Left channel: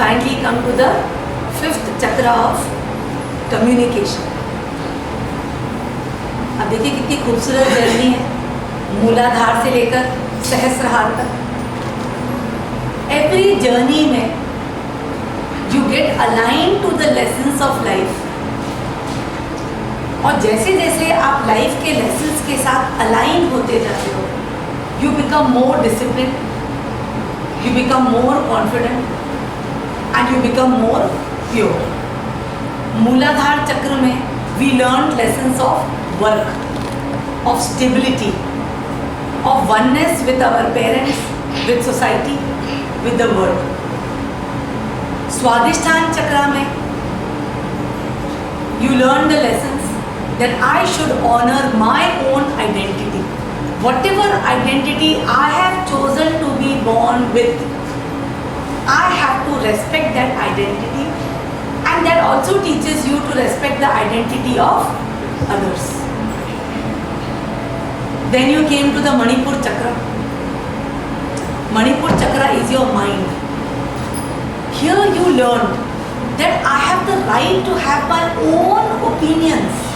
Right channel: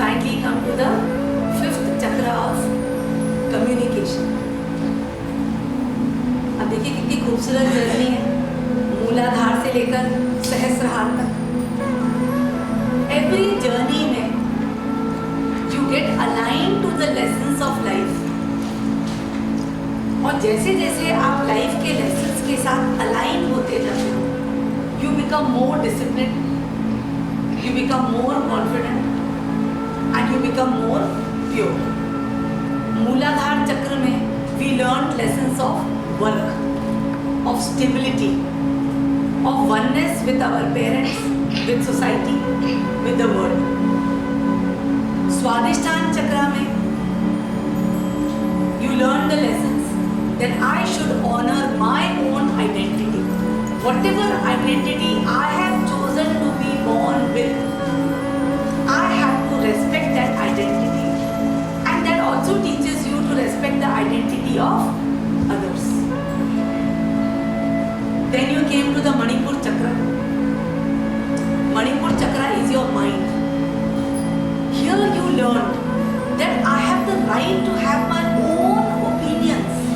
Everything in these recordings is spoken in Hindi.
finally come to the fifth chakra of communication. अब देखिए कितनी खूबसूरत जर्नी है, मूलाधार से लेकर सहस्त्रहार तक. Every journey में you get aligned to the lessons of life. और जैसे जैसे आप लाइफ के लेसन्स के साथ अलाइन होते जाते हो, you become more disciplined, you become more confident, and you become more pure. मूलाधार चक्र में we learned lessons of work, of stability, of oneness with our parents, with society, with the world. स्वादिष्ठान चक्र में you learn the lessons that I should honor my own identity. Whatever identity I have chosen to be born with, I have to respect that identity, and that also teaches you to respect the identity of others. Then you came to the Manipur chakra. Manipur chakra is your mind. Here you learned that I have the right to have my own opinions.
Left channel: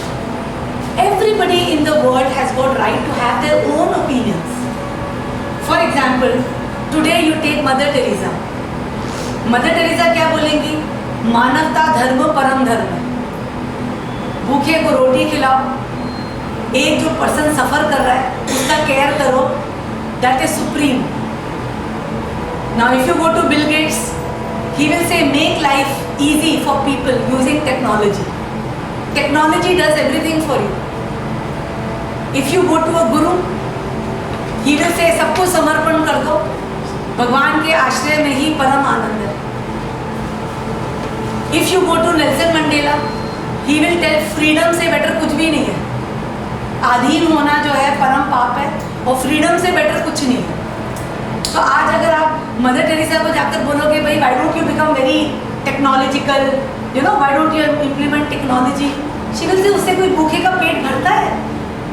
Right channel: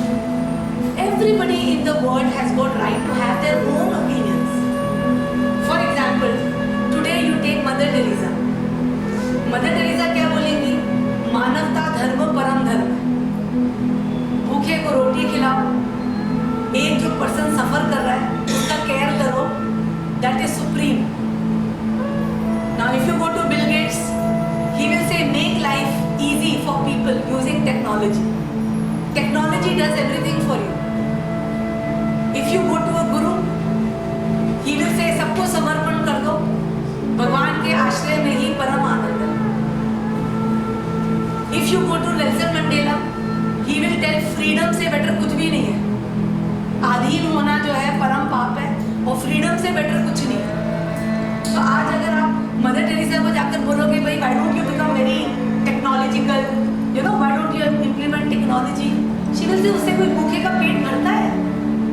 Everybody in the world has got right to have their own opinions. For example, today you take Mother Teresa. Mother Teresa क्या बोलेंगी? मानवता धर्म परम धर्म. भूखे को रोटी खिलाओ, एक जो पर्सन सफर कर रहा है उसका केयर करो, that is supreme. Now if you go to Bill Gates, he will say make life easy for people using technology. Technology does everything for you. If you go to a guru, he will say सबको समर्पण कर दो, भगवान के आश्रय में ही परम आनंद है. If you go to Nelson Mandela, he will tell freedom से better कुछ भी नहीं है. आधीन होना जो है परम पाप है और फ्रीडम से बेटर कुछ नहीं है. तो आज अगर आप मदर टेरेसा को जाकर बोलोगे भाई why don't you become very technological, you know, why don't you implement technology, she will say उससे कोई भूखे का पेट भरता है?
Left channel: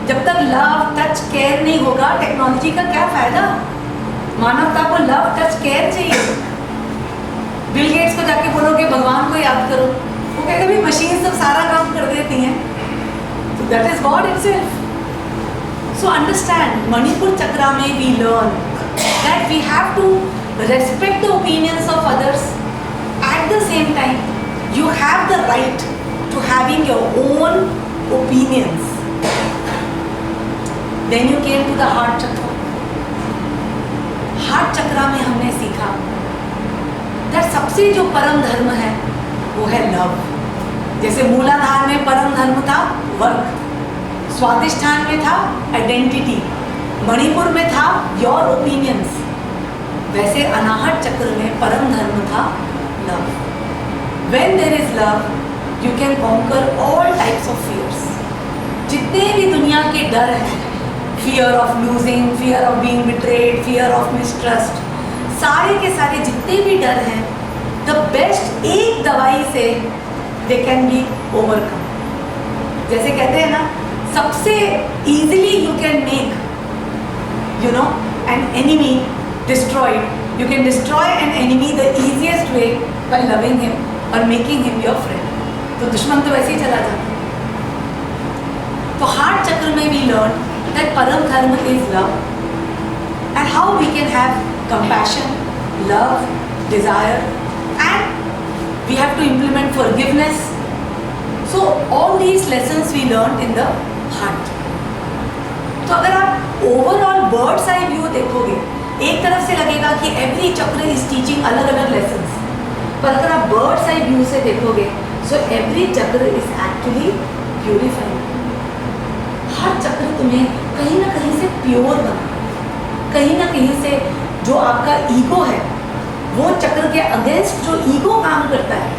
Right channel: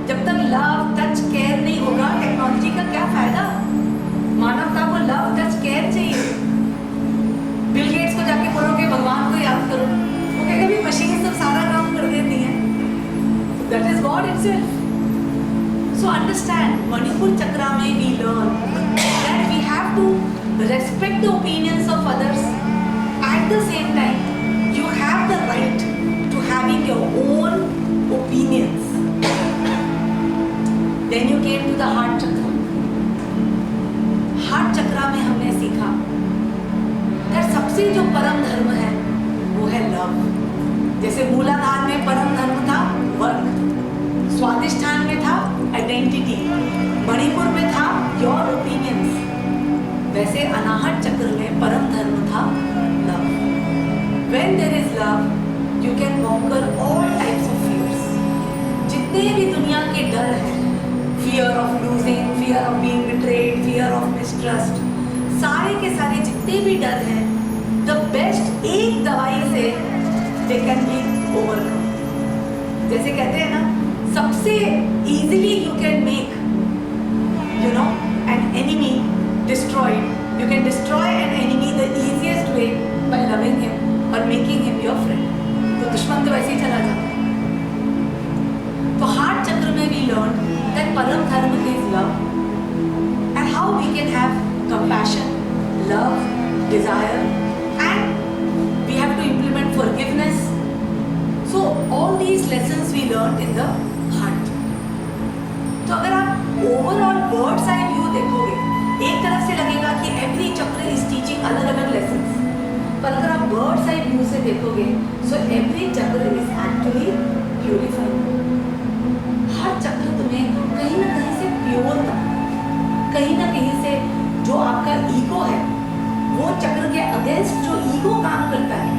जब तक लव टच केयर नहीं होगा टेक्नोलॉजी का क्या फायदा? मानवता को लव टच केयर चाहिए. बिल गेट्स को जाके बोलोगे भगवान को याद करो, वो कहेगा भी मशीन सब सारा काम कर देती हैं. So that is God itself. So understand, Manipur chakra में we learn that we have to respect the opinions of others. At the same time, you have the right to having your own opinions. Then you came to the heart chakra. Heart chakra में हमने सीखा that सबसे जो परम धर्म है वो है लव. जैसे मूलाधार में परम धर्म था वर्क, स्वादिष्ठान में था आइडेंटिटी, मणिपुर में था योर ओपिनियंस, वैसे अनाहत चक्र में परम धर्म था love. When there is love, you can conquer all types of fears. जितने भी दुनिया के डर हैं, fear of losing, fear of being betrayed, fear of mistrust, सारे के सारे जितने भी डर हैं, the best एक दवाई से they can be overcome. जैसे कहते हैं ना, सबसे easily you can make, you know, an enemy destroyed. You can destroy an enemy the easiest way by loving him or making him your friend. तो दुश्मन तो वैसे ही चला जाता. तो हार्ट चक्र में we learned that param dharma is love, and how we can have compassion, love, desire, and we have to implement forgiveness. So all these lessons we learned in the heart. तो अगर आप overall bird's eye view देखोगे, एक तरफ से लगेगा कि every चक्र is teaching अलग अलग lessons, पर अगर आप bird's eye view से देखोगे, so every चक्र is actually purifying. हर चक्र तुम्हें कहीं ना कहीं से प्योर करना, कहीं ना कहीं से जो आपका ईगो है, वो चक्र के अगेंस्ट जो ईगो काम करता है,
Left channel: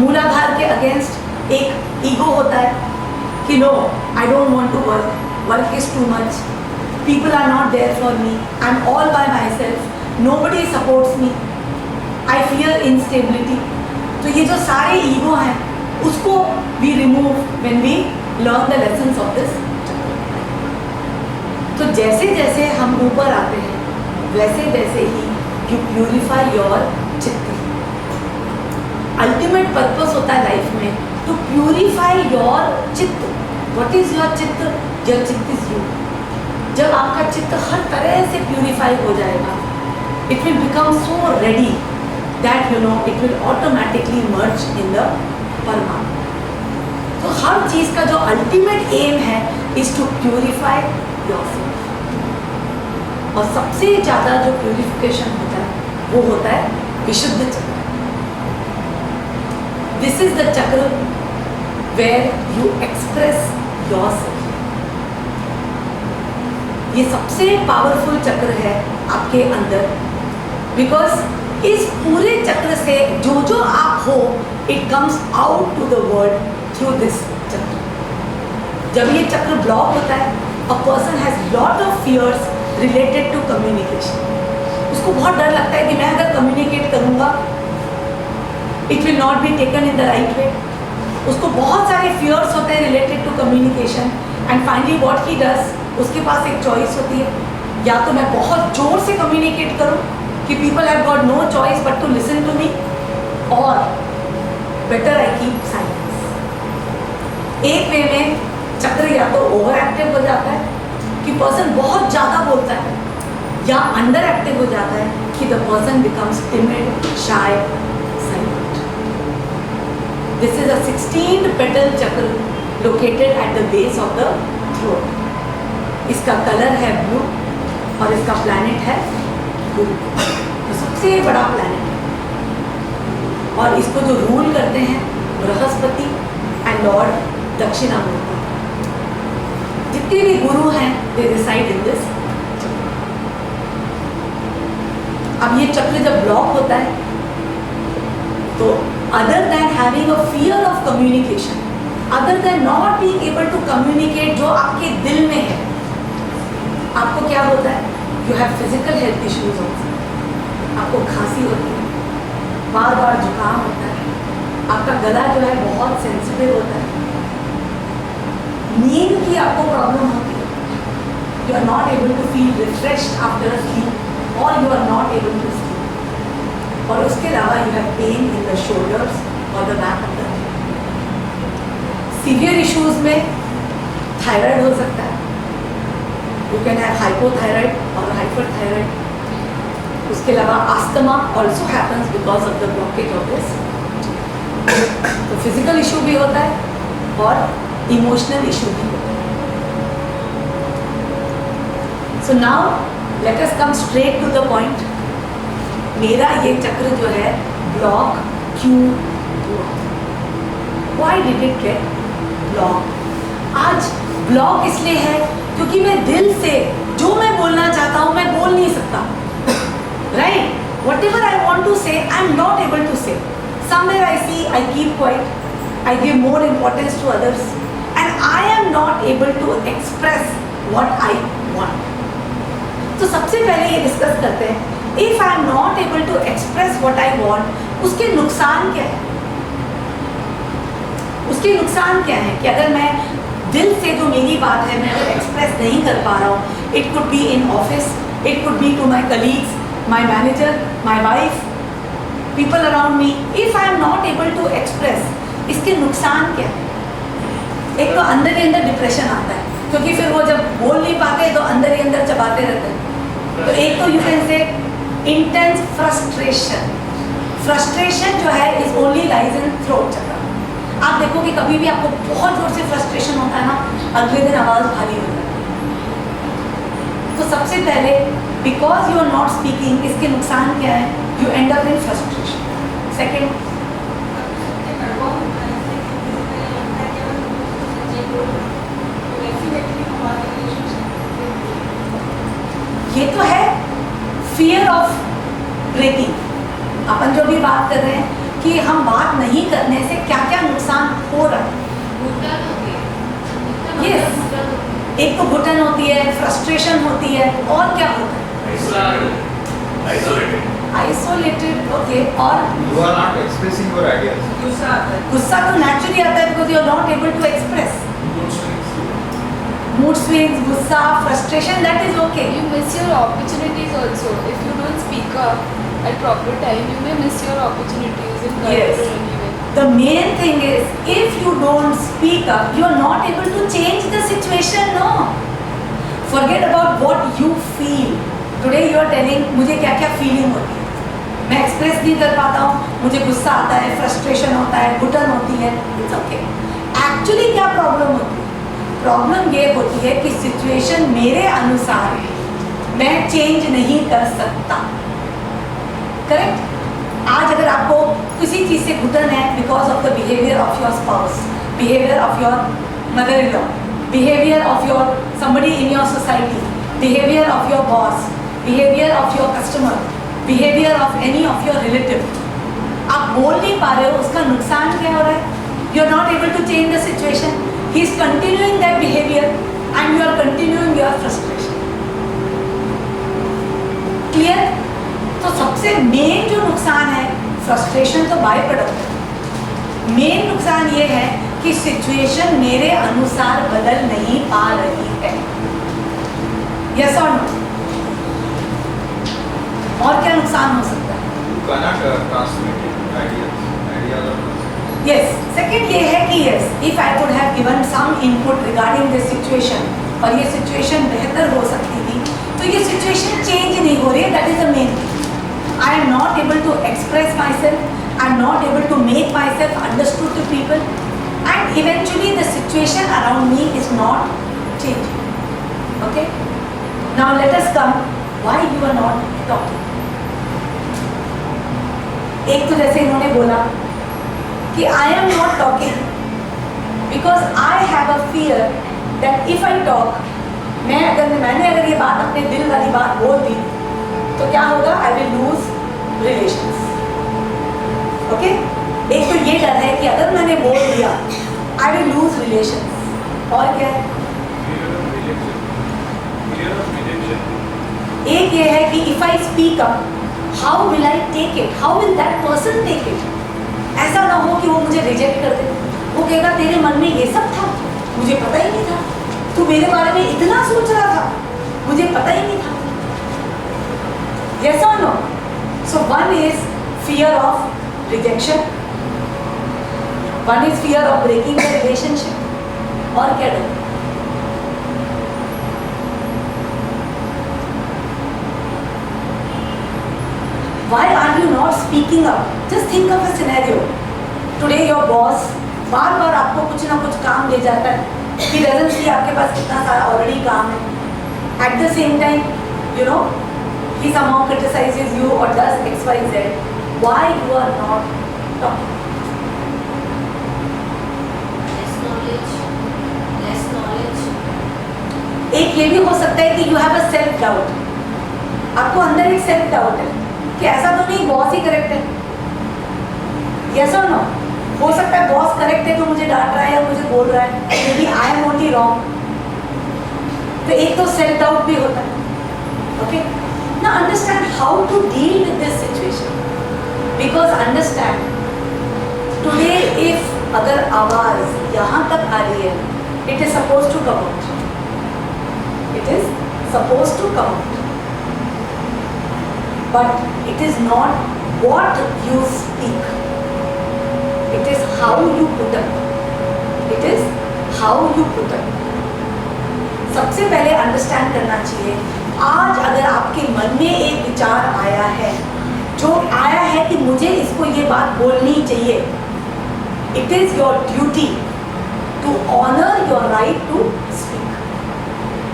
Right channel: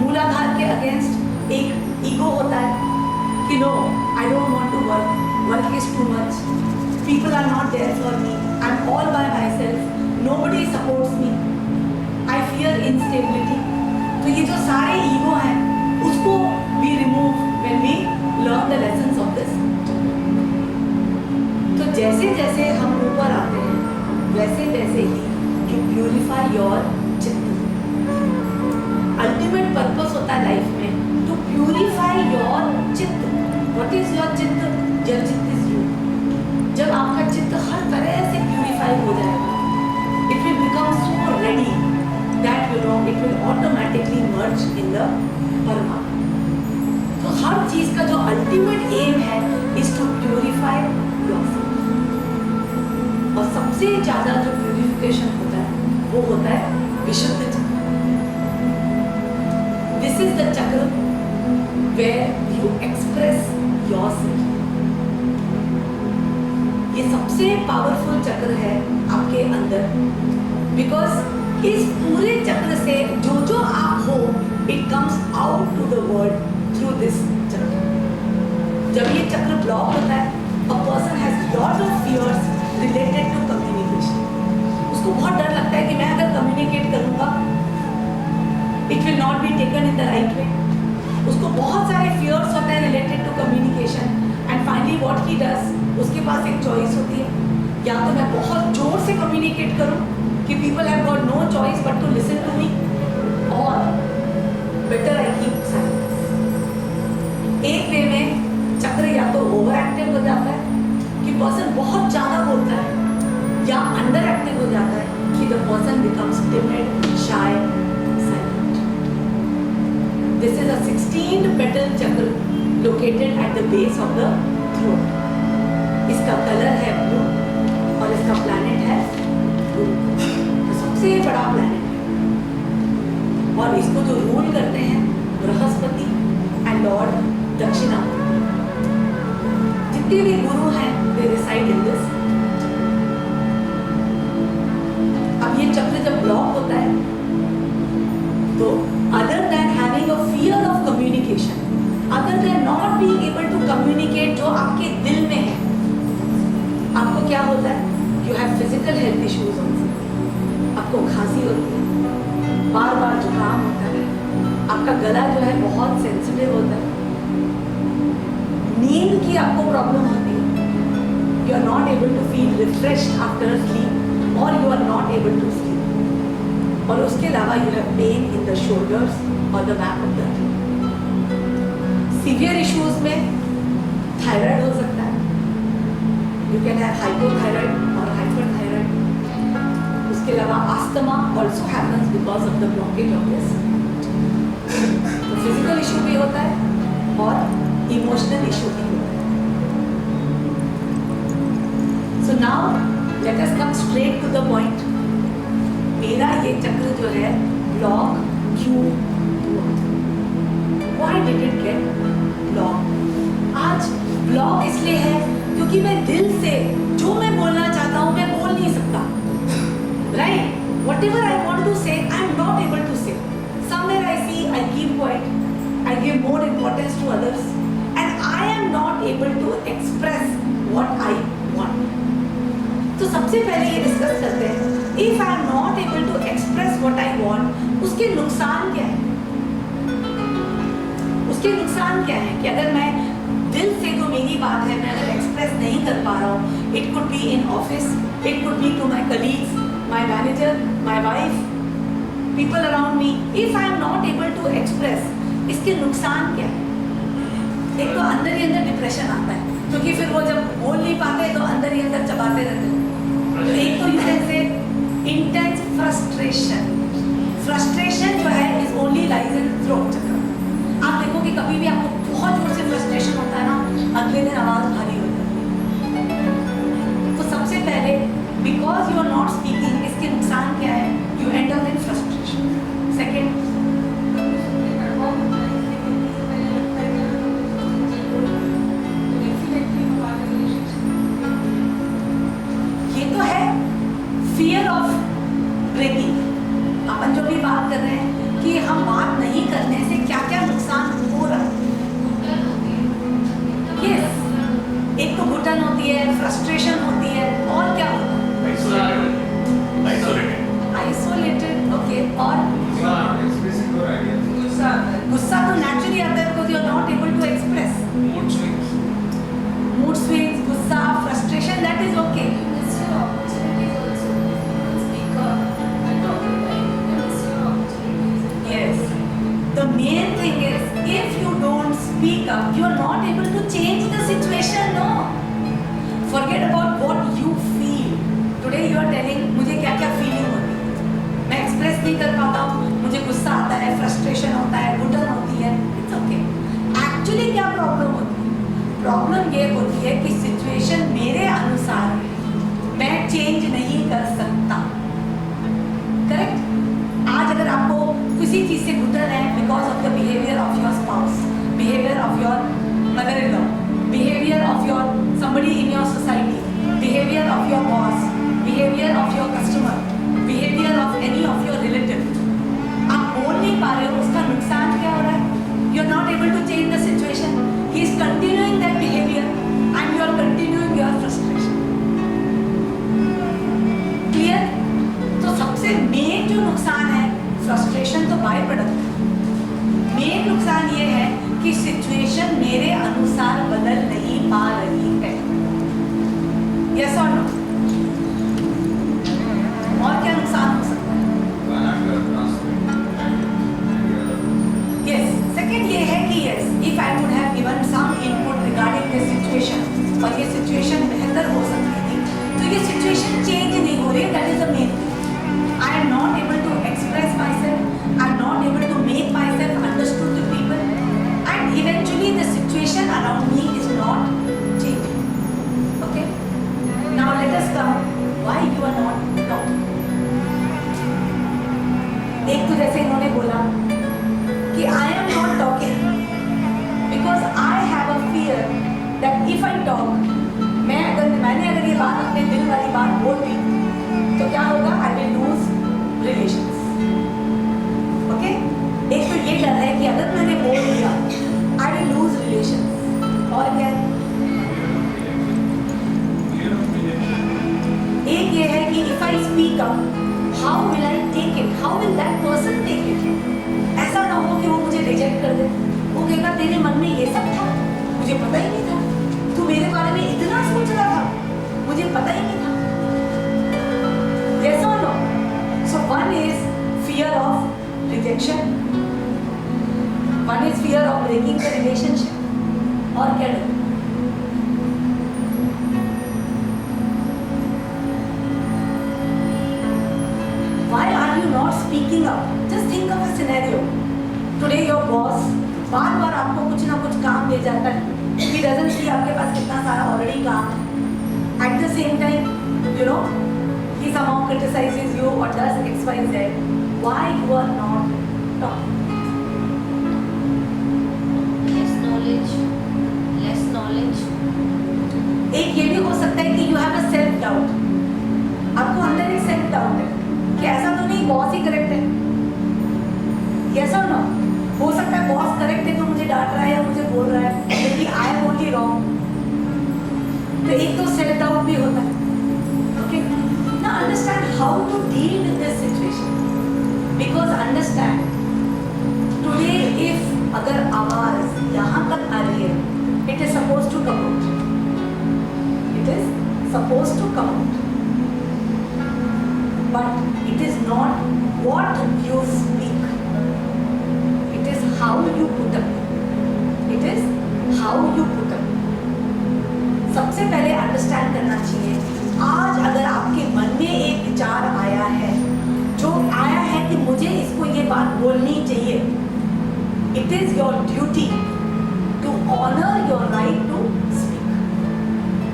मूलाधार के अगेंस्ट एक ईगो होता है कि no I don't want to work, work is too much, people are not there for me, I am all by myself, nobody supports me, I fear instability. तो ये जो सारे ईगो हैं उसको we remove when we learn the lessons of this. तो जैसे जैसे हम ऊपर आते हैं वैसे वैसे ही यू प्यूरिफाई योर चित्त. अल्टीमेट पर्पस होता है लाइफ में टू प्यूरिफाई योर चित्त. व्हाट इज योर चित्त? योर चित्त इज यू. जब आपका चित्त हर तरह से प्यूरिफाई हो जाएगा, it will become so ready that you know it will automatically merge in the परमात्मा. तो हर चीज का जो अल्टीमेट एम है इज टू प्यूरिफाई योरसेल्फ. और सबसे ज़्यादा जो प्यूरिफिकेशन होता है वो होता है विशुद्ध चक्र. दिस इज द चक्र वेयर यू एक्सप्रेस योरसेल्फ. ये सबसे पावरफुल चक्र है आपके अंदर, बिकॉज इस पूरे चक्र से जो जो आप हो it comes out to the world through this chakra. जब ये चक्र ब्लॉक होता है, a person has lot of fears related to communication. उसको बहुत डर लगता है कि मैं अगर कम्युनिकेट करूँगा it will not be taken in the right way. उसको बहुत सारे फियर्स होते हैं related to communication. And finally what he does, उसके पास एक चॉइस होती है, या तो मैं बहुत जोर से कम्युनिकेट करूं कि people have got no choice but to listen to me, और बेटर आई कीप साइलेंस. एक वे में चक्र या तो ओवर एक्टिव हो जाता है कि पर्सन बहुत ज़्यादा बोलता है, या अंडर एक्टिव हो जाता है कि the person becomes timid, shy, silent. This is a 16th petal चक्र located at the base of the throat. इसका कलर है ब्लू और इसका प्लैनेट है गुरु. तो सबसे बड़ा प्लैनेट है, और इसको जो रूल करते हैं बृहस्पति एंड लॉर्ड दक्षिणामूर्ति. जितने भी गुरु हैं दे रिसाइड इन दिस. अब ये चक्र जब ब्लॉक होता है तो other than having a fear of communication, other than not being able to communicate जो आपके दिल में है, आपको क्या होता है? You have physical health issues also. आपको खांसी होती है, बार बार जुकाम होता है, आपका गला जो है बहुत सेंसिटिव होता है, नींद की आपको प्रॉब्लम होती है, you are not able to feel refreshed after a sleep, और you are not able to sleep. और उसके अलावा you have pain in the shoulders और the back of the head. Severe issues में थायराइड हो सकता है. यू कैन हैव हाइपोथायराइड और हाइपरथायराइड. उसके अलावा asthma also happens because of the blockage of this. तो फिजिकल इशू भी होता है और इमोशनल इशू भी होता है. So now let us come straight to the point. मेरा ये चक्र जो है ब्लॉक क्यों हुआ? Why did it get block? आज ब्लॉक इसलिए है क्योंकि मैं दिल से जो मैं बोलना चाहता हूँ मैं बोल नहीं सकता. Right? Whatever I want to say, I am not able to say. Somewhere I see I keep quiet, I give more importance to others, and I am not able to express what I want. तो सबसे पहले ये डिस्कस करते हैं, if I am not able to express what I want, उसके नुकसान क्या है? उसके नुकसान क्या है कि अगर मैं दिल से जो मेरी बात है मैं अगर एक्सप्रेस नहीं कर पा रहा हूँ, it could be in office, it could be to my colleagues, my manager, my wife, people around me, if I am not able to express, इसके नुकसान क्या है? एक तो अंदर ही अंदर डिप्रेशन आता है, क्योंकि फिर वो जब बोल नहीं पाते तो अंदर ही अंदर चबाते रहते हैं. तो एक तो you can say intense frustration. Frustration जो है is only lies in throat चक्र. आप देखो कि कभी भी आपको बहुत जोर से फ्रस्ट्रेशन होता है ना, अगले दिन आवाज़ भारी हो जाती है. तो सबसे पहले because you are not speaking, इसके नुकसान क्या है? You end up in frustration. Second, ये तो है फियर ऑफ ब्रेकिंग. अपन जो भी बात कर रहे हैं कि हम बात नहीं करने से क्या क्या नुकसान हो रहा है. यस, एक तो घुटन होती है, फ्रस्ट्रेशन होती है, और क्या होता है? आइसोलेटेड. ओके. और you are not expressing your ideas. गुस्सा तो नेचुरली आता है because you are not able to express. Mood swings, गुस्सा, frustration, that is okay. You miss your opportunities also. If you don't speak up at proper time, you may miss your opportunities. isn't Yes. correct anyway. The main thing is, if you don't speak up, you are not able to change the situation. No. Forget about what you feel. Today you are telling मुझे क्या क्या फीलिंग होती है, मैं एक्सप्रेस नहीं कर पाता हूँ, मुझे गुस्सा आता है, फ्रस्ट्रेशन होता है, घुटन होती है. It's okay. एक्चुअली क्या प्रॉब्लम होती है? प्रॉब्लम ये होती है कि सिचुएशन मेरे अनुसार मैं चेंज नहीं कर सकता. करेक्ट? आज अगर आपको किसी चीज़ से घुटन है because of the behaviour of your spouse, behaviour of your mother in law, behaviour of your somebody in your society, behavior of your boss, behavior of your customer, behavior of any of your relative, आप बोल नहीं पा रहे हो, उसका नुकसान क्या हो रहा है? You are not able to change the situation. He is continuing that behavior and you are continuing your frustration. Clear? तो सबसे मेन जो नुकसान है, फ्रस्ट्रेशन तो बाय प्रोडक्ट है. मेन नुकसान ये है कि सिचुएशन मेरे अनुसार बदल नहीं पा रही है. यस और नो? और क्या नुकसान हो सकता है? Cannot transmit ideas or concepts. Yes. Second ये है कि yes, if I would have given some input regarding this situation और ये सिचुएशन बेहतर हो सकती थी, तो ये सिचुएशन चेंज नहीं हो रही है. That is the main thing. I am not able to express myself, I am not able to make myself understood to people, and eventually the situation around me is not changing. Okay? Now let us come why you are not talking. एक तो जैसे इन्होंने बोला कि I am not talking because I have a fear that if I talk, मैंने अगर ये बात अपने दिल वाली बात बोल दी तो क्या होगा? I will lose relations. Okay? एक तो ये डर है कि अगर मैंने बोल दिया आई विल लूज रिलेशंस. और क्या है? एक ये है कि if I speak up, how will I take it, how will that person take it. ऐसा ना हो कि वो मुझे रिजेक्ट कर दे. वो कहेगा तेरे मन में ये सब था, मुझे पता ही नहीं था, तू मेरे बारे में इतना सोच रहा था, मुझे पता ही नहीं था. Yes or no? So one is fear of rejection, one is fear of breaking the relationship. और क्या डर? Why are you not speaking up? Just think of a scenario. Today your boss बार बार आपको कुछ ना कुछ काम दे जाता है. He doesn't see आपके पास कितना सारा already काम है. At the same time, you know, he somehow criticizes you or does X, Y, Z. Why you are not talking? Less knowledge. एक ये भी हो सकता है कि you have a self doubt. आपको अंदर एक self doubt है कि ऐसा तो नहीं बॉस ही करेक्ट है. Yes or no? हो सकता है बॉस करेक्ट है तो मुझे डांट रहा है या मुझे बोल रहा है, क्योंकि I am only wrong. तो एक तो self doubt भी होता है. Okay? Now understand how to deal with this situation. Because understand, today if अगर आवाज यहाँ तक आ रही है, it is supposed to come out. It is supposed to come out. But it is not what you speak. It is how you put up. It is how you put up. सबसे पहले अंडरस्टैंड करना चाहिए, आज अगर आपके मन में एक विचार आया है, जो आया है कि मुझे इसको ये बात बोलनी चाहिए, it is your duty to honour your right to speak.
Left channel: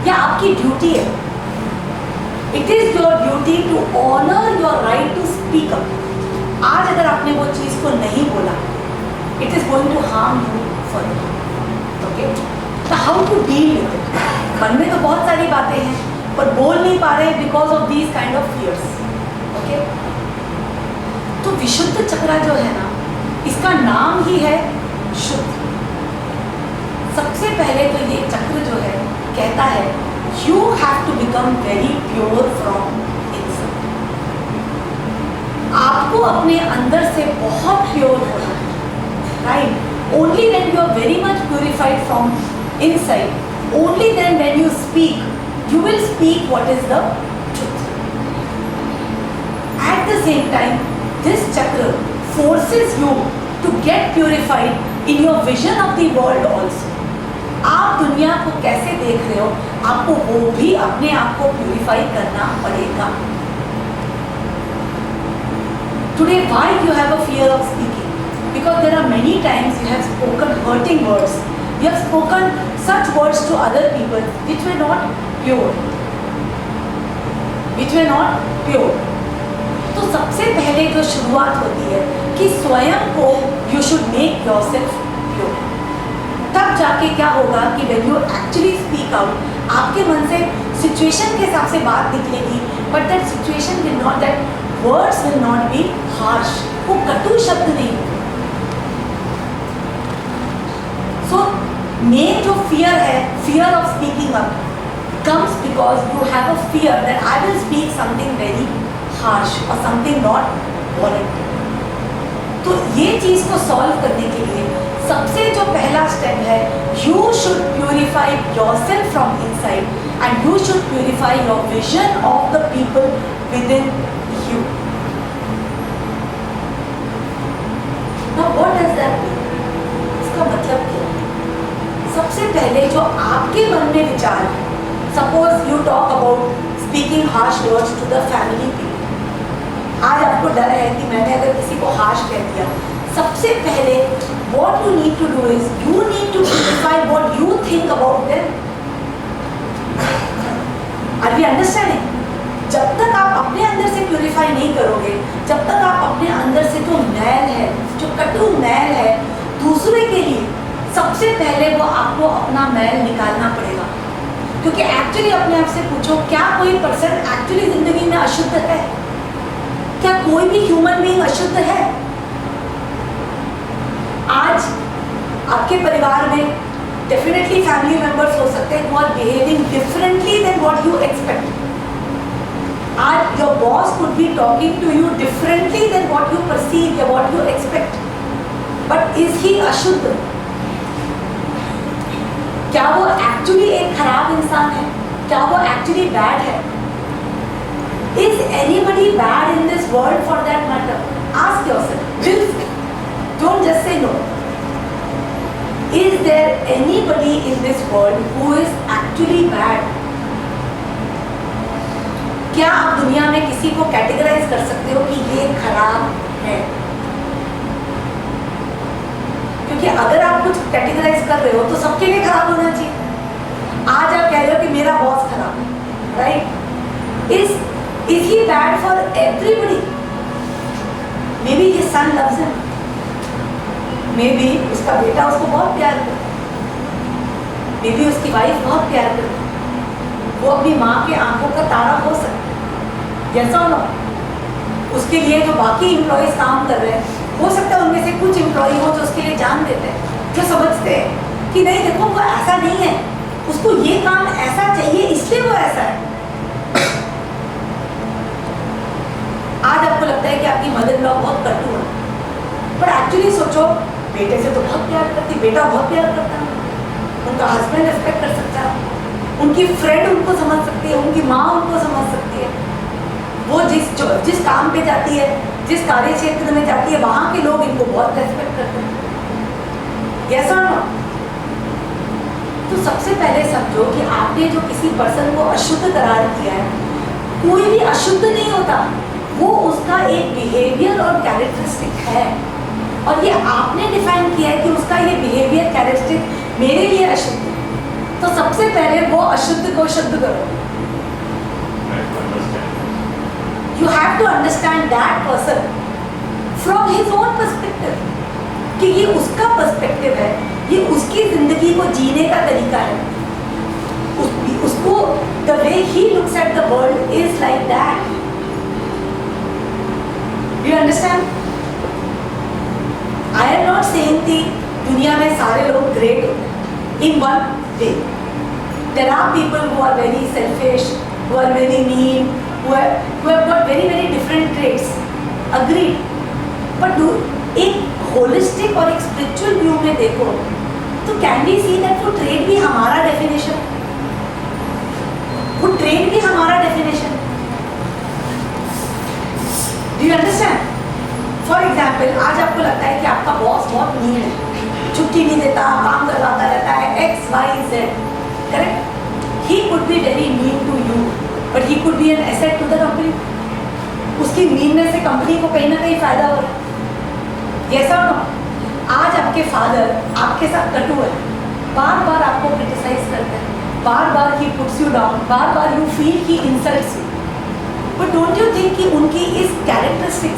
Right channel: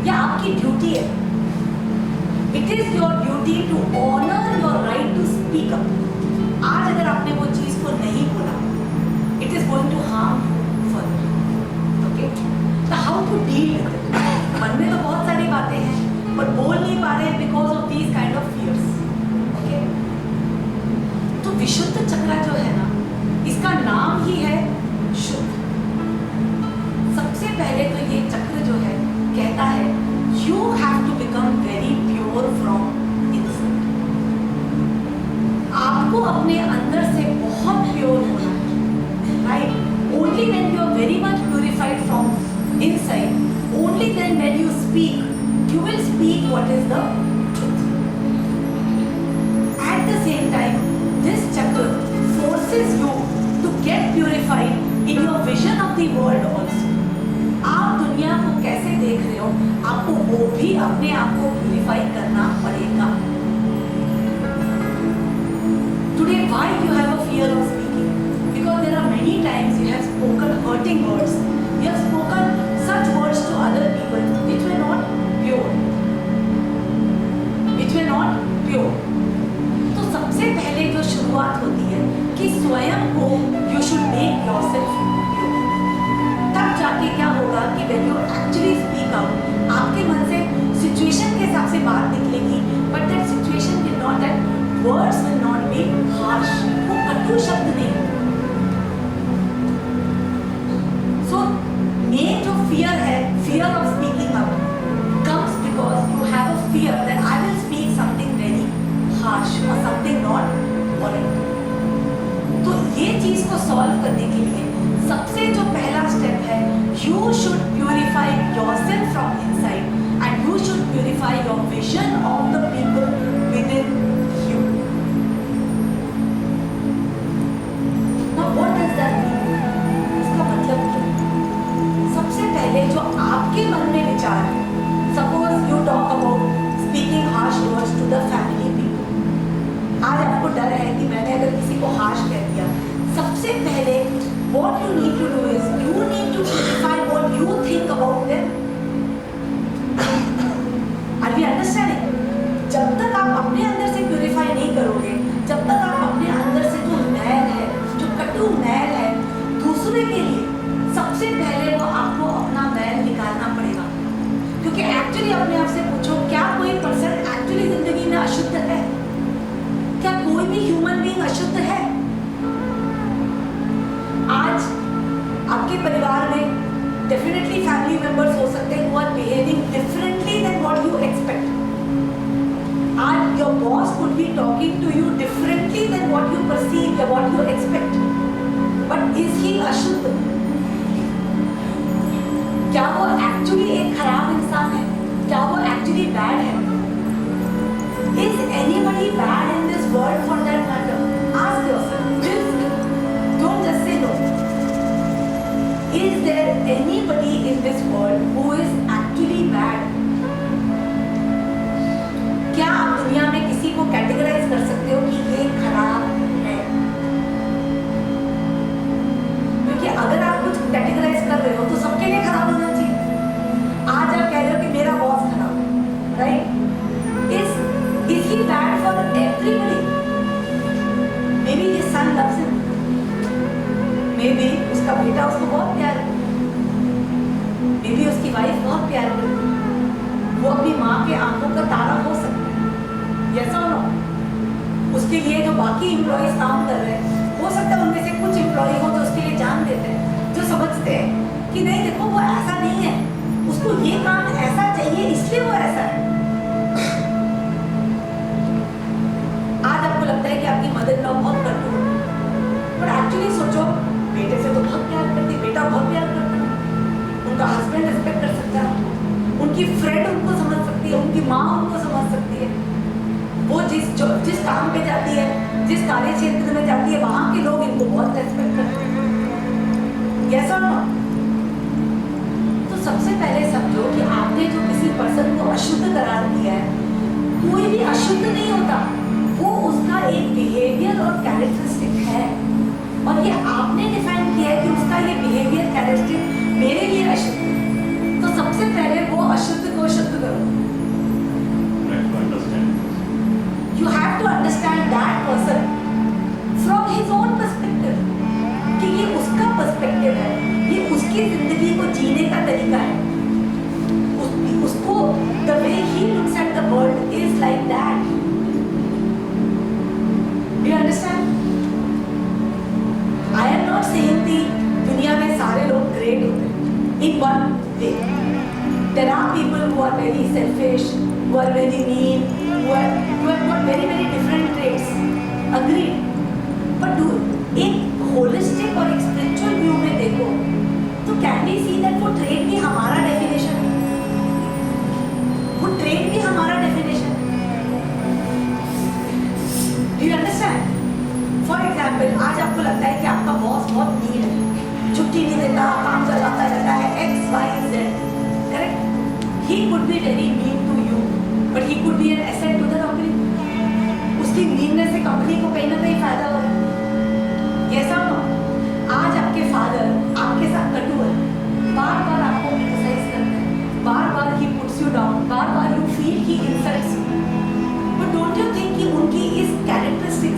या आपकी ड्यूटी है, it is your duty to honour your right to speak up. आज अगर आपने वो चीज़ को नहीं बोला, it is going to harm you further. Okay? तो how to deal with it? मन में तो बहुत सारी बातें हैं पर बोल नहीं पा रहे because of these kind of fears. Okay? तो विशुद्ध चक्र जो है ना, इसका नाम ही है शुद्ध. सबसे पहले तो ये चक्र जो है कहता है you have to become very pure from inside. आपको अपने अंदर से बहुत प्योर होना है. Right? Only when you are very much purified from inside, only then when you speak, you will speak what is the truth. At the same time, this chakra forces you to get purified in your vision of the world also. आप दुनिया को कैसे देख रहे हो, आपको वो भी अपने आप को प्यूरिफाई करना पड़ेगा. Today, why you have a fear of speaking? Because there are many times you have spoken hurting words. You have spoken such words to other people which were not pure. Which were not pure. तो सबसे पहले जो शुरुआत होती है कि स्वयं को you should make yourself pure. तब जाके क्या होगा कि when you actually speak out, आपके मन से सिचुएशन के हिसाब से बात निकलेगी, but that situation will not, that words will not be harsh. वो कटु शब्द नहीं. So main जो fear है, fear of speaking up, comes because you have a fear that I will speak something very harsh or something not warranted. तो ये चीज को सॉल्व करने के लिए सबसे जो पहला स्टेप है, you should purify yourself from inside and you should purify your vision of the people within you. Now what does that mean? इसका मतलब क्या? सबसे पहले जो आपके मन में विचार है, suppose you talk about speaking harsh words to the family people. आज आपको डर है कि मैंने अगर किसी को harsh कह दिया, सबसे पहले what you need to do is you need to purify what you think about them. Are we understanding? जब तक आप अपने अंदर से प्यूरिफाई नहीं करोगे, जब तक आप अपने अंदर से जो मैल है, जो कटु मैल है, दूसरे के लिए सबसे पहले वो आपको अपना मैल निकालना पड़ेगा. क्योंकि एक्चुअली अपने आप से पूछो, क्या कोई पर्सन एक्चुअली जिंदगी में अशुद्ध है? क्या कोई भी ह्यूमन बीइंग अशुद्ध है? आज आपके परिवार में डेफिनेटली फैमिली मेंबर्स हो सकते हैं who are behaving differently than what you expect. आज your boss could be talking to you differently than what you perceive or what you expect. But is he अशुद्ध? क्या वो एक्चुअली एक खराब इंसान है? क्या वो एक्चुअली बैड है? Is anybody bad in this world for that matter? Ask yourself. Don't just say no. Is there anybody in this world who is actually bad? क्या आप दुनिया में किसी को कैटेगराइज कर सकते हो कि ये खराब है? क्योंकि अगर आप कुछ कैटेगराइज कर रहे हो तो सबके लिए खराब होना चाहिए. आज आप कह रहे हो कि मेरा बॉस खराब है, right? Is he bad for everybody? Maybe his son loves him. Maybe उसका बेटा उसको बहुत प्यार करता है. Maybe उसकी वाइफ बहुत प्यार करती है. वो अपनी माँ के आंखों का तारा हो सकता है. Yes or no? उसके लिए जो बाकी एम्प्लॉइज काम कर रहे हैं, हो सकता है उनमें से कुछ एम्प्लॉय हो जो उसके लिए जान देते हैं, जो समझते हैं कि नहीं देखो वो ऐसा नहीं है, उसको ये काम ऐसा चाहिए इसलिए वो ऐसा है. आज आपको लगता है कि आपकी मदर इन लॉ बहुत कटु है, पर एक्चुअली सोचो, बेटे से तो बहुत प्यार करती, बेटा बहुत प्यार करता है, उनका हस्बैंड रिस्पेक्ट कर सकता है, उनकी फ्रेंड उनको समझ सकती है, उनकी माँ उनको समझ सकती है. वो जिस काम पे जाती है, जिस कार्य क्षेत्र में जाती है, वहाँ के लोग इनको बहुत रेस्पेक्ट करते हैं. यस और नो? तो सबसे पहले समझो कि आपने जो किसी पर्सन को अशुद्ध करार दिया है, कोई भी अशुद्ध नहीं होता, वो उसका एक बिहेवियर और कैरेक्टरिस्टिक है, और ये आपने डिफाइन किया है कि उसका ये बिहेवियर कैरेक्टरिस्टिक मेरे लिए अशुद्ध है. तो सबसे पहले वो अशुद्ध को शुद्ध करो. You have to understand that person from his own perspective, कि ये उसका पर्सपेक्टिव है, ये उसकी जिंदगी को जीने का तरीका है. उसको the way he looks at the world is like that. Do you understand? I am not saying कि दुनिया में सारे लोग ग्रेट होते हैं in one way. There are people who are very selfish, who are very mean, who have got very different traits. Agreed. But एक holistic और एक spiritual view में देखो तो can we see that वो trait भी हमारा definition है, वो trait भी हमारा definition है. Do you understand? For example, example, आज आपको लगता है कि आपका बॉस बहुत मीन है, छुट्टी नहीं देता, काम करवाता रहता है, XYZ, correct? He could be very mean to you, but he could be an asset to the company. उसकी मीननेस से कंपनी को कहीं ना कहीं फायदा हो रहा है। यस और नो? आज आपके फादर आपके साथ कटु है, बार बार आपको क्रिटिसाइज करते हैं, बार बार ही पुट्स यू डाउन, बार बार you feel he insults you, but don't you think कि उनकी इस कैरेक्टरिस्टिक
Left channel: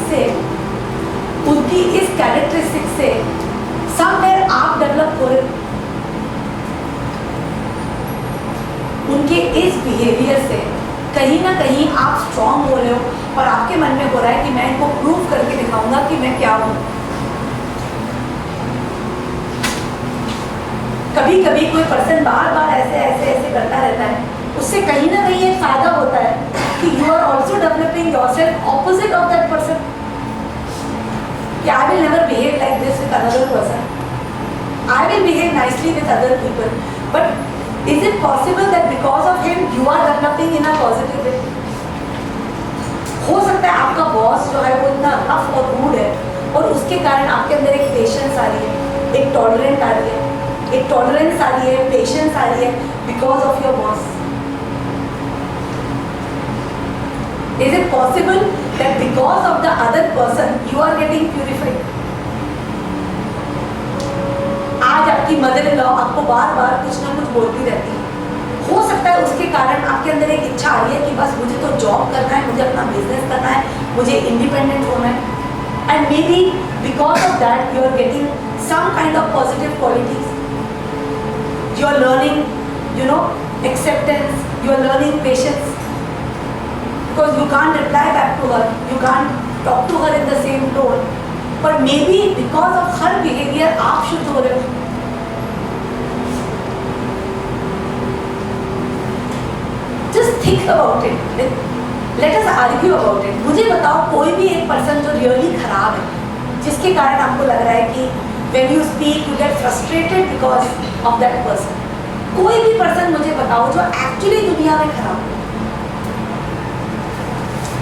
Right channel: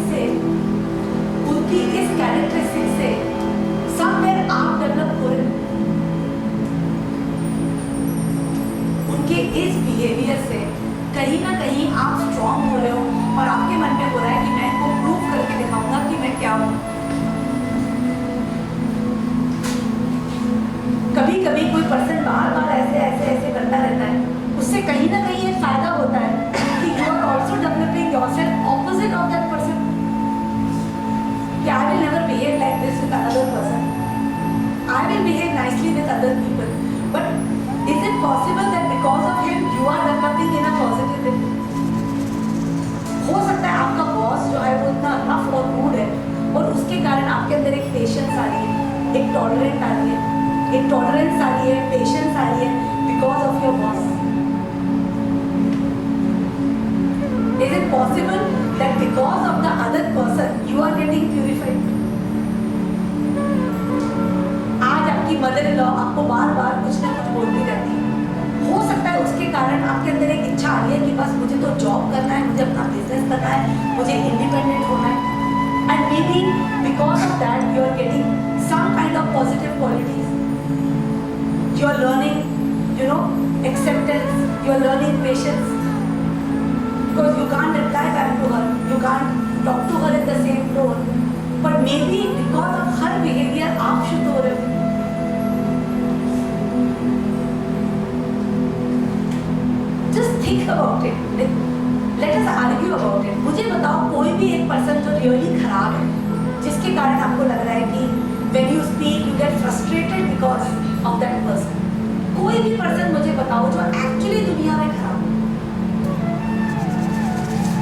से समवेयर आप डेवलप हो रहे हो। उनके इस बिहेवियर से कहीं ना कहीं आप स्ट्रांग हो रहे हो और आपके मन में हो रहा है कि मैं इनको प्रूव करके दिखाऊंगा कि मैं क्या हूं। कभी कभी कोई पर्सन बार बार ऐसे करता रहता है, उससे कहीं ना कहीं एक फायदा होता है कि you are also developing yourself opposite of that person. I will never behave like this with another person. I will behave nicely with other people. But is it possible that because of him you are developing in a positive way? हो सकता है आपका बॉस जो है वो इतना रफ और रूड है और उसके कारण आपके अंदर एक पेशेंस आ रही है, एक टॉलरेंस आ रही है, पेशेंस आ रही है because of your boss. Is it possible that because of the other person you are getting purified? आज आपकी मदर इन लॉ आपको बार बार कुछ ना कुछ बोलती रहती है, हो सकता है उसके कारण आपके अंदर एक इच्छा आ रही है कि बस मुझे तो जॉब करना है, मुझे अपना बिजनेस करना है, मुझे इंडिपेंडेंट होना है, and maybe because of that you are getting some kind of positive qualities. You are learning, acceptance, you are learning patience. Because you can't reply back to her, you can't talk to her in the same tone, but maybe because of her behavior आप शुद्ध हो रहे हो। Just think about it. Let us argue about it. मुझे बताओ कोई भी एक पर्सन जो रियली खराब है, जिसके कारण आपको लग रहा है कि when you speak you get frustrated because of that person. कोई भी पर्सन मुझे बताओ जो एक्चुअली दुनिया में खराब है।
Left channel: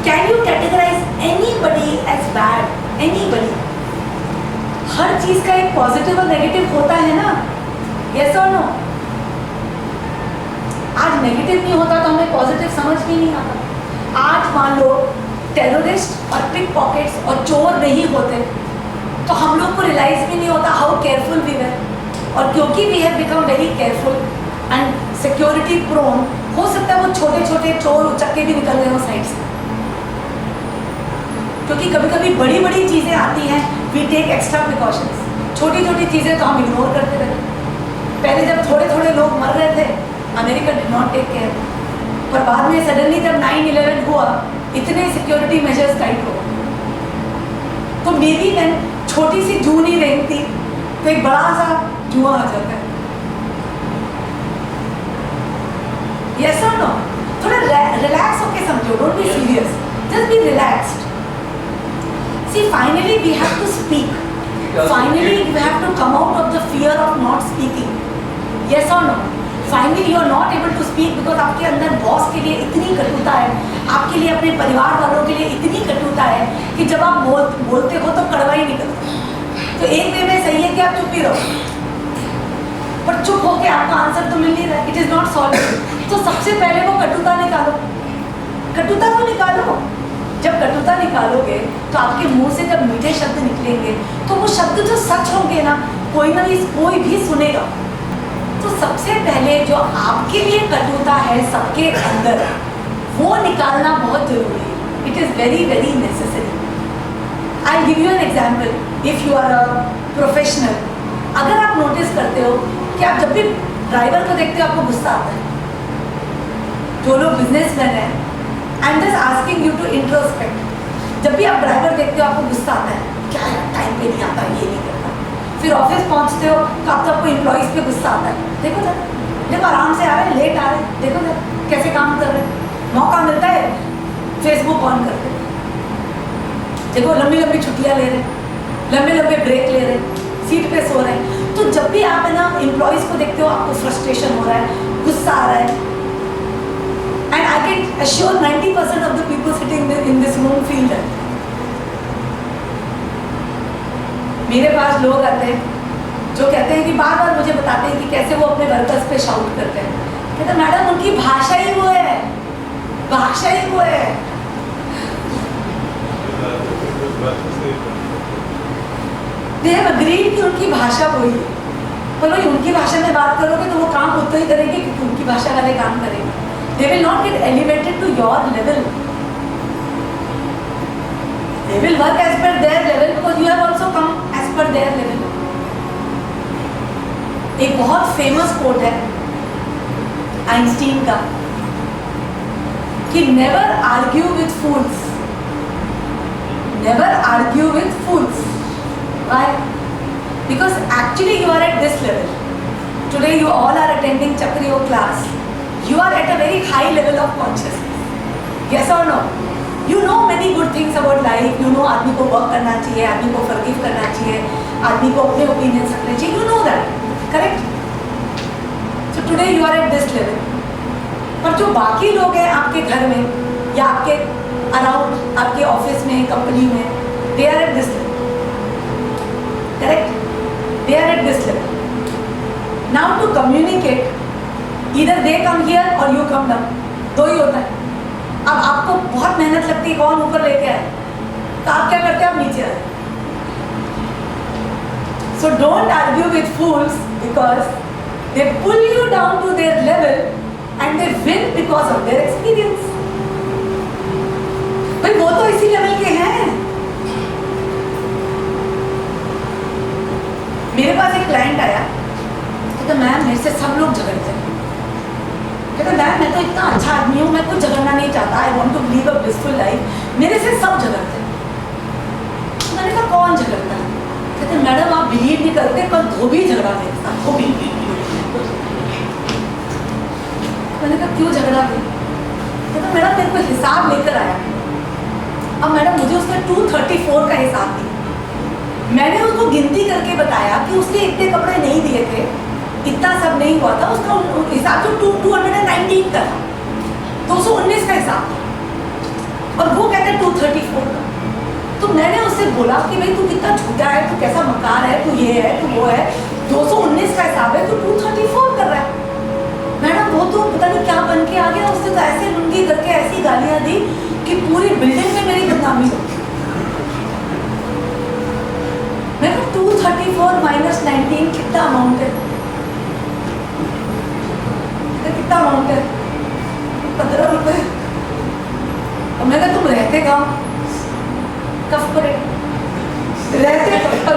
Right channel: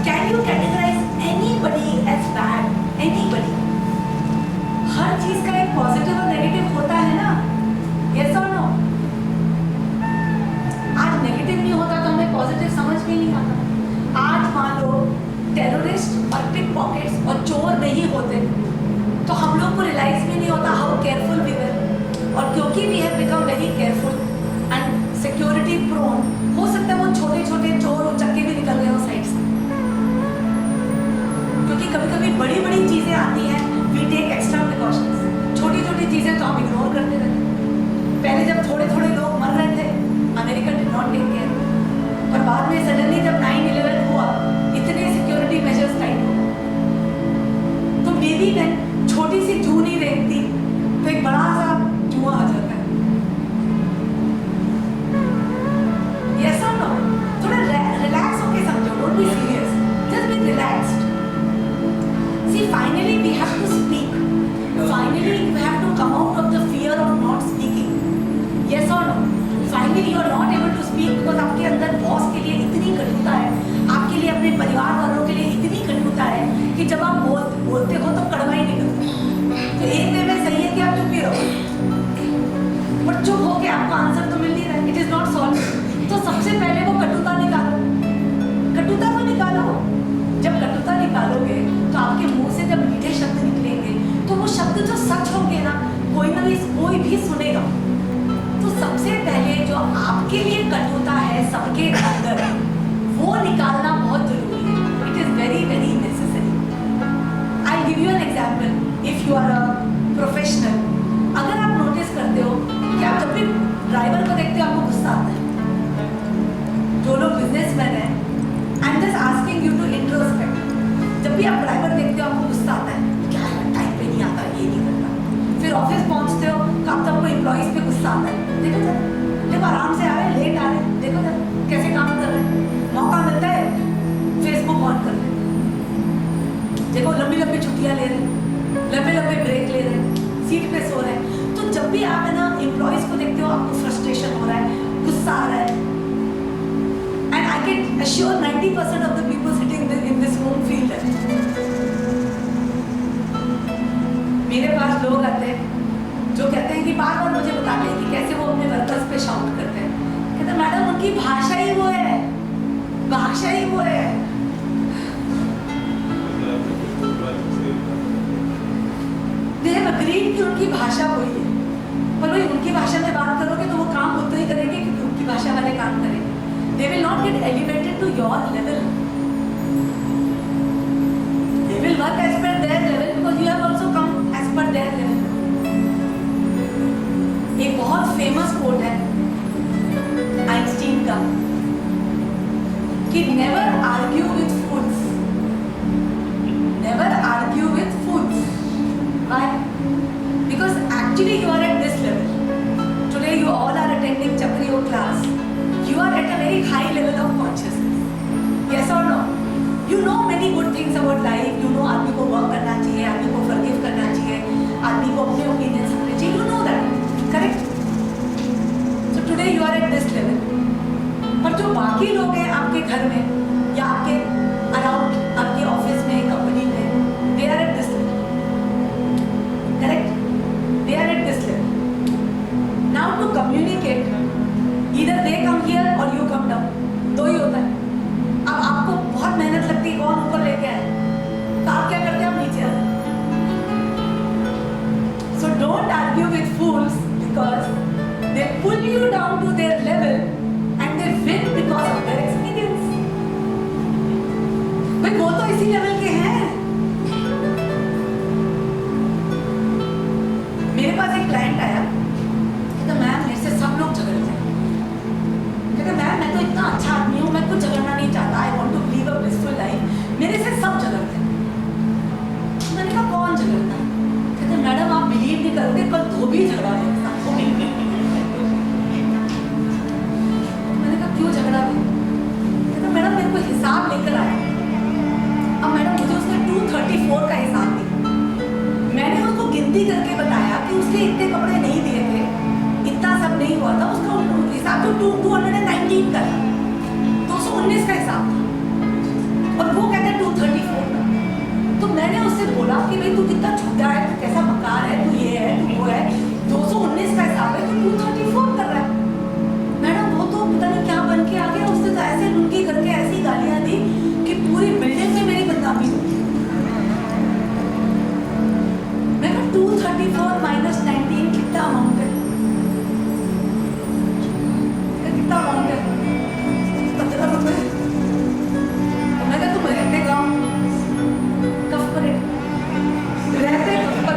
Can you categorize anybody as bad? Anybody? हर चीज का एक पॉजिटिव और नेगेटिव होता है ना? Yes or no? आज नेगेटिव नहीं होता तो हमें पॉजिटिव समझ में नहीं आता। आज मान लो टेररिस्ट और पिक पॉकेट्स और चोर नहीं होते तो हम लोग को रियलाइज भी नहीं होता हाउ केयरफुल वी वर, और क्योंकि we have become very careful and security prone, हो सकता है वो छोटे छोटे चोर उचक्के भी निकल रहे हो साइड से, क्योंकि कभी कभी बड़ी बड़ी चीज़ें आती हैं, वी टेक एक्स्ट्रा प्रिकॉशंस। छोटी छोटी चीज़ें तो हम इग्नोर करते रहते। पहले जब थोड़े थोड़े लोग मर रहे थे, America did not take care, पर बाद में सडनली जब 9/11 हुआ इतने सिक्योरिटी मेजर्स टाइट हो गए, तो मे बी देन छोटी सी जू नहीं रेंगती तो एक बड़ा सा जुआ आ जाता है। यस और नो? थोड़ा रिलैक्स होके समझो, don't be serious, just be relaxed. See, finally we have to speak. Finally you have to come out of the fear of not speaking. Yes or no? Finally you are not able to speak because आपके अंदर बॉस के लिए इतनी कटुता है, आपके लिए अपने परिवार वालों के लिए इतनी कटुता है कि जब आप बोलते हो तो कड़वा ही निकलता है। तो एक वे में सही है कि आप चुप ही रहो, पर चुप होके आपका आंसर तो मिल नहीं रहा, इट इज नॉट सॉल्व। तो सबसे पहले वो कटुता निकालो, कटुता को निकालो। जब कटुता निकालोगे तो आपके मुंह से जब मीठे शब्द निकलेंगे तो वो शब्द जो सच होंगे ना, कोई भी सुनेगा। तो सबसे पहले जो आपके लिए कटुता है सबके अंदर, वो निकालना बहुत जरूरी है। It is very very necessary. I give you an example. If you are a professional, अगर आप नोटिस करते हो कि आप जब भी ड्राइवर को देखते हो आपको गुस्सा आता है। जो लोग बिजनेसमैन हैं, I am just asking you to introspect. जब भी आप ड्राइवर देखते हो आपको गुस्सा आता है, क्या है टाइम पे नहीं आता, ये नहीं करता। फिर ऑफिस पहुंचते हो तो आपको एम्प्लॉइज़ पे गुस्सा आता है, देखो देखो आराम से आ रहे हैं, लेट आ रहे हैं, देखो कैसे काम कर रहे हैं। मौका मिलता है फेसबुक ऑन कर रहे हैं, देखो लंबी लंबी छुट्टियाँ ले रहे हैं, लंबे लंबे ब्रेक ले रहे हैं, सीट पे सो रहे हैं। तो जब भी आप है ना एम्प्लॉइज़ को देखते हो आपको फ्रस्ट्रेशन हो रहा है, गुस्सा आ रहा है। And I can assure 90% of the people sitting in this room feel that. मेरे पास लोग आते हैं जो कहते हैं कि बार बार मुझे बताते हैं कि कैसे वो अपने वर्कर्स पे शाउट करते हैं। कहते हैं मैडम उनकी भाषा ही वो है, भाषा ही वो है। दे हैव अग्रीड कि उनकी भाषा वही है, पर वही उनकी भाषा में बात करोगे तो वो काम उतना ही करेंगे क्योंकि उनकी भाषा वाले काम करेंगे। They will not get elevated to your level, they will work as per their level because you have also come as per their level. एक बहुत फेमस कोट है आइंस्टीन का कि never argue with fools, never argue with fools. Why? Because actually you are at this level. Today you all are attending Chakriyo class. You are at a very high level of consciousness. Yes or no? You know many good things about life. You know आदमी को work करना चाहिए, आदमी को forgive करना चाहिए, आदमी को अपने opinions रखने चाहिए. You know that, correct? So today you are at this level. पर जो बाकी लोग हैं आपके घर में या आपके around, आपके ऑफिस में, कंपनी में, they are at this level. Correct? They are at this level. Now to communicate, either they come here or you come down. दो ही होता है। अब आपको बहुत मेहनत लगती है कौन ऊपर लेके आए, तो आप क्या करते हैं, आप नीचे आए। So don't argue with fools because they pull you down to their level and they win because of their experience. भाई वो तो इसी लेवल के हैं। मेरे पास एक क्लाइंट आया, कहता मैम मेरे से सब लोग झगड़ते हैं। कहता मैम मैं तो इतना अच्छा आदमी हूँ, मैं कुछ झगड़ना नहीं चाहता, I want to live a blissful life, मेरे से सब झगड़ते हैं। मैंने कहा कौन झगड़ता है? कहते मैडम आप बिलीव नहीं करते, कल धोबी झगड़ा मेरे साथ। मैंने कहा क्यों झगड़ा थे? कहता मैडम मेरे को हिसाब लेकर आया, अब मैडम मुझे उसने 234 का हिसाब दिया। मैंने उसको गिनती करके बताया कि उसने इतने कपड़े नहीं दिए थे, इतना सब नहीं हुआ था, उसका हिसाब तो 219 का था, 219 का हिसाब था, और वो कहते हैं 234 का। तो मैंने उससे बोला कि भाई तू कितना झूठा है, तू कैसा मकार है, तू ये है, तू वो है, 219 का हिसाब है, तू 234 कर रहा है। मैडम वो तो पता नहीं क्या बन के आ गया, उसने तो ऐसे लुंगी करके ऐसी गालियाँ दी कि पूरी बिल्डिंग में मेरी बदनामी हो। 234 माइनस 19 कितना अमाउंट है? कितना अमाउंट है? 15 रुपए। और मैंने तुम रहते कहाँ? कफ पर रहते कफ पर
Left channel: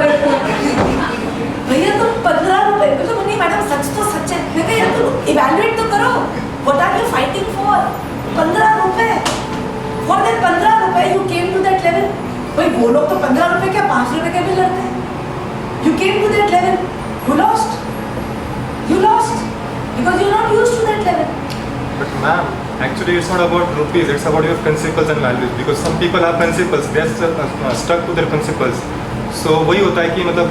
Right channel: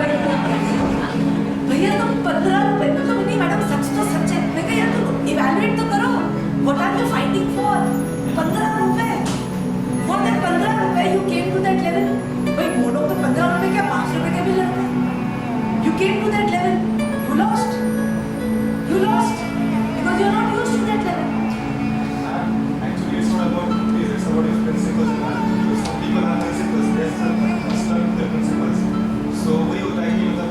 भैया तुम 15 रुपए। मतलब नहीं मैडम सच तो सच है। मैं कहा यार तुम इवैल्यूएट तो करो, what are you fighting for? 15 rupees. For that 15 rupees you came to that level. भाई वो लोग तो 15 रुपए क्या 5 रुपए के भी लड़ते हैं। You came to that level, you lost. You lost because you're not used to that level. But ma'am, actually it's not about rupees, it's about your principles and values. Because some people have principles, they are stuck to their principles. So वही होता है कि मतलब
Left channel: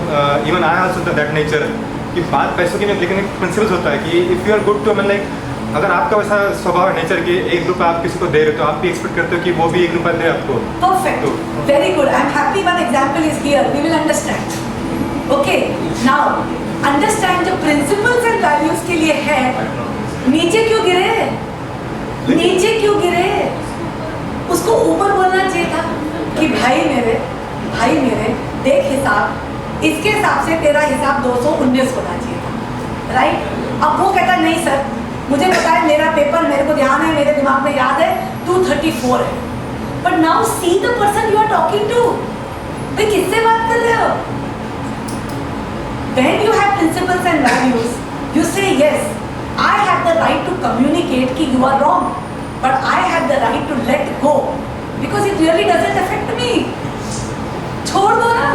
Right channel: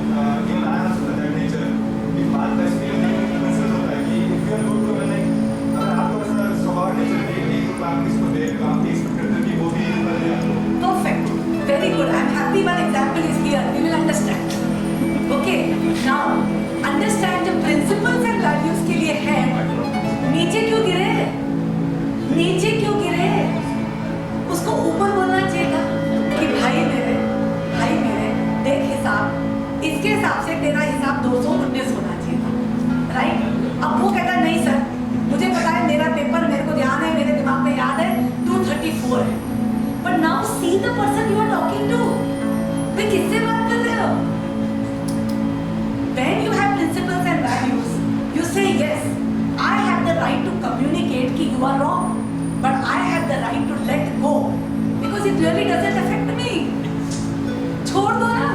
even I also have that nature कि बात पैसों की नहीं, लेकिन एक principles होता है कि if you are good to like अगर आपका वैसा स्वभाव नेचर के 1 रुपया आप किसको दे रहे हो तो आप भी एक्सपेक्ट करते हो कि वो भी 1 रुपया दे आपको। Perfect, very good. I'm happy one example is here. We will understand. Okay, now understand जो principles and values के लिए है, नीचे क्यों गिरे? नीचे क्यों गिरे? उसको ऊपर बोलना चाहिए था कि भाई मेरे देख हिसाब, इसके हिसाब से तेरा हिसाब 219 होना चाहिए था, राइट? अब वो कहता नहीं सर मुझे पता है, मेरा पेपर मेरे को ध्यान है, मेरे दिमाग में याद है 234 है। But now see the person you are talking to, भाई किससे बात कर रहे हो? When you have principles and values, you say yes, I have the right to communicate कि you are wrong, but I have the right to let go because it really doesn't affect me. छोड़ दो ना।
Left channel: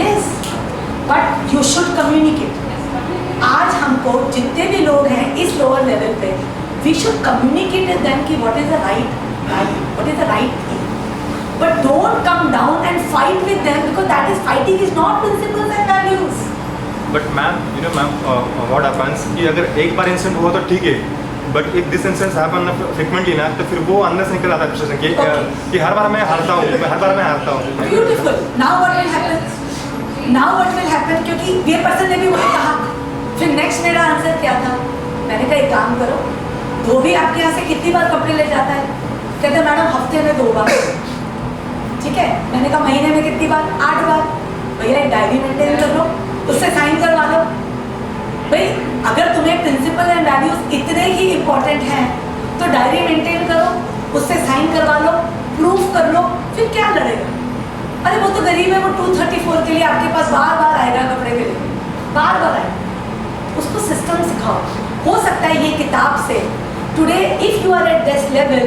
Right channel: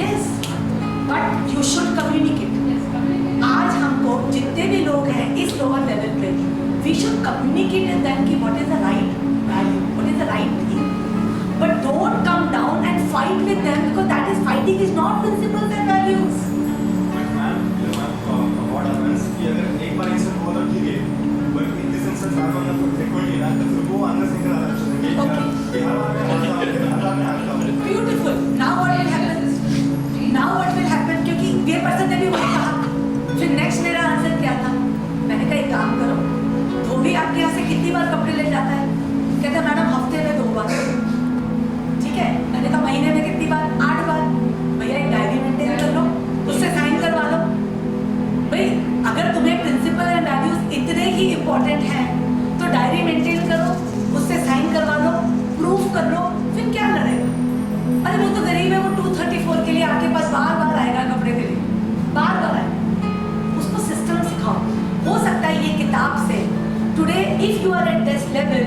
Yes, but you should communicate. आज हमको जितने भी लोग हैं इस lower level पे, we should communicate with them कि what is the right value, what is the right thing. But don't come down and fight with them because that is fighting is not principles and values. But ma'am, you know ma'am, what happens कि अगर एक बार इंसिडेंट हुआ तो ठीक है, but if this incidence happen frequently ना, तो फिर वो अंदर से निकल आता है फ्रस्ट्रेशन कि हर बार मैं हारता हूँ, हर बार मैं हारता हूँ। Beautiful. Now what will happen? Now what will happen? क्योंकि ये पर्सन ने भी वही कहा। फिर नेक्स्ट मेरा आंसर क्या था? मैंने कहा एक काम करो, धोबी आपके यहाँ से कितनी बार कपड़े ले जाता है? कहते मैडम हफ्ते में 2 बार। ठीक है, मैंने कहा महीने में कितनी बार? 8 बार। भैया एक डायरी मेंटेन कर लो, उससे साइन करवा लो। भाई अगर तुम्हें प्रिंसिपल एंड वैल्यूज इतने ही इम्पोर्टेंट हैं तो डायरी मेंटेन करो, उससे साइन करवा लो, प्रूफ कर लो, फिर क्या लड़ेगा? अरे वो तो गरीब है, वो 234 के लिए आपके पास बार बार आएगा कपड़े के लिए, बार बार आएगा। उसको सिस्टम सिखाओ। हो सकता है ये किताब से today if you are at this level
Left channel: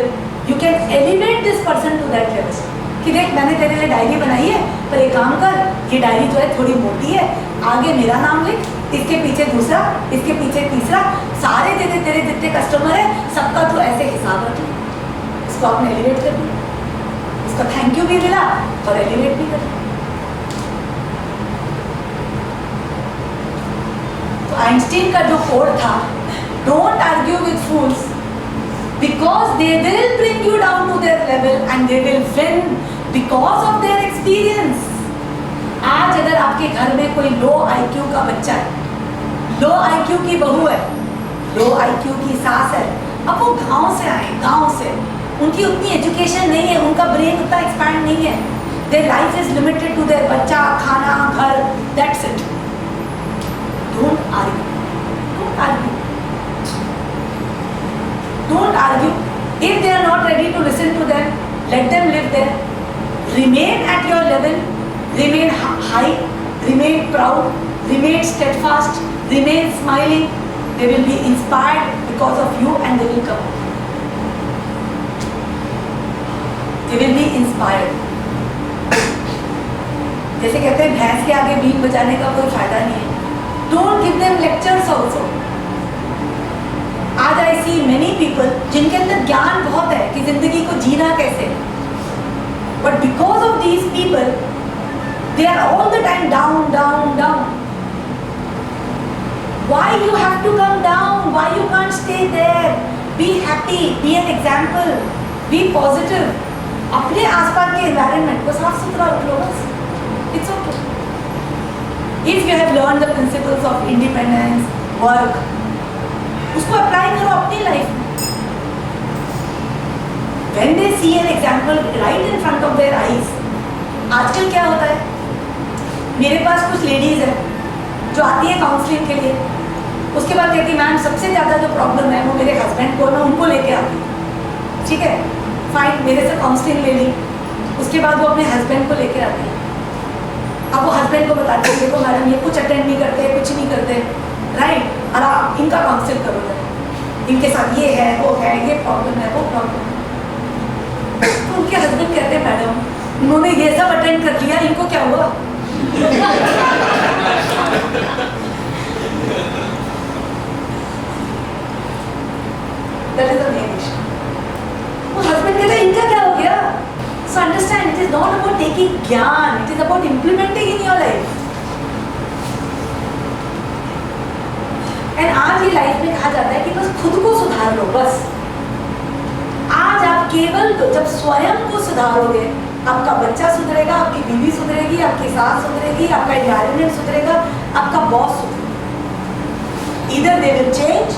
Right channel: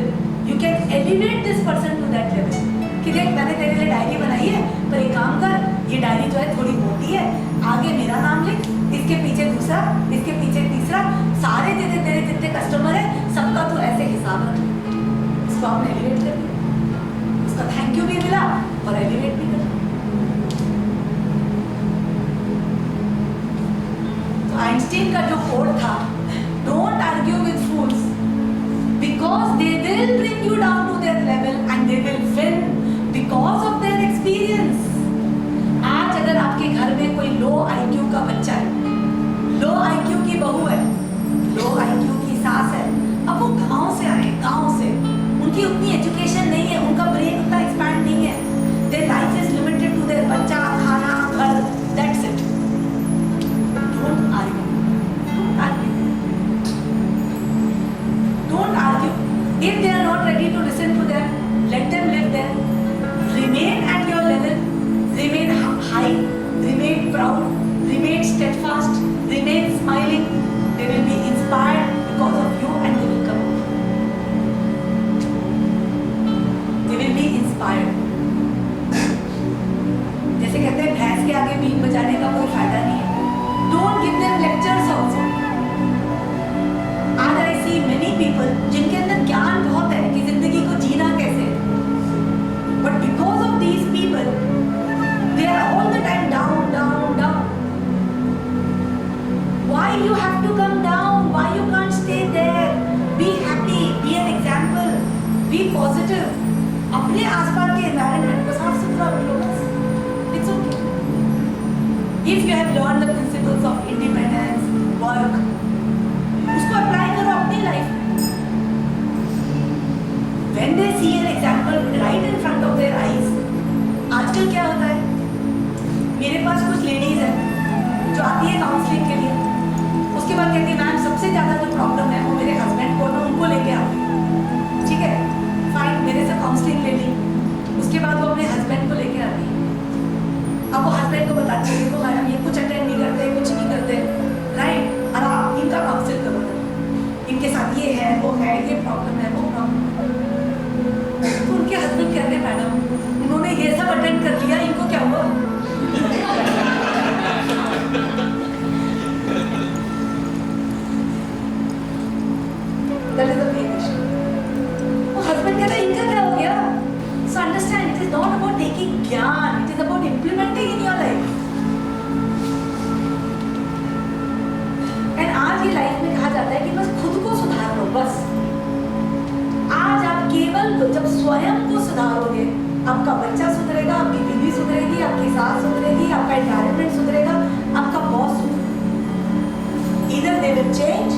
you can elevate this person to that level कि देख मैंने तेरे लिए डायरी बनाई है, पर एक काम कर, ये डायरी जो है थोड़ी मोटी है, आगे मेरा नाम लिख, इसके पीछे दूसरा, इसके पीछे तीसरा, सारे तेरे जितने कस्टमर है सबका तो ऐसे हिसाब रख ले। इसको आपने एलिवेट कर दिया, इसका थैंक यू भी मिला और एलिवेट भी कर। तो आइंस्टीन का जो कोड था, don't argue with fools because they will bring you down to their level and they will win because of their experience. आज अगर आपके घर में कोई लो IQ का बच्चा है, लो IQ की बहू है, लो IQ की सास है, अब वो गांव से आए, गांव से, उनकी उतनी एजुकेशन नहीं है, उनका ब्रेन उतना एक्सपैंड नहीं है, their life is limited to their बच्चा, खाना, घर, that's it. Don't argue. Don't argue. Don't argue. If they are not ready to listen to them, let them live there. Remain at your level. Remain high. Remain proud. Remain steadfast. Remain smiling. They will be inspired because of you and they will come. They will be inspired. जैसे कहते हैं भैंस के आगे बीन बजाने का कोई फायदा नहीं है. Don't give them lectures also. आज आई सी मेनी पीपल जिनके अंदर ज्ञान बहुत है कि जिंदगी को जीना कैसे, but because of these people they are all the time down down down. Why you have to come down? Why you can't stay there? Be happy, be an example, be positive. अपने आसपास के एनवायरनमेंट को साफ सुथरा रख लो बस. It's okay. If you have learn the principles of independence, work, उसको अप्लाई करो अपनी लाइफ में. When they see an example right in front of their eyes. आजकल क्या होता है, मेरे पास कुछ लेडीज हैं जो आती है काउंसलिंग के लिए, उसके बाद कहती मैम सबसे ज़्यादा जो प्रॉब्लम है वो मेरे हस्बैंड को, मैं उनको लेके आती हूँ. ठीक है, फाइन, मेरे से काउंसलिंग ले ली, उसके बाद वो अपने हस्बैंड को लेके आती है. अब वो हस्बैंड को बताते हैं देखो मैडम ये कुछ अटेंड नहीं करते, कुछ नहीं करते, राइट, और आप इनका काउंसिल करो, इनके साथ ये है, वो है, ये प्रॉब्लम है, वो प्रॉब्लम है. तो उनके हस्बैंड कहते हैं मैडम उन्होंने ये सब अटेंड कर लिया, इनको क्या हुआ? That is the main issue. वो हस्बैंड कहते हैं इनका क्या हो गया? So understand, it is not about taking ज्ञान, it is about implementing in your life. आज ये लाइफ में कहा जाता है कि बस खुद को सुधार लो. बस आज आप केवल जब स्वयं को सुधारोगे, आपका बच्चा सुधरेगा, आपकी बीवी सुधरेगी, आपकी सास सुधरेगी, आपका एनवायरनमेंट सुधरेगा, आपका बॉस सुधरेगा. Either they will change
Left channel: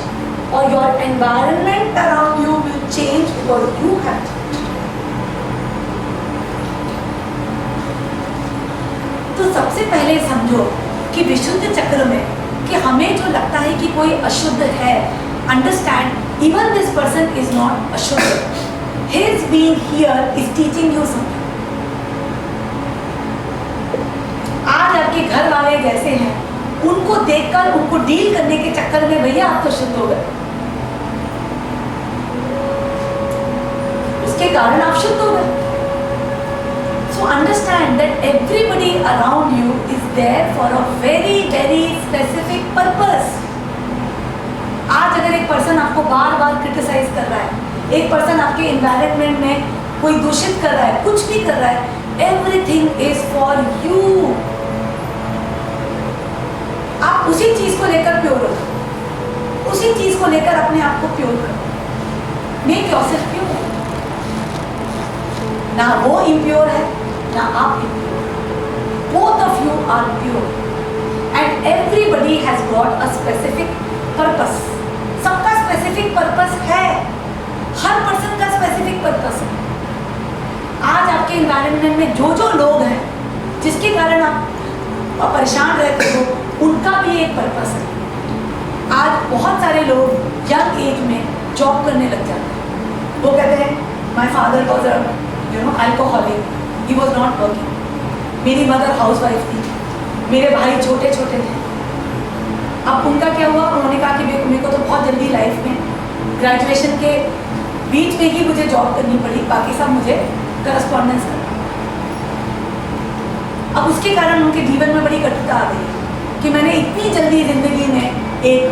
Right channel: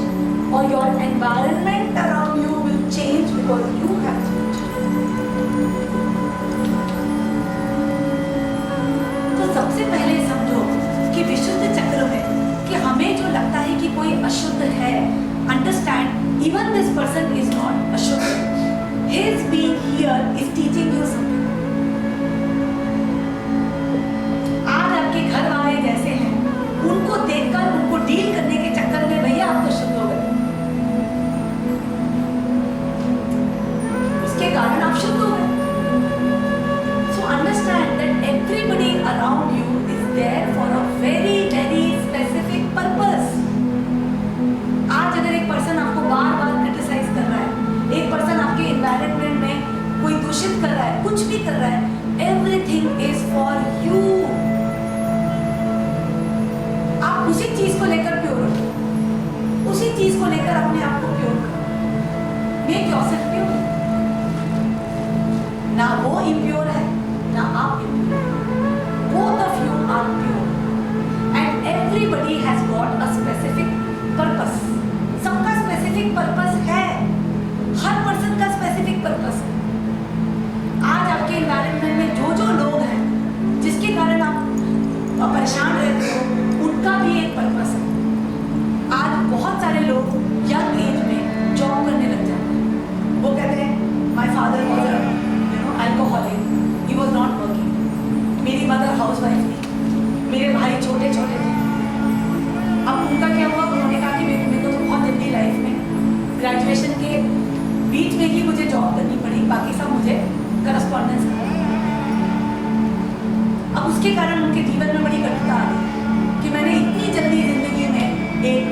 or your environment around you will change because you have changed. तो सबसे पहले समझो कि विशुद्ध चक्र में कि हमें जो लगता है कि कोई अशुद्ध है, understand even this person is not अशुद्ध. His being here is teaching you something. आज आपके घर वाले जैसे हैं, उनको देखकर उनको डील करने के चक्कर में भैया आप तो शुद्ध हो गए, उसके कारण आप शुद्ध हो गए. So understand that everybody around you is there for a very very specific purpose. आज अगर एक पर्सन आपको बार बार क्रिटिसाइज कर रहा है, एक पर्सन आपके एनवायरनमेंट में कोई दूषित कर रहा है, कुछ भी कर रहा है, everything is for you. आप उसी चीज को लेकर प्योर हो, उसी चीज को लेकर अपने आप को प्योर करो। Make yourself pure. ना वो इम्प्योर है ना आप impure, both of you are pure and everybody has got a specific purpose. सबका स्पेसिफिक पर्पस है, हर पर्सन का स्पेसिफिक पर्पस है। आज आपके एनवायरनमेंट में जो जो लोग हैं जिसके कारण आप परेशान रहते हो, उनका भी एक पर्पस है। आज बहुत सारे लोग यंग एज में जॉब करने लग जाते हैं। वो कहते हैं my father was a alcoholic, he was not working. मेरी मदर हाउसवाइफ थी, मेरे भाई छोटे छोटे थे। अब उनका क्या हुआ, उन्होंने कहा कि मेरे को तो बहुत जल्दी लाइफ में ग्रेजुएशन के बीच में ही मुझे जॉब करनी पड़ी, बाकी सब मुझे करस्पॉन्डेंस करना। अब उसके कारण उनके जीवन में बड़ी कठिनता आ गई कि मैंने इतनी जल्दी जिंदगी में एक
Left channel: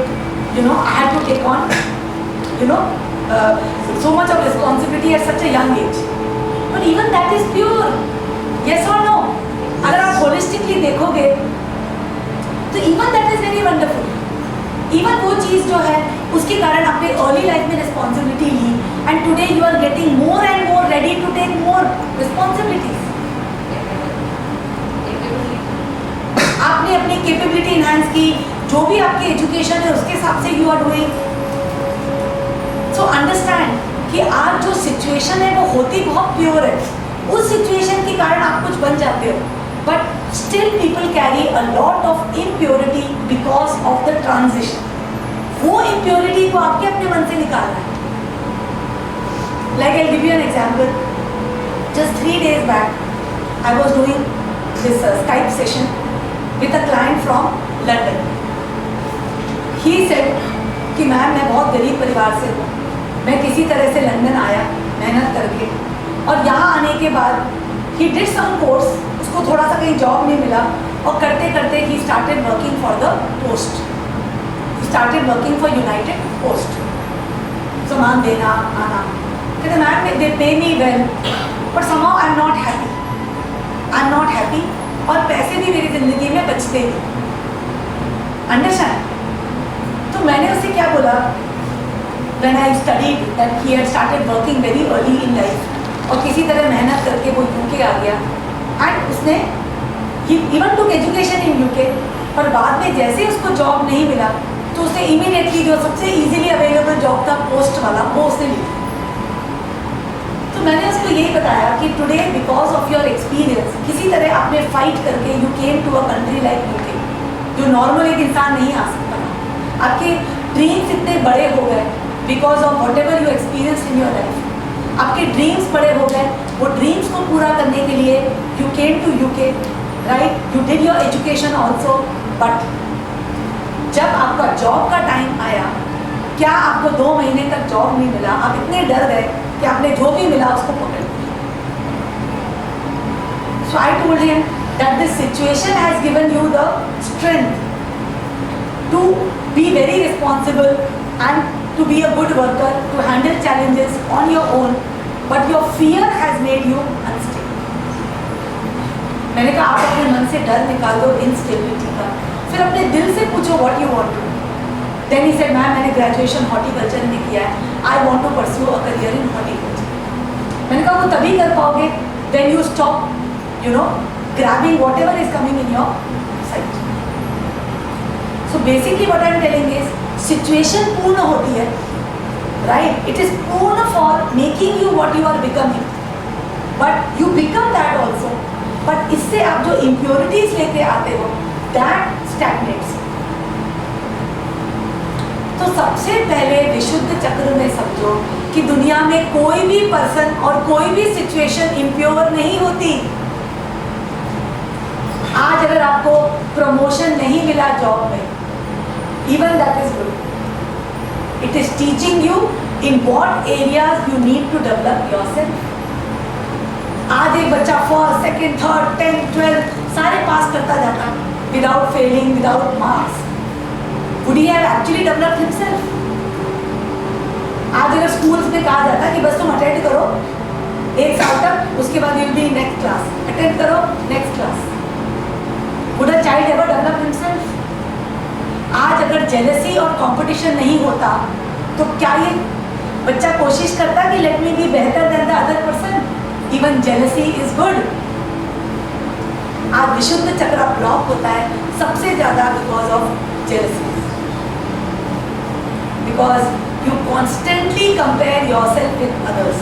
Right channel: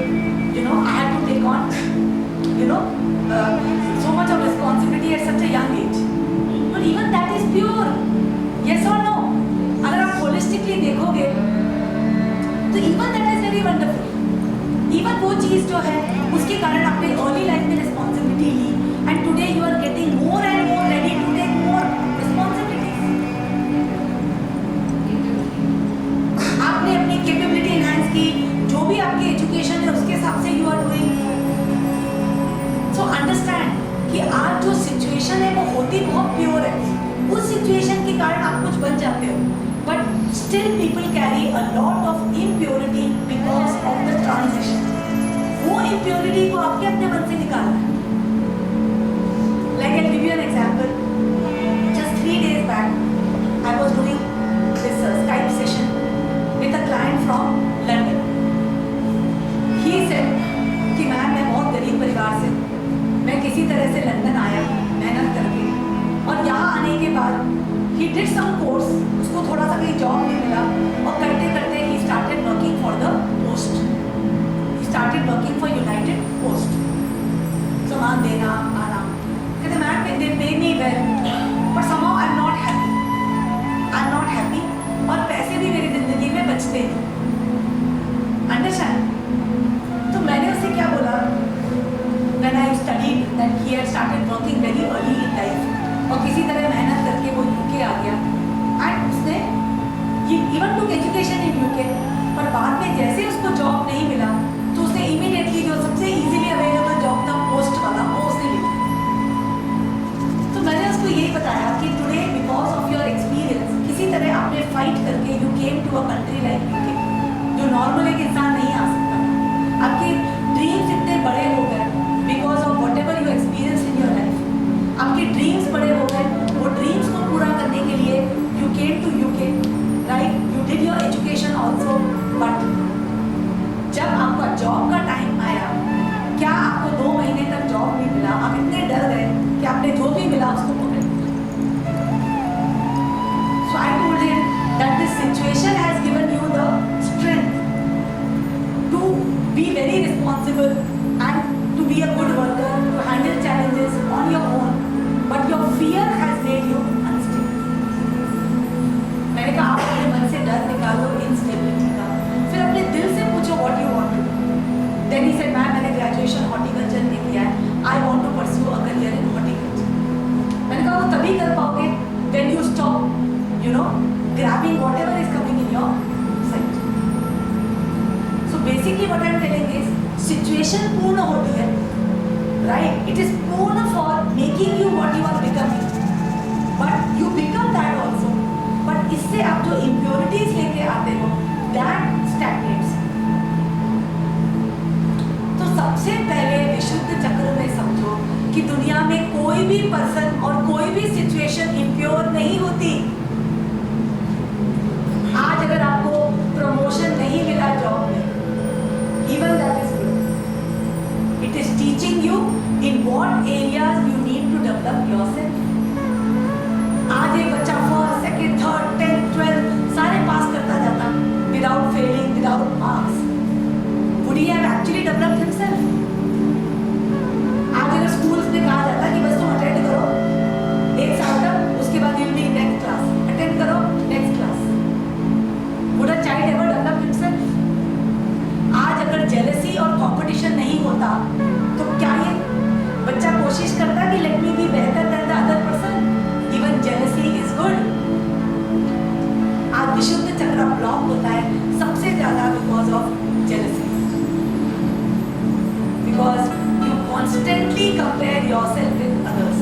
I had to take on so much of responsibility at such a young age. But even that is pure. Yes or no? अगर आप holistically देखोगे तो even that is very wonderful. Even वो चीज़ जो है उसके कारण आपने early life में responsibility Lee and today you are getting more and more ready to take more responsibilities. आपने अपनी capability enhance की, जो भी आपकी education है उसके हिसाब से you are doing. So understand कि आज जो सिचुएशन है वो होती बहुत प्योर है, उस सिचुएशन के कारण आप कुछ बन जाते हो, but still people carry a lot of impurity because of the transition. वो इम्प्योरिटी को आपके अपने मन से निकालना है। Like I give you an example, just 3 days back I was doing this Skype session with a client from London. He said कि मैम मैं बहुत गरीब परिवार से हूँ, मैं किसी तरह से लंदन आया मेहनत करके, और यहाँ आने के बाद ही डिड सम कोर्स, उसको थोड़ा सा कहीं जॉब नहीं मिला, और करते करते he started working for the post, he started working for United post. सामान देना आना, कहते मैम दे पे me well but somehow I am not happy, I am not happy, और पैसे भी मेरी ज़िंदगी में बचते नहीं। अंडरस्टैंड? तो मैंने उससे क्या बोला, when I studied that he had started working very early in life, और किसी तरह मेहनत करके वो यूके आ गया, एंड उसने he even took education in UK, पर बाद में जैसे उसको जॉब नहीं मिला तो उसने इमीडिएटली जो सबसे इजीली अवेलेबल जॉब था पोस्ट वाला, वो उसने ली। तो मैंने उसको यही बताया कि today because of your experience किसी तरह आपने फाइट करके you came to a country like UK, जो नॉर्मल एक इंसान नहीं आ सकता। आपके ड्रीम्स इतने बड़े हो गए because of what ever you experience in your life. आपके ड्रीम्स बड़े हो गए, वो ड्रीम्स को पूरा करने के लिए you came to UK, right? You did your education also, but जब आपका जॉब का टाइम आया, क्या आपको 2 महीने तक जॉब नहीं मिला, आप इतने डर गए कि आपने जो भी मिला उसको पकड़ लिया। So I told him that this situation has given you the strength to be very responsible and to be a good worker, to handle challenges on your own, but your fear has made you unstable. मैंने कहा आप अपने मन से डर निकाल दो instability का, फिर अपने दिल से पूछो what you want to do. Then he said, ma'am मैंने ग्रेजुएशन हॉर्टिकल्चर में किया है, I want to pursue a career in horticulture. मैंने कहा वो तभी कर पाओगे when you stop, grabbing whatever is coming in your sight. So basically what I am telling is, situation पूर्ण होती है, राइट? इट इज पूर्ण for making you what you are becoming, but you become that also, but इससे आप जो इम्प्योरिटीज लेके आते हो दैट स्टैग्नेट्स। तो सबसे पहले विशुद्ध चक्र में समझो कि दुनिया में कोई भी पर्सन और कोई भी सिचुएशन इम्प्योर नहीं होती। आज अगर आपको प्रमोशन नहीं मिला जॉब में, even that is good. It is teaching you in what areas you need to develop yourself. आज एक बच्चा 1st, 2nd, 3rd, 10th, 12th सारे पास करता जाता without failing, without marks. Would he have actually developed himself? आज अगर स्कूल्स में कहा जाता कि बस तुम अटेंड करो 1 साल तक, उसके बाद you will be in next class, attend करो next class. Would a child ever develop himself? आज अगर जेलसी और कंपटीशन नहीं होता तो क्या ये बच्चा कोशिश करता कि लेट मी बी बेहतर then the other person? Even jealousy is good. आज विशुद्ध चक्र ब्लॉक होता है सबसे ज्यादा because of jealousy, because you constantly compare yourself with others.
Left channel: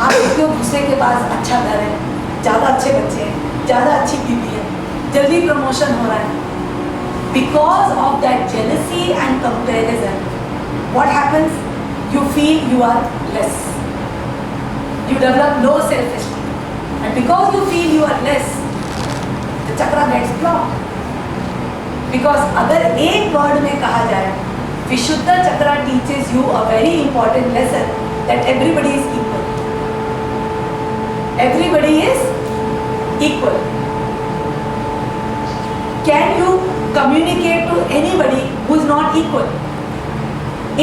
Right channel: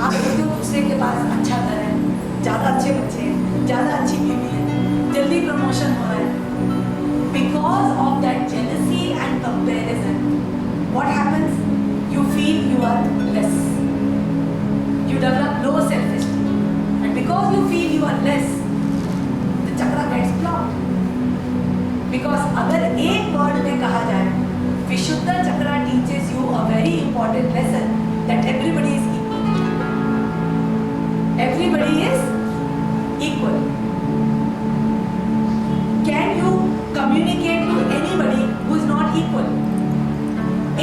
आप देखते हो दूसरे के पास अच्छा घर है, ज्यादा अच्छे बच्चे हैं, ज्यादा अच्छी बीवी है, जल्दी प्रमोशन हो रहा है। Because of that jealousy and comparison what happens? You feel you are less, you develop low self-esteem, and because you feel you are less, the chakra gets blocked. Because अगर एक word में कहा जाए, विशुद्ध चक्रा teaches you a very important lesson that everybody is equal. Everybody is equal. Can you communicate to anybody who is not equal?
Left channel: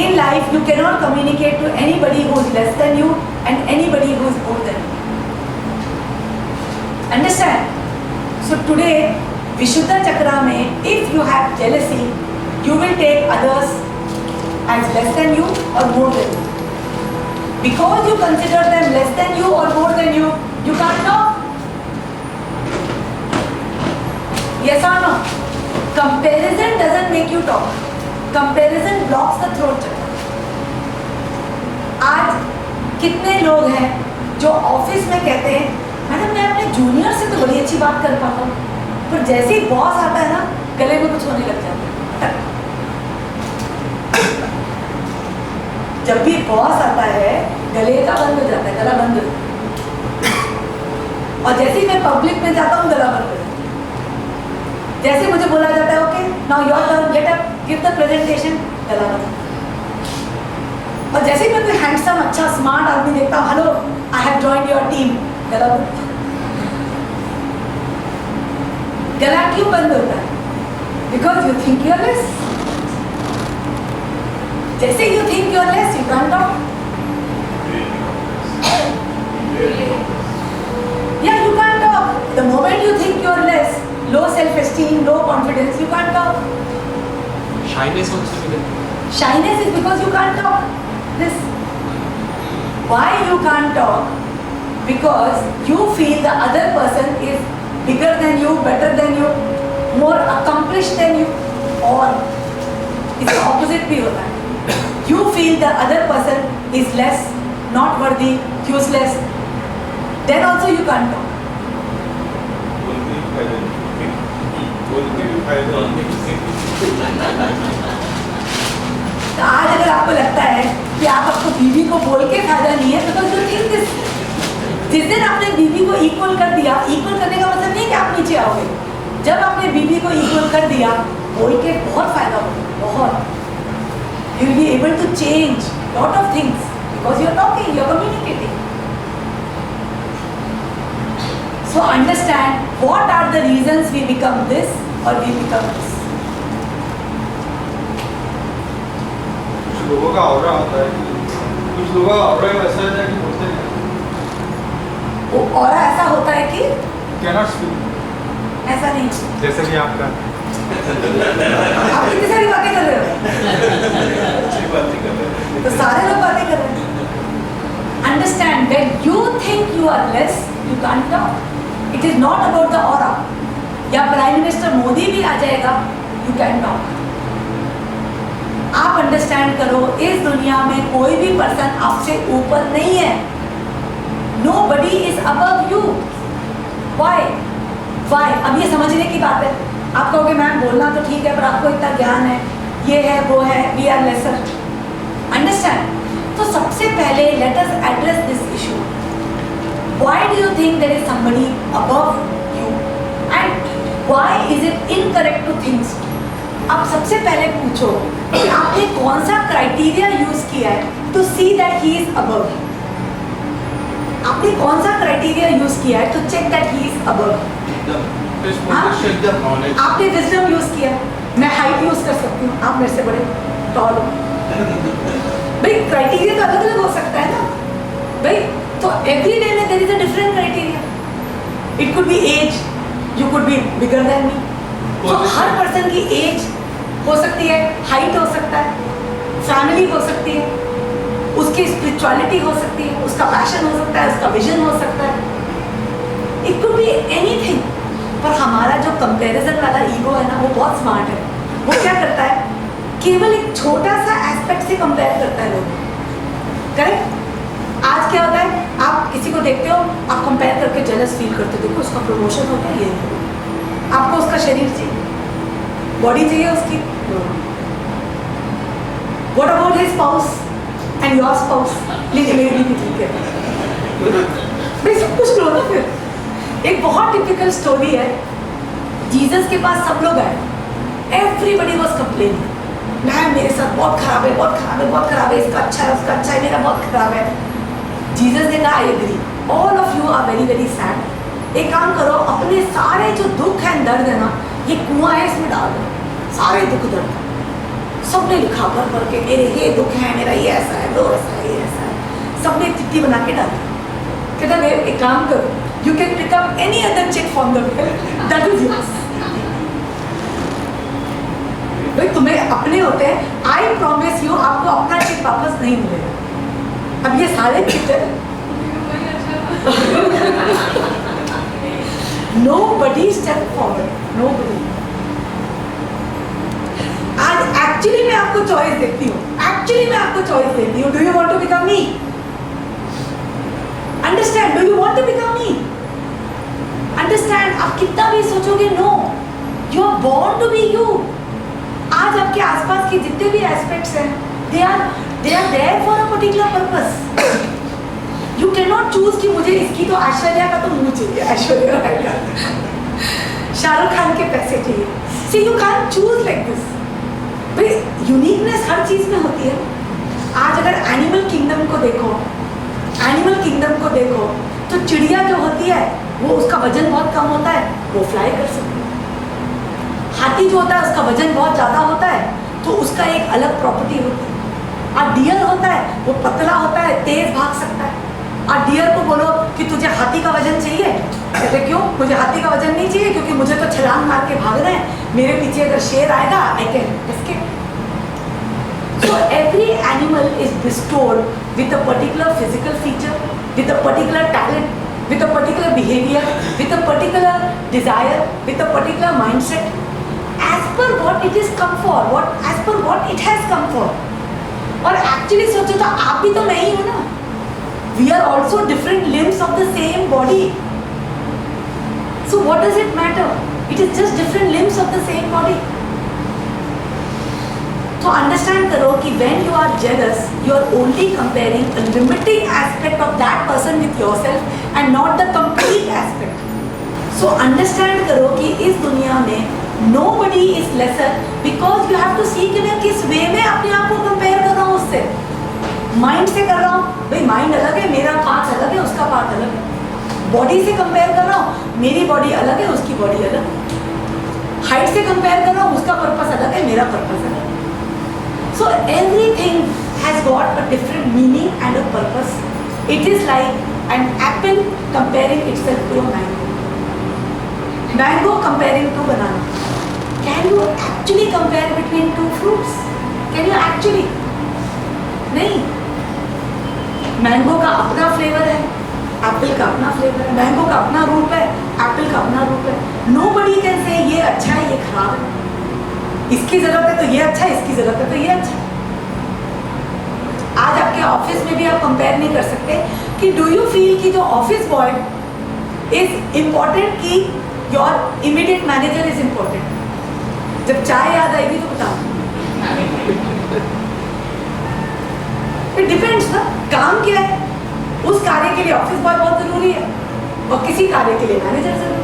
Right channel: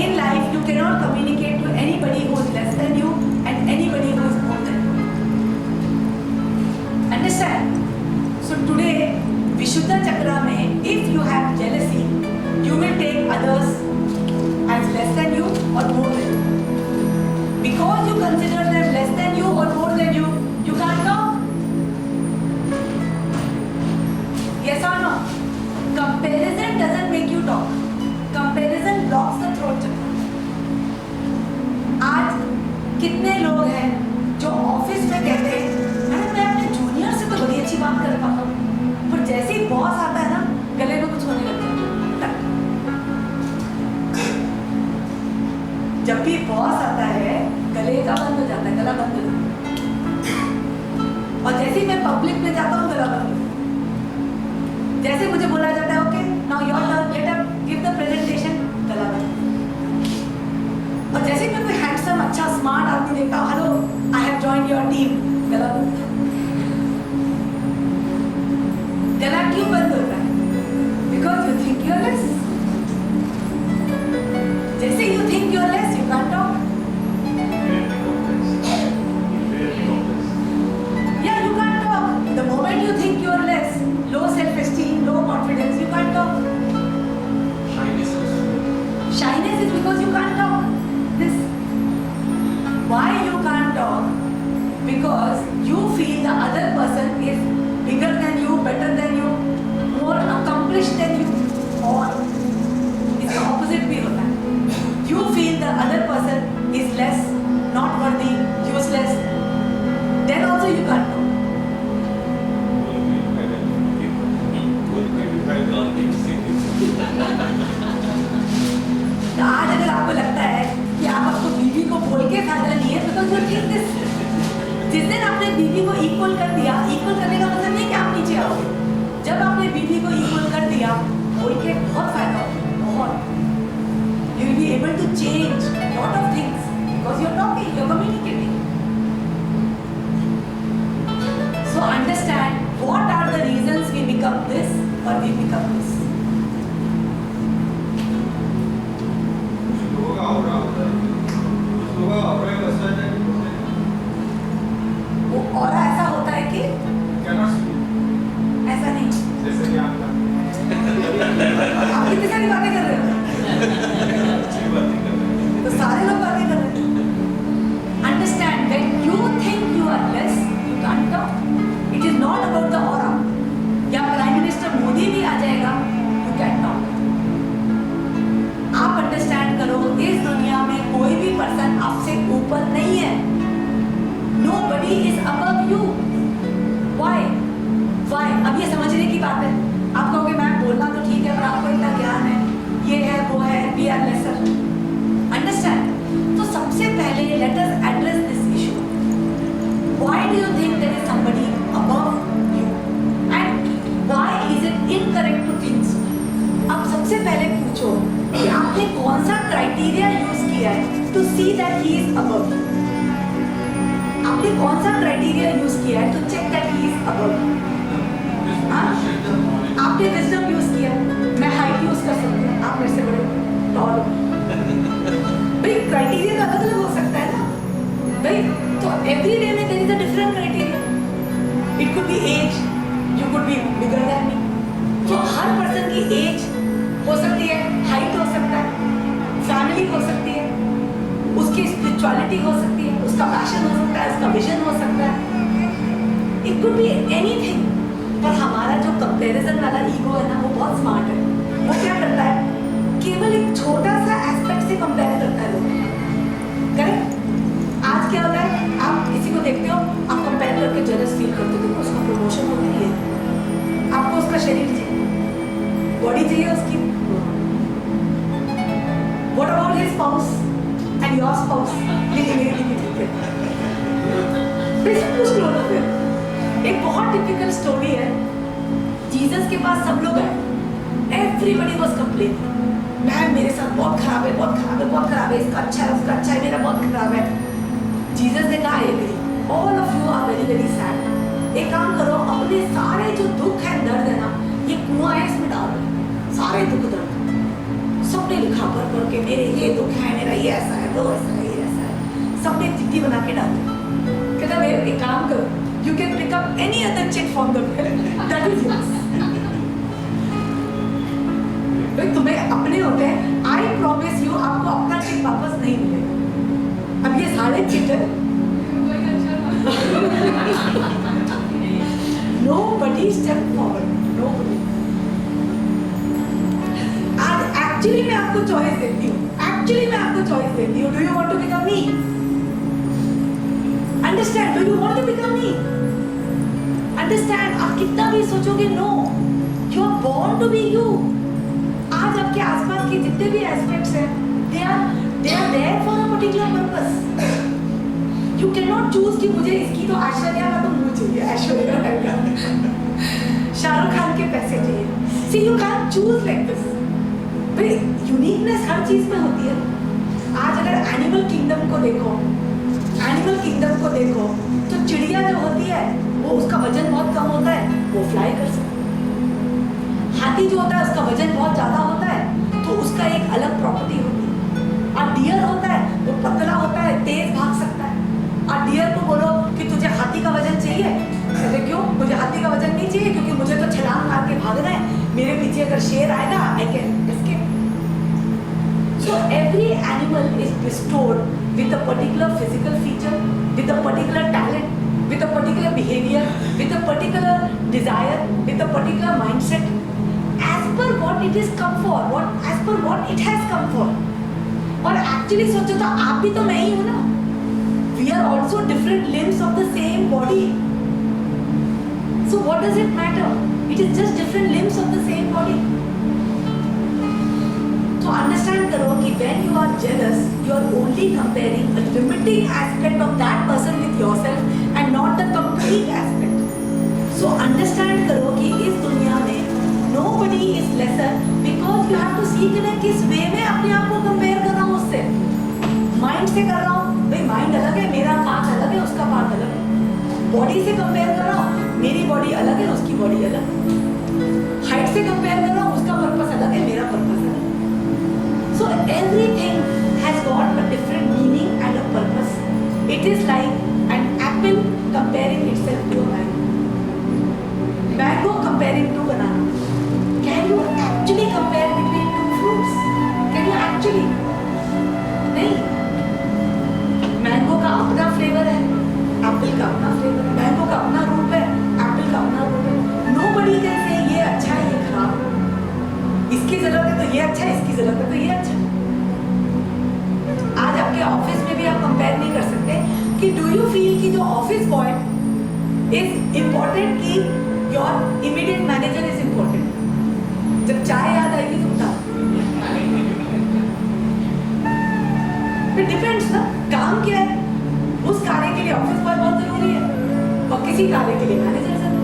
In life, you cannot communicate to anybody who is less than you and anybody who is more than you. Understand? So today, Vishuddha Chakra mein, if you have jealousy, you will take others as less than you or more than you. Because you consider them less than you or more than you, you can't talk. Yes or no? Comparison doesn't make you talk. Comparison blocks the throat chakra. आज कितने लोग हैं जो ऑफिस में कहते हैं मैडम मैं अपने जूनियर से तो बड़ी अच्छी बात कर पाता हूँ, पर जैसे ही बॉस आता है ना गले में कुछ होने लग जाता है। जब भी बॉस आता है गले का बंद हो जाता है, गला बंद हो जाता है। और जैसे ही मैं पब्लिक में जाता हूँ गला बंद हो जाता है। जैसे मुझे बोला जाता है okay now your turn, get up, give the presentation, गला बंद। और जैसे ही मैं कोई हैंडसम अच्छा स्मार्ट आदमी देखता हूँ, hello I have joined your team, गला बंद। गला क्यों बंद होता है? Because you think you are less. जैसे you think you are less you can't talk. या you can't talk. The moment you think you are less, low self-esteem, low confidence, you can't talk. Shyness also. Shyness is because you can't talk. This. Why you can't talk? Because you feel the other person is bigger than you, better than you, more accomplished than you, or it's the opposite भी होता है. You feel the other person is less, not worthy, useless. Then also you can't talk. तो आज अगर आपको लगता है कि आपको बीवी को बोल के फायदा नहीं है, बिकॉज यू थिंक दिस। जिस दिन आपने बीवी को इक्वल कर दिया, इक्वल करने का मतलब नहीं कि आप नीचे आओगे। जब आपने बीवी को इक्वल कर दिया, बोल के बहुत फायदा होगा, बहुत। You will be able to change lot of things because you are talking, you are communicating. So understand what are the reasons we become this or we become this. कुछ लोगों का ऑरा होता है, कुछ लोगों का ऑरा ऐसा है कि होते हैं। वो ऑरा ऐसा होता है कि cannot speak। ऐसा नहीं। जैसे कि आपका आप कितनी सारी बातें कर रहे हो? अच्छी बातें कर रहे हैं। तो सारे लोग बातें कर रहे हैं। Understand when you think you are less, you can't talk. It is not about the aura. या प्राइम मिनिस्टर मोदी भी आ जाएगा, you can talk. आप अंडरस्टैंड करो, इस दुनिया में कोई भी पर्सन आपसे ऊपर नहीं है। Nobody is above you. Why? Why? अब ये समझने की बात है। आप कहोगे मैम बोलना तो ठीक है, पर आपको इतना ज्ञान है, ये है वो है, we are lesser. Understand? तो सबसे पहले let us address this issue. Why do you think there is somebody above you? And why is it incorrect to think so? अब सबसे पहले पूछो कि आपने कौन सा क्राइटेरिया यूज किया है to see that he is above you. आपने कौन सा क्राइटेरिया यूज किया है to check that he is above you? आपने विजडम यूज किया, मैं हाइट यूज कर सकती हूँ, आप मेरे से बड़े टॉल हो। भाई क्राइटेरिया तो अलग अलग हो सकता है ना भाई। तो एवरी डे में there is a different criteria. It could be age, you could be bigger than me, तो हर पर्सन की एज हो सकती है, हाइट हो सकता है, फैमिली हो सकती है, उसकी स्पिरिचुअलिटी हो सकती है, उसका पैशन हो सकता है, उसका विजन हो सकता है, इट कुड बी एनीथिंग। पर हमारा जो कंपैरिजन वाला ईगो है ना, वो बहुत स्मार्ट है। वो क्या करता है, केवल एक छोटा सा एस्पेक्ट से कंपेयर करता है लोग। करेक्ट? आज क्या होता है, आप किसी को देखते हो, आप कंपेयर करके जेलस फील करते हो, देखो उसका प्रमोशन हो गया, ये आपको उसका शरीर चाहिए, बॉडी चाहिए उसकी। What about his spouse and your spouse? लेकिन मेरी भी ठीक है, बेसिक कुछ लो ना। फिर एक बहुत टिपिकल स्टोरी है, जीसस के पास सब लोग आए, एवरीबडी वाज कंप्लेनिंग, मैम मेरे साथ बहुत खराब है, बहुत खराब है, बहुत खराब है, इसका अच्छा है, उसका अच्छा है, मेरा बहुत खराब है। जीसस ने कहा, I agree, all of you are very very sad. एक काम करो, अपने सारे जो दुख है, दर्द है ना, ये कुआं है, इसमें डाल दो सारे दुख दर्द। सबने लिखा भर भर के, मेरे ये दुख है, मेरा ये ऐसा है, वो ऐसा है, ये ऐसा है, सबने चिट्ठी बना के डाल दी। कहता है एक काम करो, you can pick up any other chit from the that is yours. भाई तुम्हें अपने होते हैं, आई प्रॉमिस यू, आपको अपना चिट वापस नहीं मिलेगा। अब ये सारे चिट है, nobody step forward, nobody। आज एक्चुअली मैं आपको चॉइस देती हूँ, एक्चुअली मैं आपको चॉइस देती हूँ, do you want to become me? Understand, do you want to become me? Understand, आप कितना भी सोचोगे, no, you are born to be you. आज आपके आसपास के जितने भी एस्पेक्ट्स हैं, they are there for a particular purpose। You cannot choose कि मुझे इसकी तो ऐश्वर्या का तो मुंह चाहिए, ऐश्वर्या राय का, शाहरुख खान के पैसे चाहिए। See, you can't choose like this। भाई यूनिकनेस हर चीज में होती है। आज अगर एनिमल किंगडम को देखो, तो चिड़िया जो होती है, वो उसका वजन बहुत कम होता है, वो फ्लाई कर सकती है। हाथी जो होता है, उसका वजन बहुत ज्यादा होता है, तो उसका एक अलग प्रॉपर्टी होती है। और डियर होता है, वो पतला होता है, तेज भाग सकता है। और डियर को बोलो कि तुझे हाथी का वजन चाहिए, कहते क्यों? मुझे हाथी का वजन नहीं चाहिए, क्योंकि मुझे तो छलांग मार के भागना है, मेरे पीछे अगर शेर आएगा, I can escape. So every animal is bestowed with a particular physical feature, with a particular talent, with a particular behavior, with a particular desire, with a particular mindset, as per what it is come for, as per what it has come for। और एक्चुअली सोचो तो आप भी तो मैं ही हूँ ना। We are also different limbs of the same body। So what does it matter? It is just different limbs of the same body। तो अंडरस्टैंड करो कि when you are jealous, you are only comparing a limiting aspect of that person with yourself and not the complete aspect। So understand करो कि इस दुनिया में nobody is lesser because you have to see कि मैं किस वे में अपने आप को कंपेयर कर रहा हूँ उससे। माइंड से कर रहा हूँ, भाई माइंड अलग है, मेरा पार्ट अलग है, उसका पार्ट अलग है। बॉडी से कंपेयर कर रहा हूँ, मेरी बॉडी अलग है, उसकी बॉडी अलग है। हाइट से कंपेयर कर रहा हूँ, उसका पर्पस अलग है, मेरा पर्पस अलग है। So everything has got a different meaning and a purpose। It is like an apple comparing itself to a mango। Mango comparing to banana। Can you actually compare between two fruits? Can you actually? नहीं। मैंगो का अपना फ्लेवर है, एप्पल का अपना फ्लेवर है, मैंगो का अपना रूप है, एप्पल का अपना रूप है। Nobody can say ये अच्छा है, ये खराब है, इसकी जरूरत है तो ये अच्छा है, इसकी जरूरत है तो ये अच्छा है। आज आपके ऑफिस में भी आप कंपेयर नहीं कर सकते कि डू यू फील कि जो ऑफिस बॉय इज इम्पोर्टेंट कि your immediate manager is important. जब चाय याद आएगी तो बताओ। इट डिपेंड्स ना, काम क्या है। उस कार्य के लिए ऑफिस बॉय बहुत जरूरी है और किसी कार्य के लिए मैनेजर जरूरी है।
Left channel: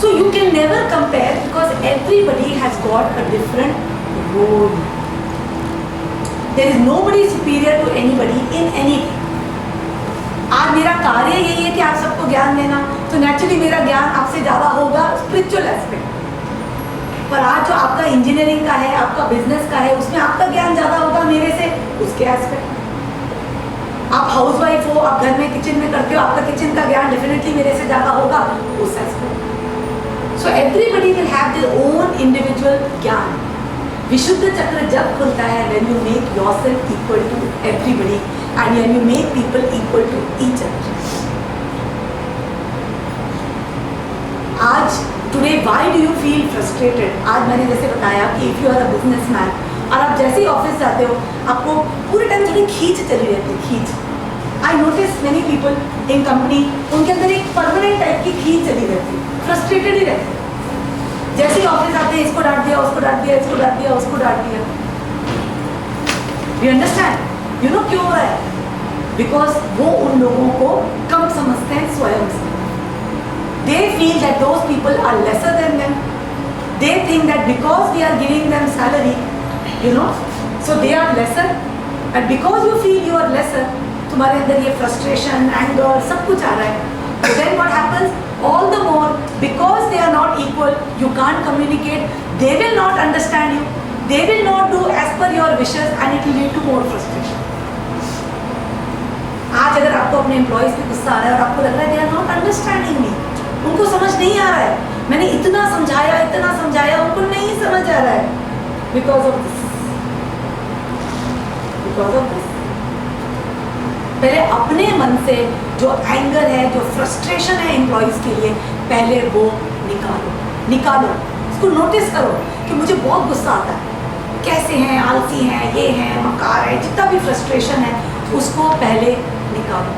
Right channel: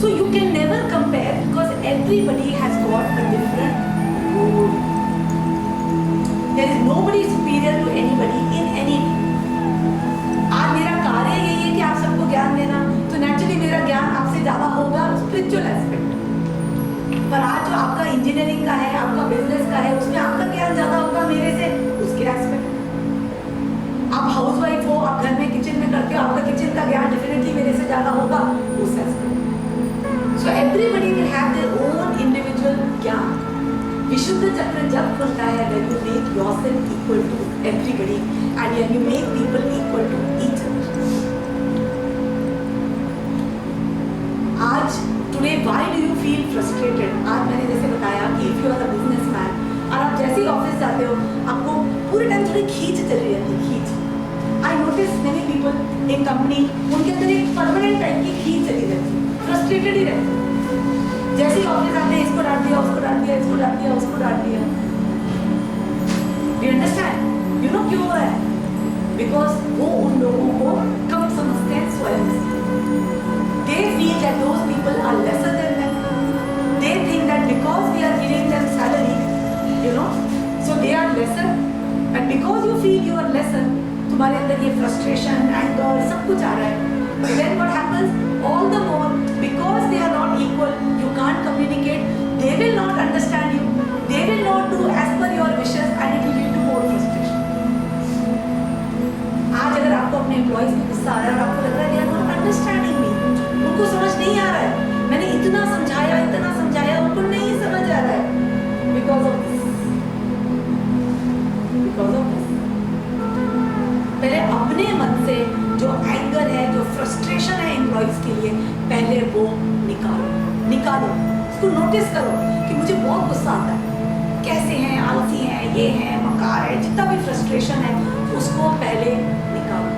So you can never compare because everybody has got a different role। There is nobody superior to anybody in anything। आज मेरा कार्य यही है कि आप सबको ज्ञान देना, तो नेचुरली मेरा ज्ञान आपसे ज़्यादा होगा स्पिरिचुअल एस्पेक्ट पर। आज जो आपका इंजीनियरिंग का है, आपका बिजनेस का है, उसमें आपका ज्ञान ज़्यादा होगा मेरे से उसके एस्पेक्ट। आप हाउसवाइफ हो, आप घर में किचन में करते हो, आपका किचन का ज्ञान डेफिनेटली मेरे से ज़्यादा होगा उस aspect. So everybody will have their own individual ज्ञान. विशुद्ध चक्र जब खुलता है when you make yourself equal to everybody and when you make people equal to each other. आज today why do you feel frustrated? आज मैंने जैसे बताया कि if you are a businessman और आप जैसे ही ऑफिस जाते हो आपको पूरे टाइम थोड़ी खींच चली रहती है, खींच. I notice many people in company, उनके अंदर एक परमानेंट टाइप की खींच चली रहती है, फ्रस्ट्रेटेड ही रहते हैं. जैसे ही ऑफिस आते हैं इसको डांट दिया, उसको डांट दिया, इसको डांट दिया, उसको डांट दिया. You understand? यू नो क्यों हो रहा है? बिकॉज वो उन लोगों को कम समझते हैं स्वयं से. They feel that those people are lesser than them. They think that because we are giving them salary, you know, so they are lesser. And because you feel you are lesser, तुम्हारे अंदर ये फ्रस्ट्रेशन, एंगर सब कुछ आ रहा है. Then what happens? All the more, because they are not equal, you can't communicate. They will not understand you. They will not do as per your wishes, and it will lead to more frustration. आज अगर आपको अपने एम्प्लॉइज पे गुस्सा आ रहा है और आपको लग रहा है they are not understanding me, उनको समझ नहीं आ रहा है, मैंने इतना समझाया, उनको नहीं समझ आ रहा है, because of this. पहले अपने मन से जो एंगर है, जो फ्रस्ट्रेशन है एम्प्लॉइज के लिए, पहले वो निकालो. उसको नोटिस करो कि मुझे बहुत गुस्सा आता है, कैसे हैं, आलसी हैं, ये हैं, मकार है, जितना भी फ्रस्ट्रेशन है उसको पहले निकालो.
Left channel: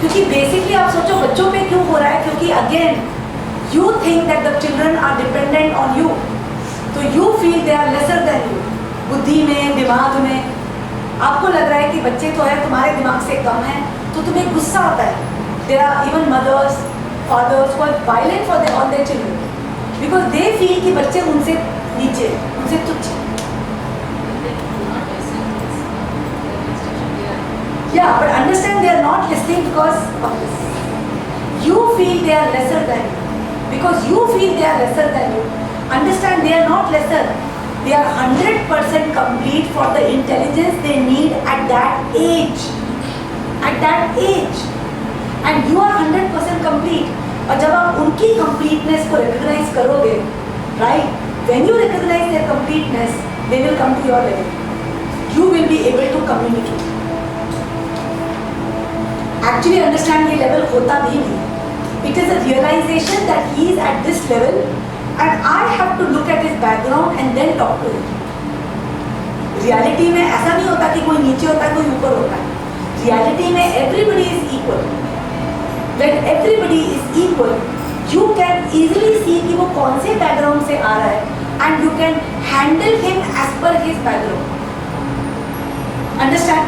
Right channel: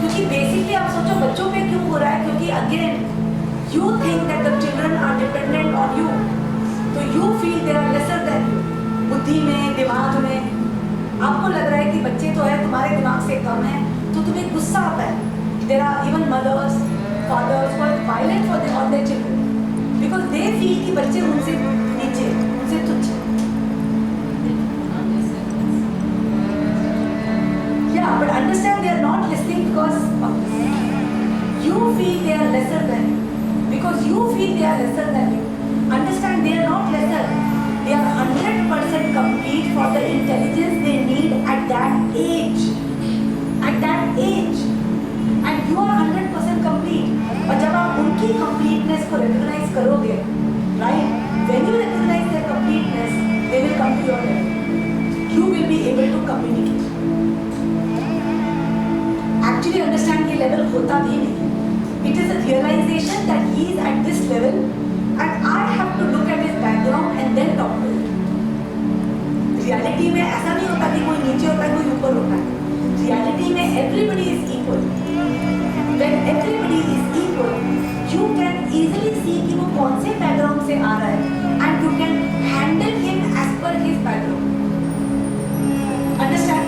क्योंकि बेसिकली आप सोचो बच्चों पे क्यों हो रहा है? क्योंकि again you think that the children are dependent on you, तो you feel they are lesser than you. बुद्धि में, दिमाग में आपको लग रहा है कि बच्चे तो है तुम्हारे दिमाग से कम है, तो तुम्हें गुस्सा आता है. There are even mothers, fathers who are violent for their on their children because they feel कि बच्चे उनसे नीचे, उनसे तुच्छ. या but understand they are not listening because of this. You feel they are lesser than you because you feel they are lesser than you. Understand they are not lesser. They are 100% complete for the intelligence they need at that age. At that age. And you are 100% complete. और जब आप उनकी completeness को recognize करोगे, right? When you recognize their completeness, they will come to your level. You will be able to communicate. Actually understand ये level होता भी नहीं. It is a realization that he is at this level. And I have to look at his background and then talk to him. Reality में ऐसा नहीं होता कि कोई नीचे होता है, कोई ऊपर होता है. Reality में everybody is equal. When everybody is equal, you can easily see कि वो कौन से background से आ रहा है, and you can handle him as per his background. Understand?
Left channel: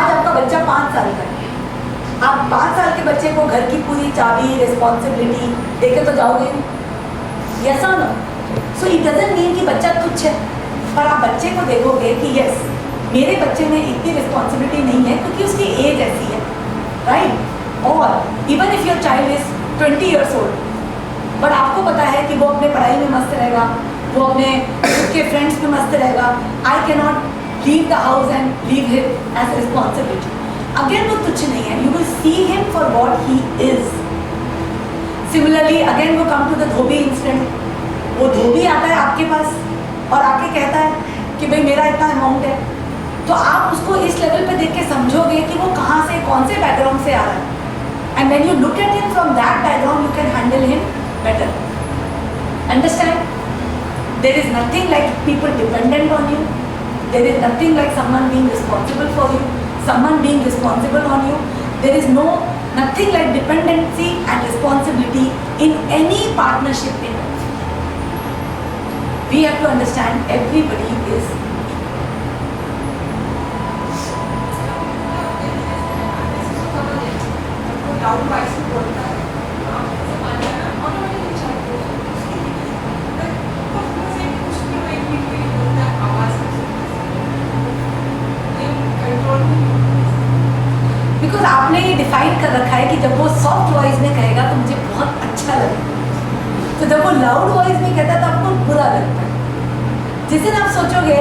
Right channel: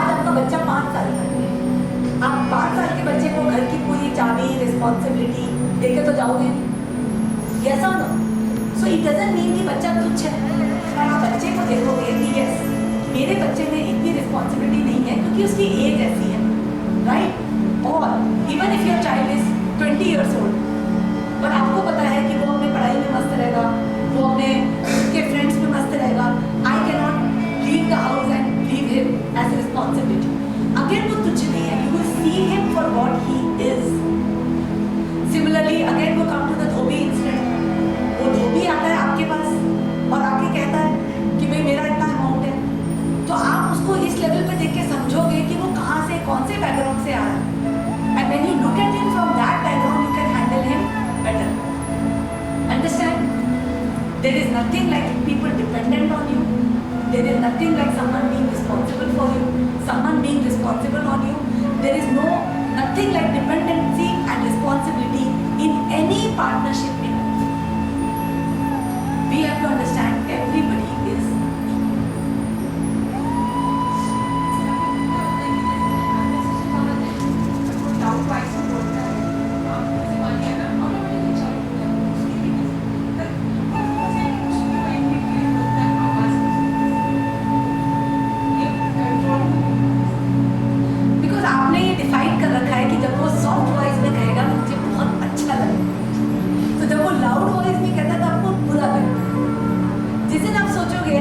आज आपका बच्चा 5 साल का है. आप 5 साल के बच्चे को घर की पूरी चाबी, रिस्पॉन्सिबिलिटी देके तो जाओगे नहीं. Yes or no? So it doesn't mean कि बच्चा तुच्छ है, पर आप बच्चे को देखोगे कि यस मेरे बच्चे में इतनी रिस्पॉन्सिबिलिटी नहीं है क्योंकि उसकी एज ऐसी है, राइट? और even if your child is 20 years old, but आपको पता है कि वो अपने पढ़ाई में मस्त रहेगा, वो अपने उसके फ्रेंड्स में मस्त रहेगा. I can not leave the house and leave him as responsibility. Again वो तुच्छ नहीं है. You will see him for what he is. Similarly again वो come to the dhobi incident. वो धोबी आता है आपके पास और आके कहता है कि भाई मेरा इतना अमाउंट है, तो आप उसको इस लेवल पे देख के समझोगे कि वो कहाँ से, कौन से बैकग्राउंड से आ रहा है. And when you look at him from that background you can handle him better. Understand? There is nothing like people dependent on you. There is nothing like someone being responsible for you, someone being responsible on you. There is nothing like dependency and responsibility in any partnership in life. We have to understand everybody is because आपने ये डिफाइन कर रखा है कि जब वो सॉफ्ट वॉइस में कहेगा तो मुझे बहुत अच्छा लगेगा, तो जब वो लाउड वॉइस में कहता है तो आपको बुरा लगता है. जिस दिन आप सोचोगे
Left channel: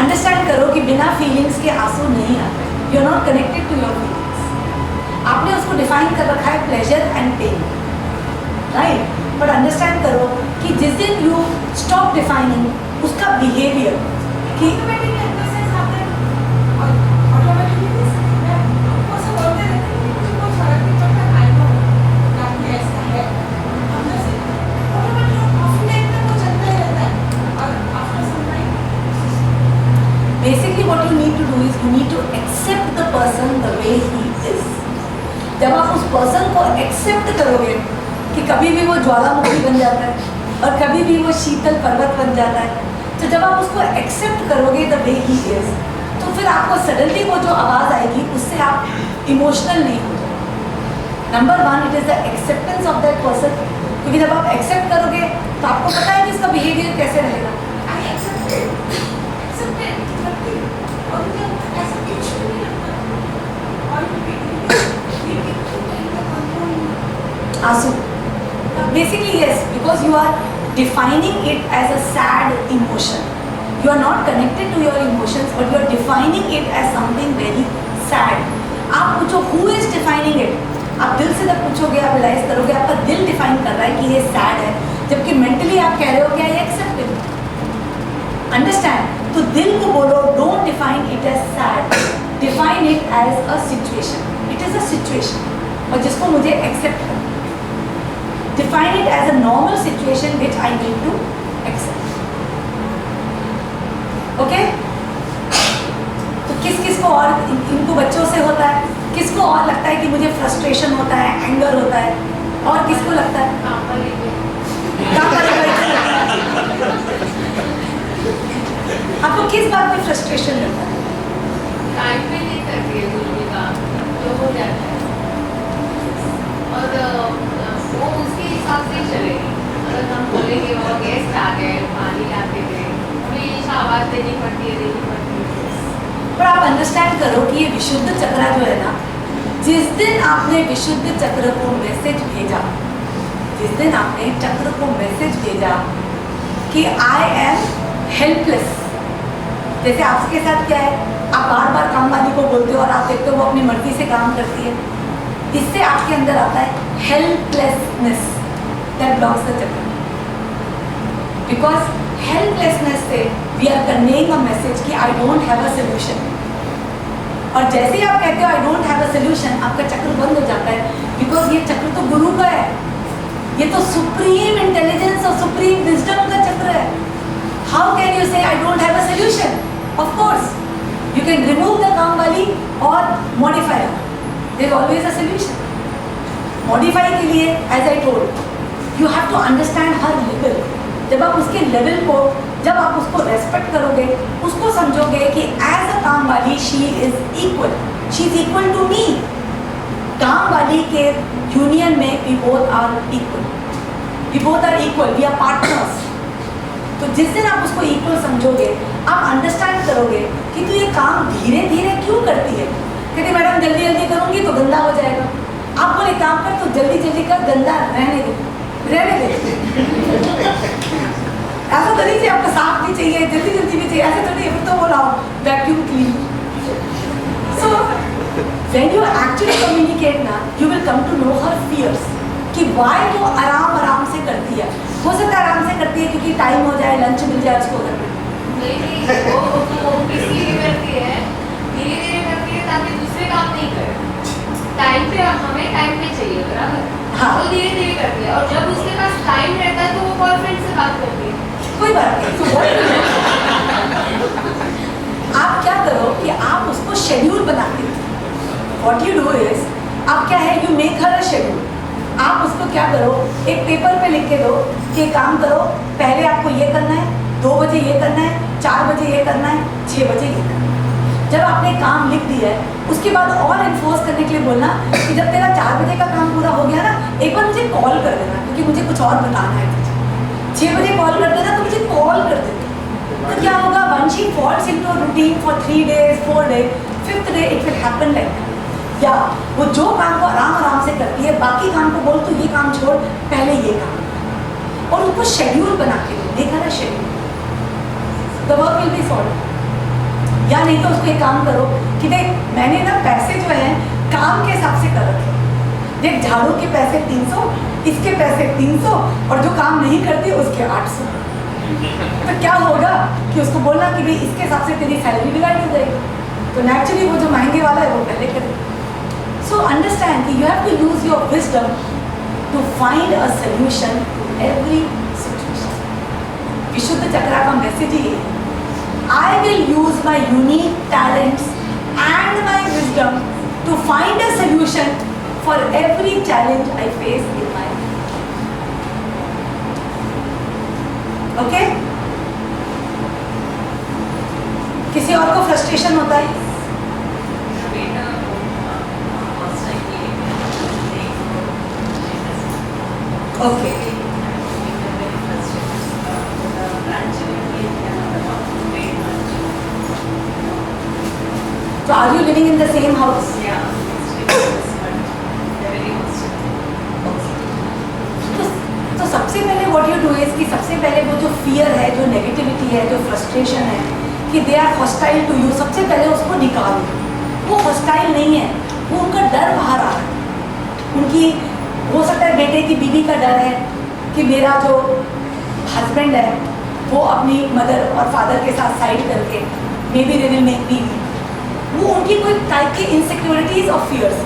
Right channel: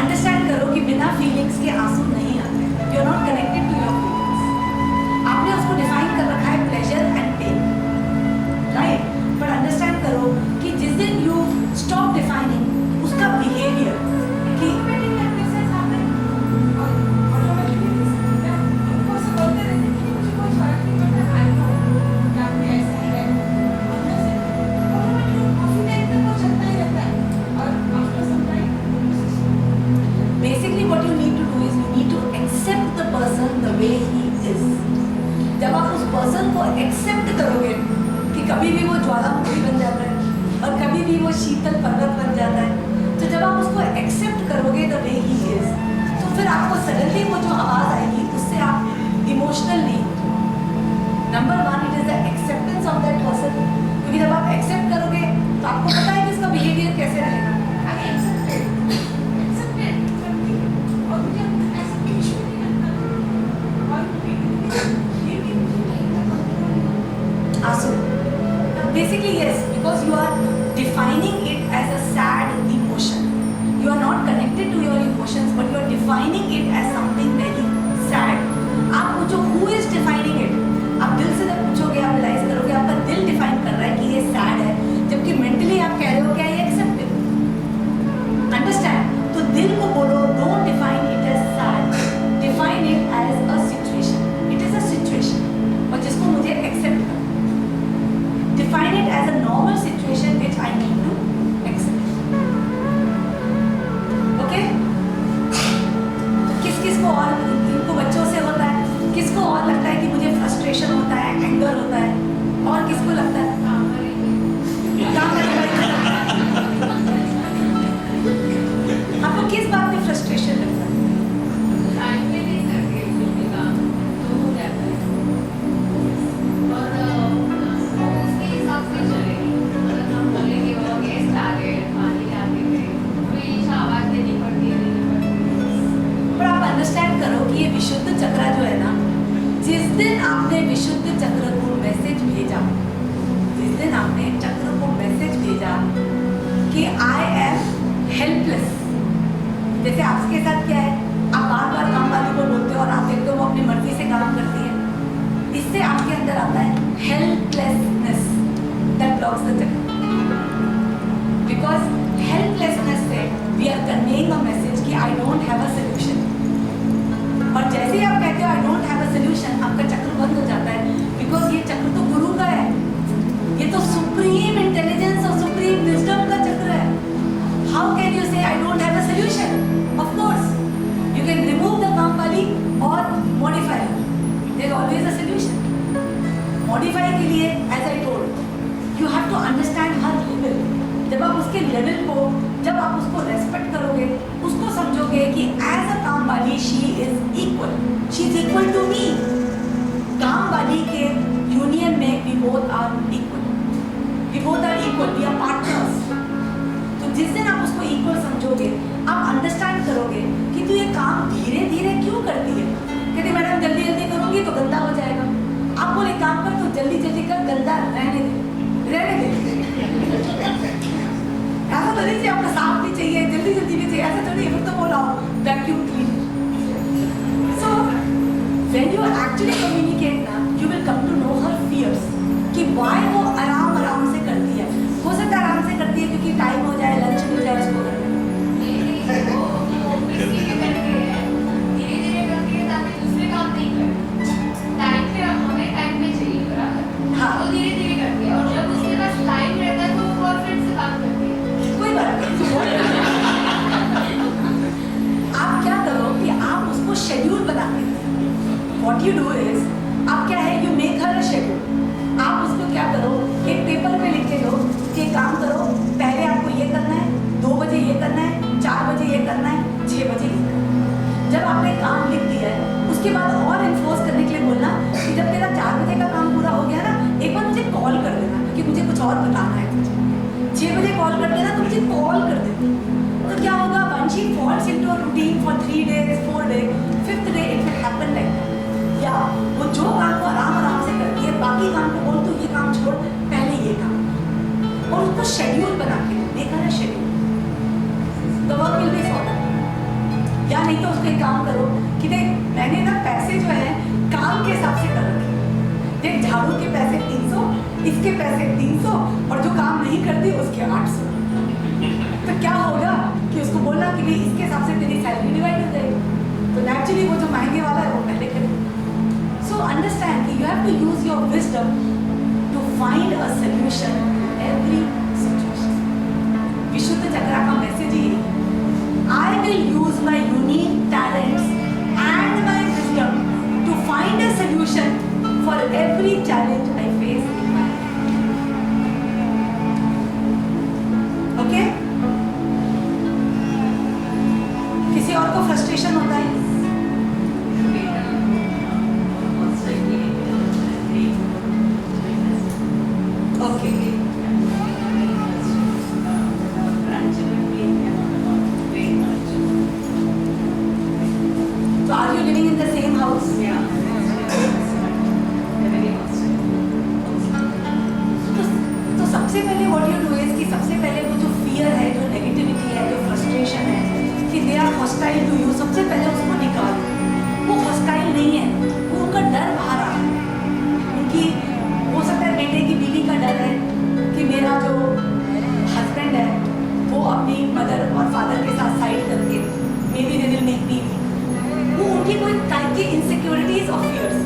अंडरस्टैंड करो कि बिना फीलिंग्स के आंसू नहीं आते. You are not connected to your feelings. आपने उसको डिफाइन कर रखा है pleasure and pain, right? But understand करो कि जिस दिन यू स्टॉप डिफाइनिंग उसका बिहेवियर कि basically what you need to do is you need to accept the person the way he is. जब आप उस पर्सन को एक्सेप्ट करोगे कि कभी भी वो ज्वालामुखी बन जाता है और कभी भी वो शीतल पर्वत बन जाता है, तो जब आप उसको एक्सेप्ट करोगे द वे ही इज, तो फिर आपको सडनली वो जो आवाज़ आएगी उससे आप इमोशनल नहीं हो जाओगे. Number 1 it is the acceptance of that person, क्योंकि जब आप एक्सेप्ट करोगे तो आपको पता है कि उसका बिहेवियर कैसे रहेगा. आंसू. Basically yes, because you are defining it as a sad emotion. You are not connected to your emotions, but you are defining it as something very sad. आप पूछो who is defining it? आप दिल से जब पूछोगे आप रियलाइज करोगे आपका दिल डिफाइन कर रहा है कि ये sad है, जबकि मेंटली आप कह रहे हो क्या ये एक्सेप्टेड. अंडरस्टैंड? तो दिल को बोलो don't define it as sad, define it as a situation. It is a situation और जिसको मुझे एक्सेप्ट करना. Define it as a normal situation which I need to accept. Okay? तो किस किस को और इनको बच्चों से होता है, किसको और लगता है कि मुझे फ्रस्ट्रेशन होता है, एंगर होता है, और किसको लगता है आपको किस बात में फ्रस्ट्रेशन लगता है? टाइम पे नहीं करती है कोई भी काम तो हो जाता है और वो उसके हिसाब से चलेगी. अगर हम बोलेंगे वो गेस्ट आ गए पानी लाते गए हमेशा आवाज़ देनी पड़ती है. पर आप अंडरस्टैंड करो कि ये विशुद्ध चक्र जो है ना, जिस दिन आपने विशुद्ध चक्र को मैसेज भेजा, जिस दिन आपने चक्र को मैसेज भेजा कि आई एम हेल्पलेस, जैसे आपके साथ क्या है, आप बार बार काम वाली को बोलते हो और आप देखते हो वो अपनी मर्जी से काम करती है, इससे आपके अंदर आता है helplessness that blocks the chakra. Because helplessness से we are conveying a message कि I don't have a solution. और जैसे ही आप कहते हो I don't have a solution, आपका चक्र बंद हो जाता है. बिकॉज ये चक्र तो गुरु का है, ये तो सुप्रीम इंटेलिजेंस और सुप्रीम विजडम का चक्र है. हाउ कैन यू से आई don't have a solution? Of course you can remove the काम वाली और modify her. There is always a solution. Modify के लिए as I told, you have to understand her level. जब आप उसके लेवल को, जब आप उसको रेस्पेक्ट करोगे, उसको समझोगे कि as a काम वाली she is equal. She is equal to me. काम वाली के यूनियन में we both are equal. We both are equal. We are partners. तो जिस दिन आप उसको equal समझोगे, आप अंडरस्टैंड करोगे कि तू ये काम धीरे धीरे क्यों करती है. कहते मैडम जल्दी जल्दी करूँगी तो गंदा हो जाएगा. आप बोले काम कर तो जल्दी जल्दी कर, गंदा रहने दे, रहने दे. ऐसा तो नहीं चाहिए आपको, साफ भी चाहिए, जल्दी जल्दी भी चाहिए, ऐसे तो नहीं. फिर तो बोला vacuum cleaner. So when you actually communicate ना, you will come to know her fears कि वाई वो आराम आराम से करती है. हो सकता है आराम से करती है क्योंकि टाइम हो जाए, लंच मिल जाए उसको घर में. नहीं वो इसलिए करती है, धीरे धीरे करती है ताकि दूसरे काम नहीं करे. टाइम पे हमें टाइम पे चाहिए बराबर. हाँ. वो धीरे धीरे करती है और जब उसके पास टाइम रहता है तो वो बॉयफ्रेंड से बात करती है. कोई बात नहीं. आप क्या करो कि आप उसको शेड्यूल बनाते हो. व्हाट यू डू इज, आप क्या है, you make her a schedule. आप उसको क्या करो, एक पेपर पे लिख के दो कि काम करो, पहले आपको ये करना है, 2 बजे ये करना है, 4 बजे ये करना है, 6 बजे ये करना है. जब आपने काम लिख दिया है, उसके बाद और इन्फोर्स करने के लिए बोलना कि जब तेरा 4 बजे का काम पूरा हो गया ना, एक बार मुझे कॉल कर देना क्योंकि मुझे कुछ और बताना है तुझे. 6 बजे कॉल कर देना तो मुझे कॉल कर देना. तो क्या होगा, once she falls into a routine for 3 days, 4 days, 5th day it will happen like that. या वो जो काम को आराम आराम से करती है, बाकी काम को बोल तू ये काम छोड़, पहले ये काम, और उसको शेड्यूल बना के दो. देखा ना schedule, the work will be solve. या नहीं तो उसको एक काम करो कि देख मैंने ना पैसे जो है काम के हिसाब से कर रखे। देख, झाड़ू के पैसे 300, इसके पैसे 300 और जो काम नहीं करती उसके 800। तो क्या होगा कि उसको बोलना कि भाई इसके हिसाब से तेरी सैलरी डिवाइड हो जाएगी। तो नेचुरली वो जो महंगे वाला है वो पहले करेगा। सो अंडरस्टैंड कि you have to use your wisdom to find a solution to every situation. विशुद्ध चक्रा का मैसेज ही है, I will use my unique talents and my wisdom to find a solution for every challenge I face in my life. Okay? किसी और को फ्रस्ट्रेशन होता है? Okay. So are you living in the same house? तो सबसे पहले what you do is कि सबसे पहले वो जो fear है, जो negativity है, जो frustration है कि they are hostile to you, सबसे पहले उसको निकालो। वो hostile नहीं है, वो उनका डर बाहर आ रहा है। उनकी हो सकता है बेटे की बीवी का डर है कि मेरा जो हस्बैंड है वो अपनी मदर और फादर के साथ साइड करके maybe they will make me weak. वो उनकी कोई टाइप की इनसिक्योरिटीज और फियर्स।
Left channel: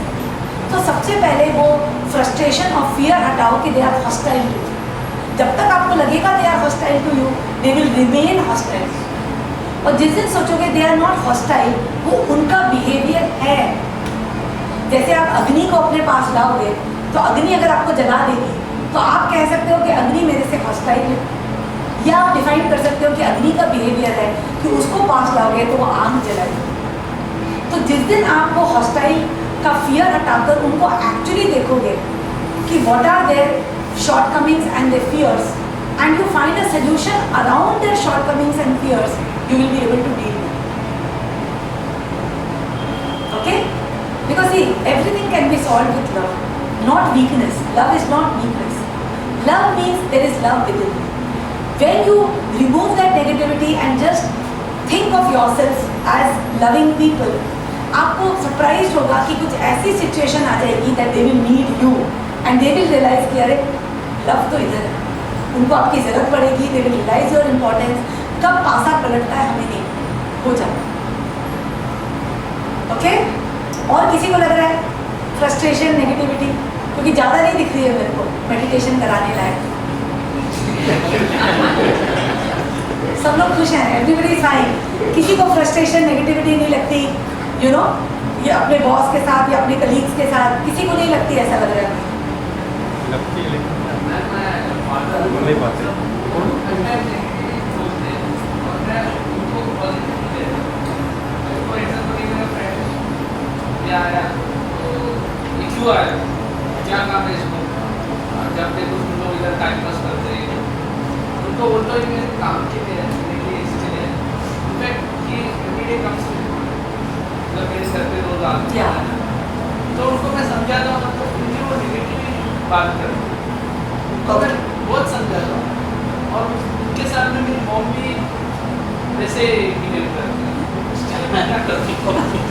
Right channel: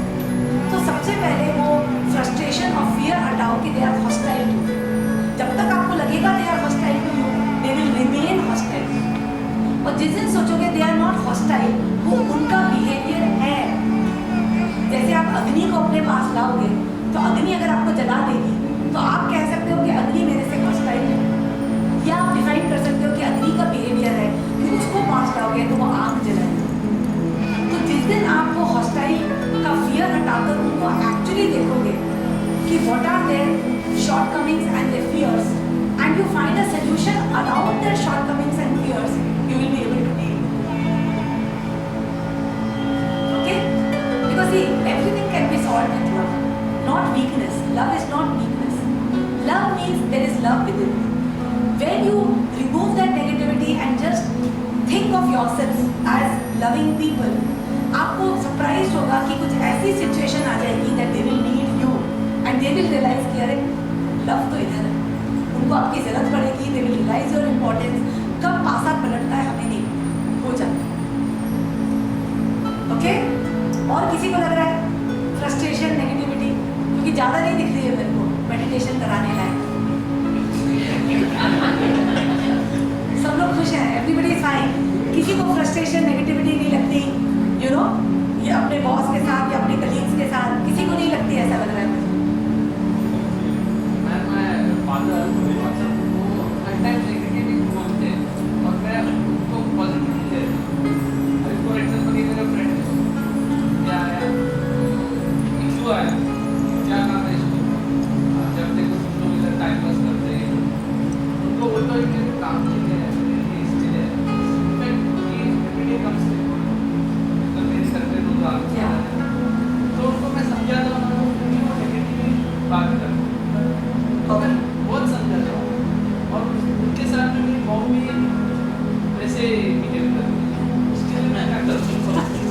तो सबसे पहले वो फ्रस्ट्रेशन और फियर हटाओ कि they are hostile to you. जब तक आपको लगेगा they are hostile to you, they will remain hostile. और जिस दिन सोचोगे दे आर नॉट हॉस्टाइल, वो उनका बिहेवियर है। जैसे आप अग्नि को अपने पास लाओगे तो अग्नि अगर आपको जगा देगी तो आप कह सकते हो कि अग्नि मेरे से हॉस्टाइल है, या आप डिफाइन कर सकते हो कि अग्नि का बिहेवियर है कि उसको पास लाओगे तो वो आग जलाएगी। तो जिस दिन आप वो हॉस्टाइल का फियर हटाकर उनको एक्चुअली देखोगे कि what are their shortcomings and their fears and you find a solution around their shortcomings and fears, you will be able to deal with it. Okay? Because see everything can be solved with love, not weakness. Love is not weakness. Love means there is love within. When you remove that negativity and just think of yourself as loving people, आपको सरप्राइज होगा कि कुछ ऐसी सिचुएशन आ जाएगी that they will need you and they will realize कि अरे लव तो इधर है, उनको आपकी ज़रूरत पड़ेगी, they will realize your importance। कब पासा पलटता है हमें नहीं हो जाता। ओके? और किसी को लग रहा है फ्रस्ट्रेशन, नेगेटिविटी क्योंकि ज़्यादा नहीं दिख रही है मेरे को मेडिटेशन कराने लायक। सब लोग खुश हैं, एवरीबडी इज फाइन। किसी को फ्रस्ट्रेशन, नेगेटिविटी नहीं लगती, यू नो, ये अपने बॉस के साथ या अपने कलीग्स के साथ किसी को नहीं लगती, ऐसा लग रहा है मुझे। क्या काम है इसको? जब देखो तुम लोग इधर टाइम पास करते हैं, उनको बोलते हो मेरे काम के लिए है, मेरे लिए इसके लिए है कि एवरीडे कम्स मतलब मेरे सर पे रोज आते हैं। तो उनको मैं समझाता हूँ, मतलब उनकी वो नेगेटिव बात करते हैं तो मैं बहुत समझाता हूँ। और उनके साथ में मेरी मॉम भी वैसे बिहेव करती है, उसके लिए मैं क्या करती हूँ।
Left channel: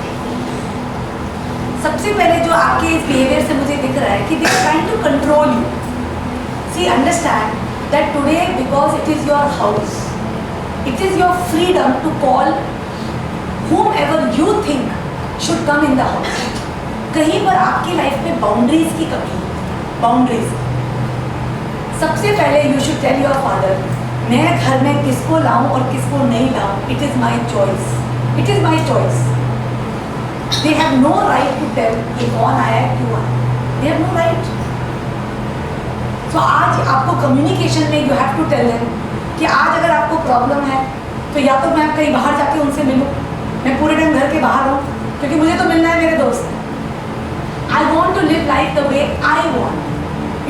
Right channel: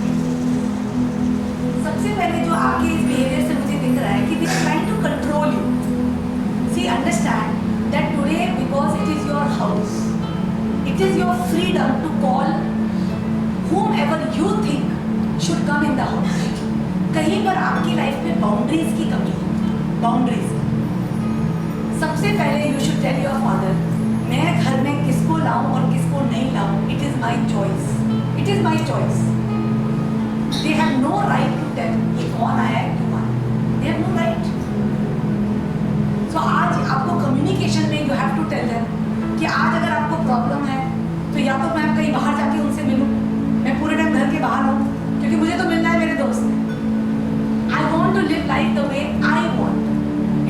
सबसे पहले जो आपके इस बिहेवियर से मुझे दिख रहा है कि they are trying to control you. See understand that today because it is your house, it is your freedom to call whomever you think should come in the house। कहीं पर आपकी लाइफ में बाउंड्रीज की कमी है, बाउंड्रीज। सबसे पहले you should tell your father मैं घर में किसको लाऊं और किसको नहीं लाऊं, it is my choice, it is my choice. They have no right to tell ये कौन आया है, क्यों आया, they have no right। So आज आपको कम्युनिकेशन में you have to tell them कि आज अगर आपको प्रॉब्लम है तो या तो मैं कहीं बाहर जाके उनसे मिलूं, मैं पूरे टाइम घर के बाहर हूँ क्योंकि मुझे तो मिलना है मेरे दोस्त से। I want to live life the way I want,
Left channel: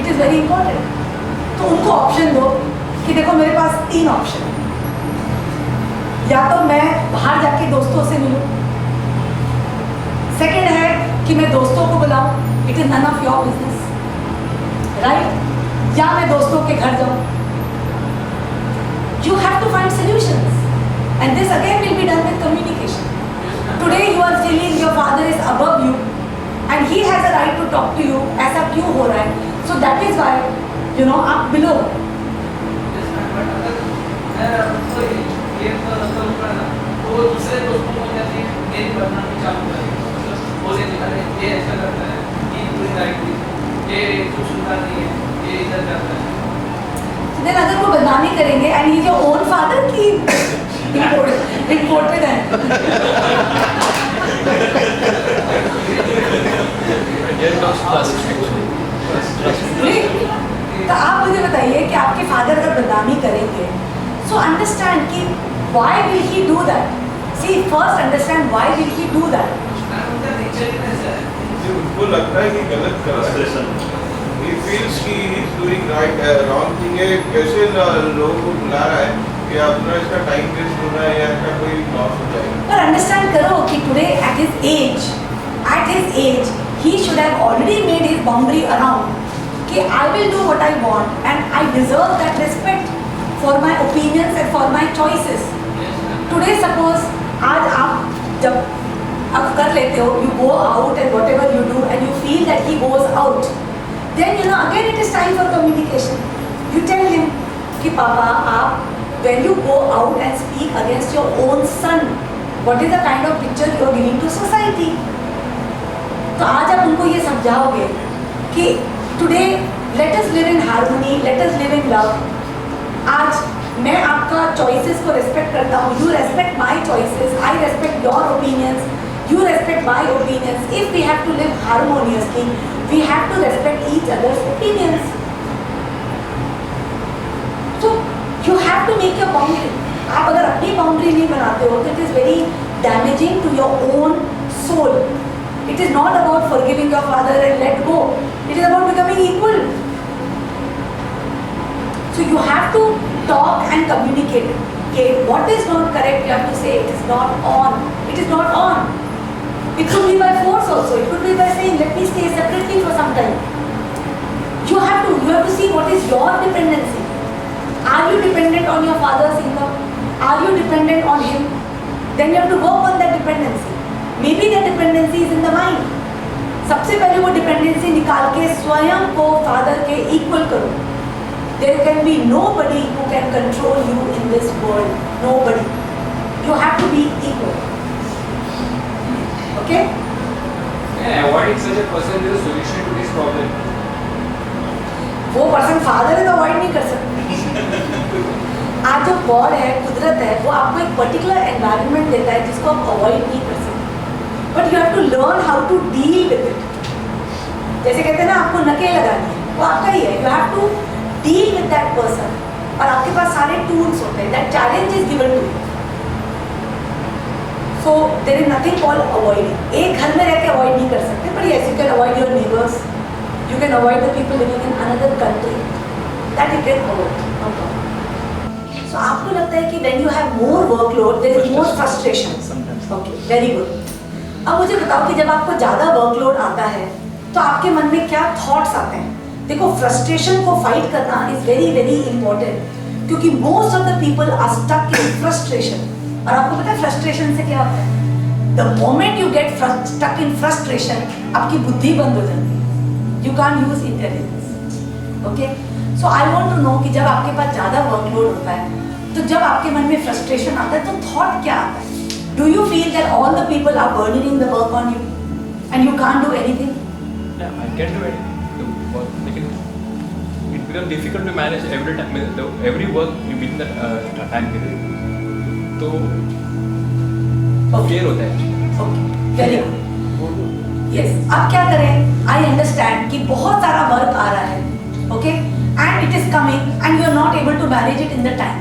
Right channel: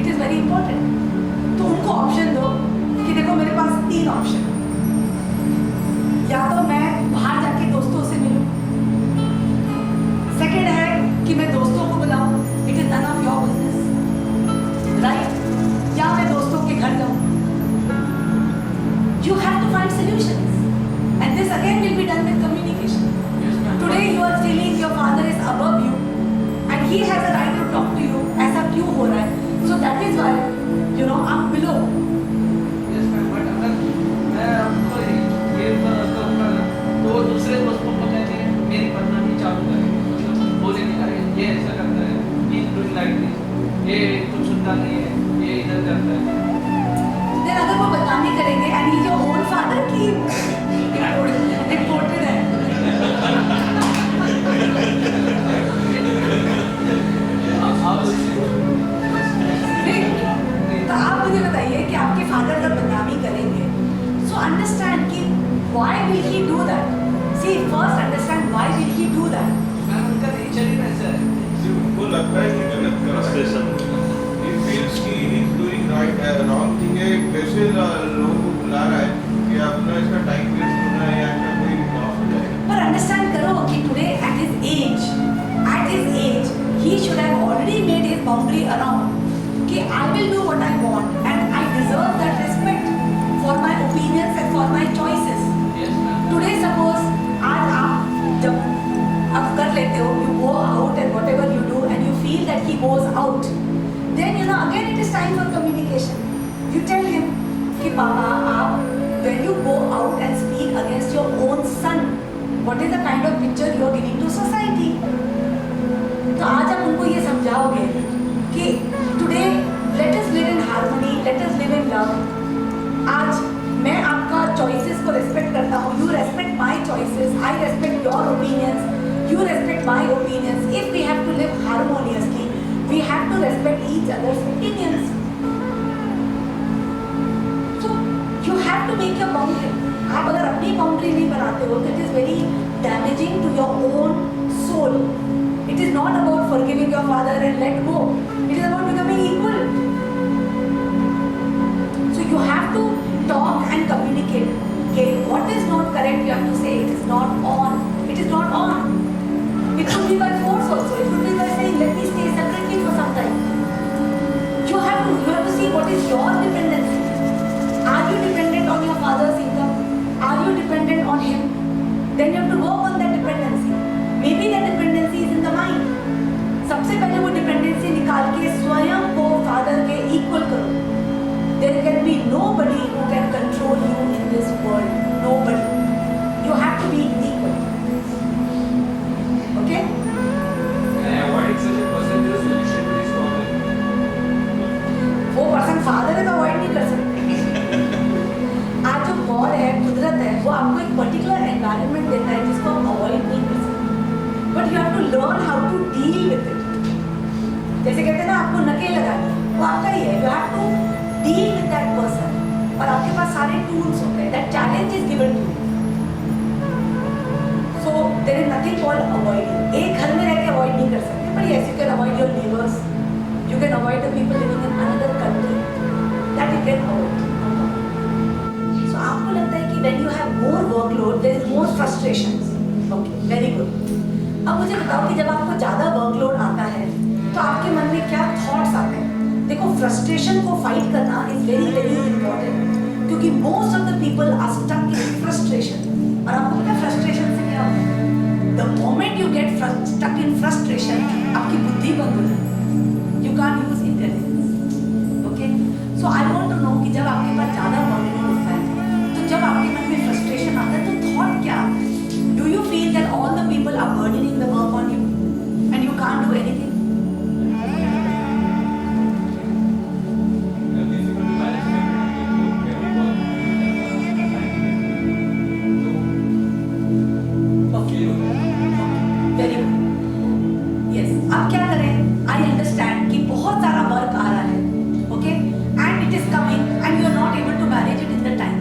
it is very important। तो उनको ऑप्शन दो कि देखो मेरे पास 3 ऑप्शन है, या तो मैं बाहर जाके दोस्तों से मिलूं, सेकेंड है कि मैं दोस्तों को बुलाऊं, it is none of your business, right, या मैं दोस्तों के घर जाऊं। You have to find solutions and this again will be done with communication. Today you are feeling your father is above you and talk to you, ऐसा क्यों हो रहा है? So that is why, you know, आप मिलो. Yes, ma'am, but अगर मैं आपको ये करूँगा ना, तो वो दूसरे दोस्तों को कहते हैं मेरी बदनामी चालू करेंगे, बोलेंगे अरे ये ऐसा करता है, ये पूरी राइट ये कुछ सुनता नहीं है, ये इधर जाता है. Then अगर वो बदनामी करेंगे and he's your own father की imported है. तो आप मुझे बताइए कि आपके फादर अगर बदनामी करेंगे, so understand कि why will he do that? See, first understand why will he do that? Ma'am उनका नेचर ही ऐसा है. जी, उनको लगता है कि गलत कर रहा है. He feels कि he is doing right, wrong thing है. कैसे लोगों को बुला रहा है कि अपना इसका टाइम वेस्ट होना है या इसका कोई लॉस हो जाएगा. पर अंडरस्टैंड करो कि today at his age, he should have already made his boundary around कि I will do what I want and I deserve that respect for my opinions and for my choices. Yes, ma'am. Today suppose आज आप जब अब कर लेते हो, you go out and whatever you do and you feel that he goes out, then you know again it is time for communication. You tell him कि पापा आप when you go out and speak against your own son, what is the kind of picture you are giving to society? तो आज आप उनको ये समझाओगे कि today let us live in harmony, let us live in love. आज मैं आपका choices को respect करता हूँ, you respect my choices, I respect your opinions, you respect my opinions. If we have to live harmoniously, we have to respect each other's opinions. So you have to make your boundary. आप अगर अपनी boundary नहीं बनाते हो तो it is very damaging to your own soul. It is not about forgiving your father and let go. It is about becoming equal. So you have to talk and communicate. Okay, what is not correct, you have to say it is not on. It is not on. It could be by force also. It could be by saying let me stay separately for some time. You have to see what is your dependency. Are you dependent on your father's income? Are you dependent on him? Then you have to work on that dependency. Maybe that dependency is in the mind. सबसे पहले वो dependency निकाल के स्वयं को father के equal करो. There can be nobody who can control you in this world. Nobody. You have to be equal. Okay? Avoiding such a person is a solution to this problem. वो पर्सन फादर है तो अवॉइड नहीं कर सकते. आज जो गॉड है, कुदरत है, वो आपको एक पर्टिकुलर एनवायरनमेंट देता है जिसको आप अवॉइड नहीं कर सकते. But you have to learn how to deal with it. जैसे कहते हैं ना आपको नकेल लगानी है, वो आपका ही है. You have to deal with that person और आपके पास सारे टूल्स होते हैं. That challenge is given to you. So there is nothing called avoiding. एक घर में रह के अवॉइड नहीं कर सकते, but yes you can avoid your neighbours. You can avoid the people living in another country. That you can avoid. So आपको लगता है कि when you have more workload, there is more frustration. Okay, very good. अब मुझे बताओ कि जब आपको ज़्यादा workload आता है, तो आपके मन में क्या thoughts आते हैं? देखो, frustration को fight करना is very very important. क्योंकि most of the people are stuck in frustration. और आपको पता है frustration से क्या होता है? The moment you get stuck in frustration, आपकी बुद्धि बंद हो जाती है. You can't use intelligence. Okay? So I want to know कि जब आपके पास ज़्यादा workload होता है, तो जब आपके मन में frustration आता है, तो thought क्या आता है? Do you feel that all the people are burdening the work on you, and you can't do anything? Yeah, I get it. It becomes difficult to manage every time. Every work you give the time to do. तो clear होता है. Okay. Very good. Yes. अब क्या करें? I understand कि बहुत सारा वर्क आ रहा है, okay, and it is coming, and you are not able to manage it in the time.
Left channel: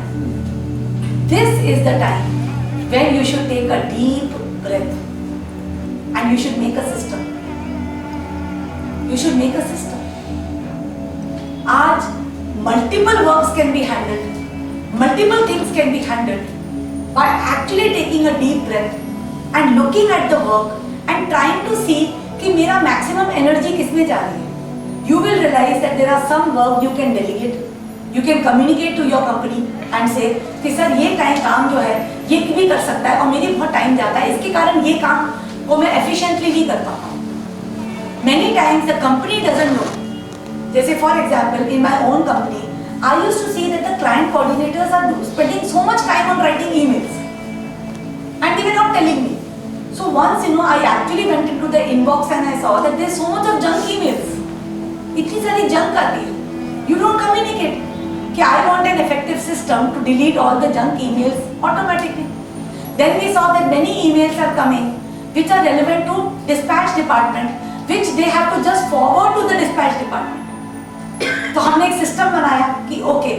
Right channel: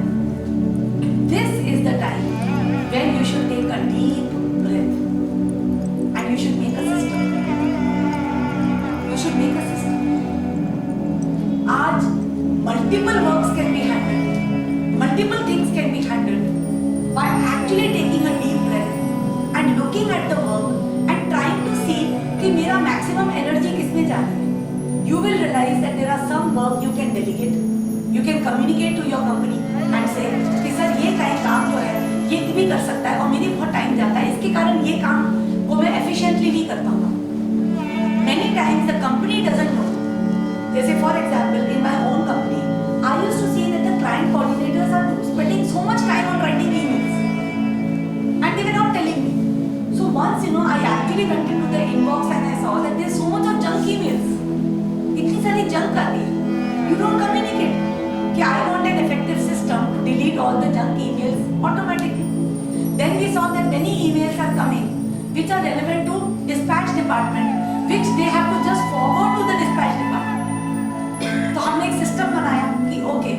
This is the time when you should take a deep breath, and you should make a system. You should make a system. आज multiple works can be handled, multiple things can be handled by actually taking a deep breath and looking at the work and trying to see कि मेरा maximum energy किस में जा रही है. You will realize that there are some work you can delegate. You can communicate to your company and say कि सर ये काम जो है ये भी कर सकता है और मेरी बहुत टाइम जाता है, इसके कारण ये काम को मैं efficiently नहीं कर पाता हूँ. Many times the company doesn't know. जैसे for example in my own company, I used to see that the client coordinators are spending so much time on writing emails, and they were not telling me. So once I actually went into the inbox and I saw that there's so much of junk emails. इतनी सारी junk आती है. You don't communicate. कि I want an effective system to delete all the junk emails automatically. Then we saw that many emails are coming which are relevant to dispatch department, which they have to just forward to the dispatch department. तो हमने एक सिस्टम बनाया कि ओके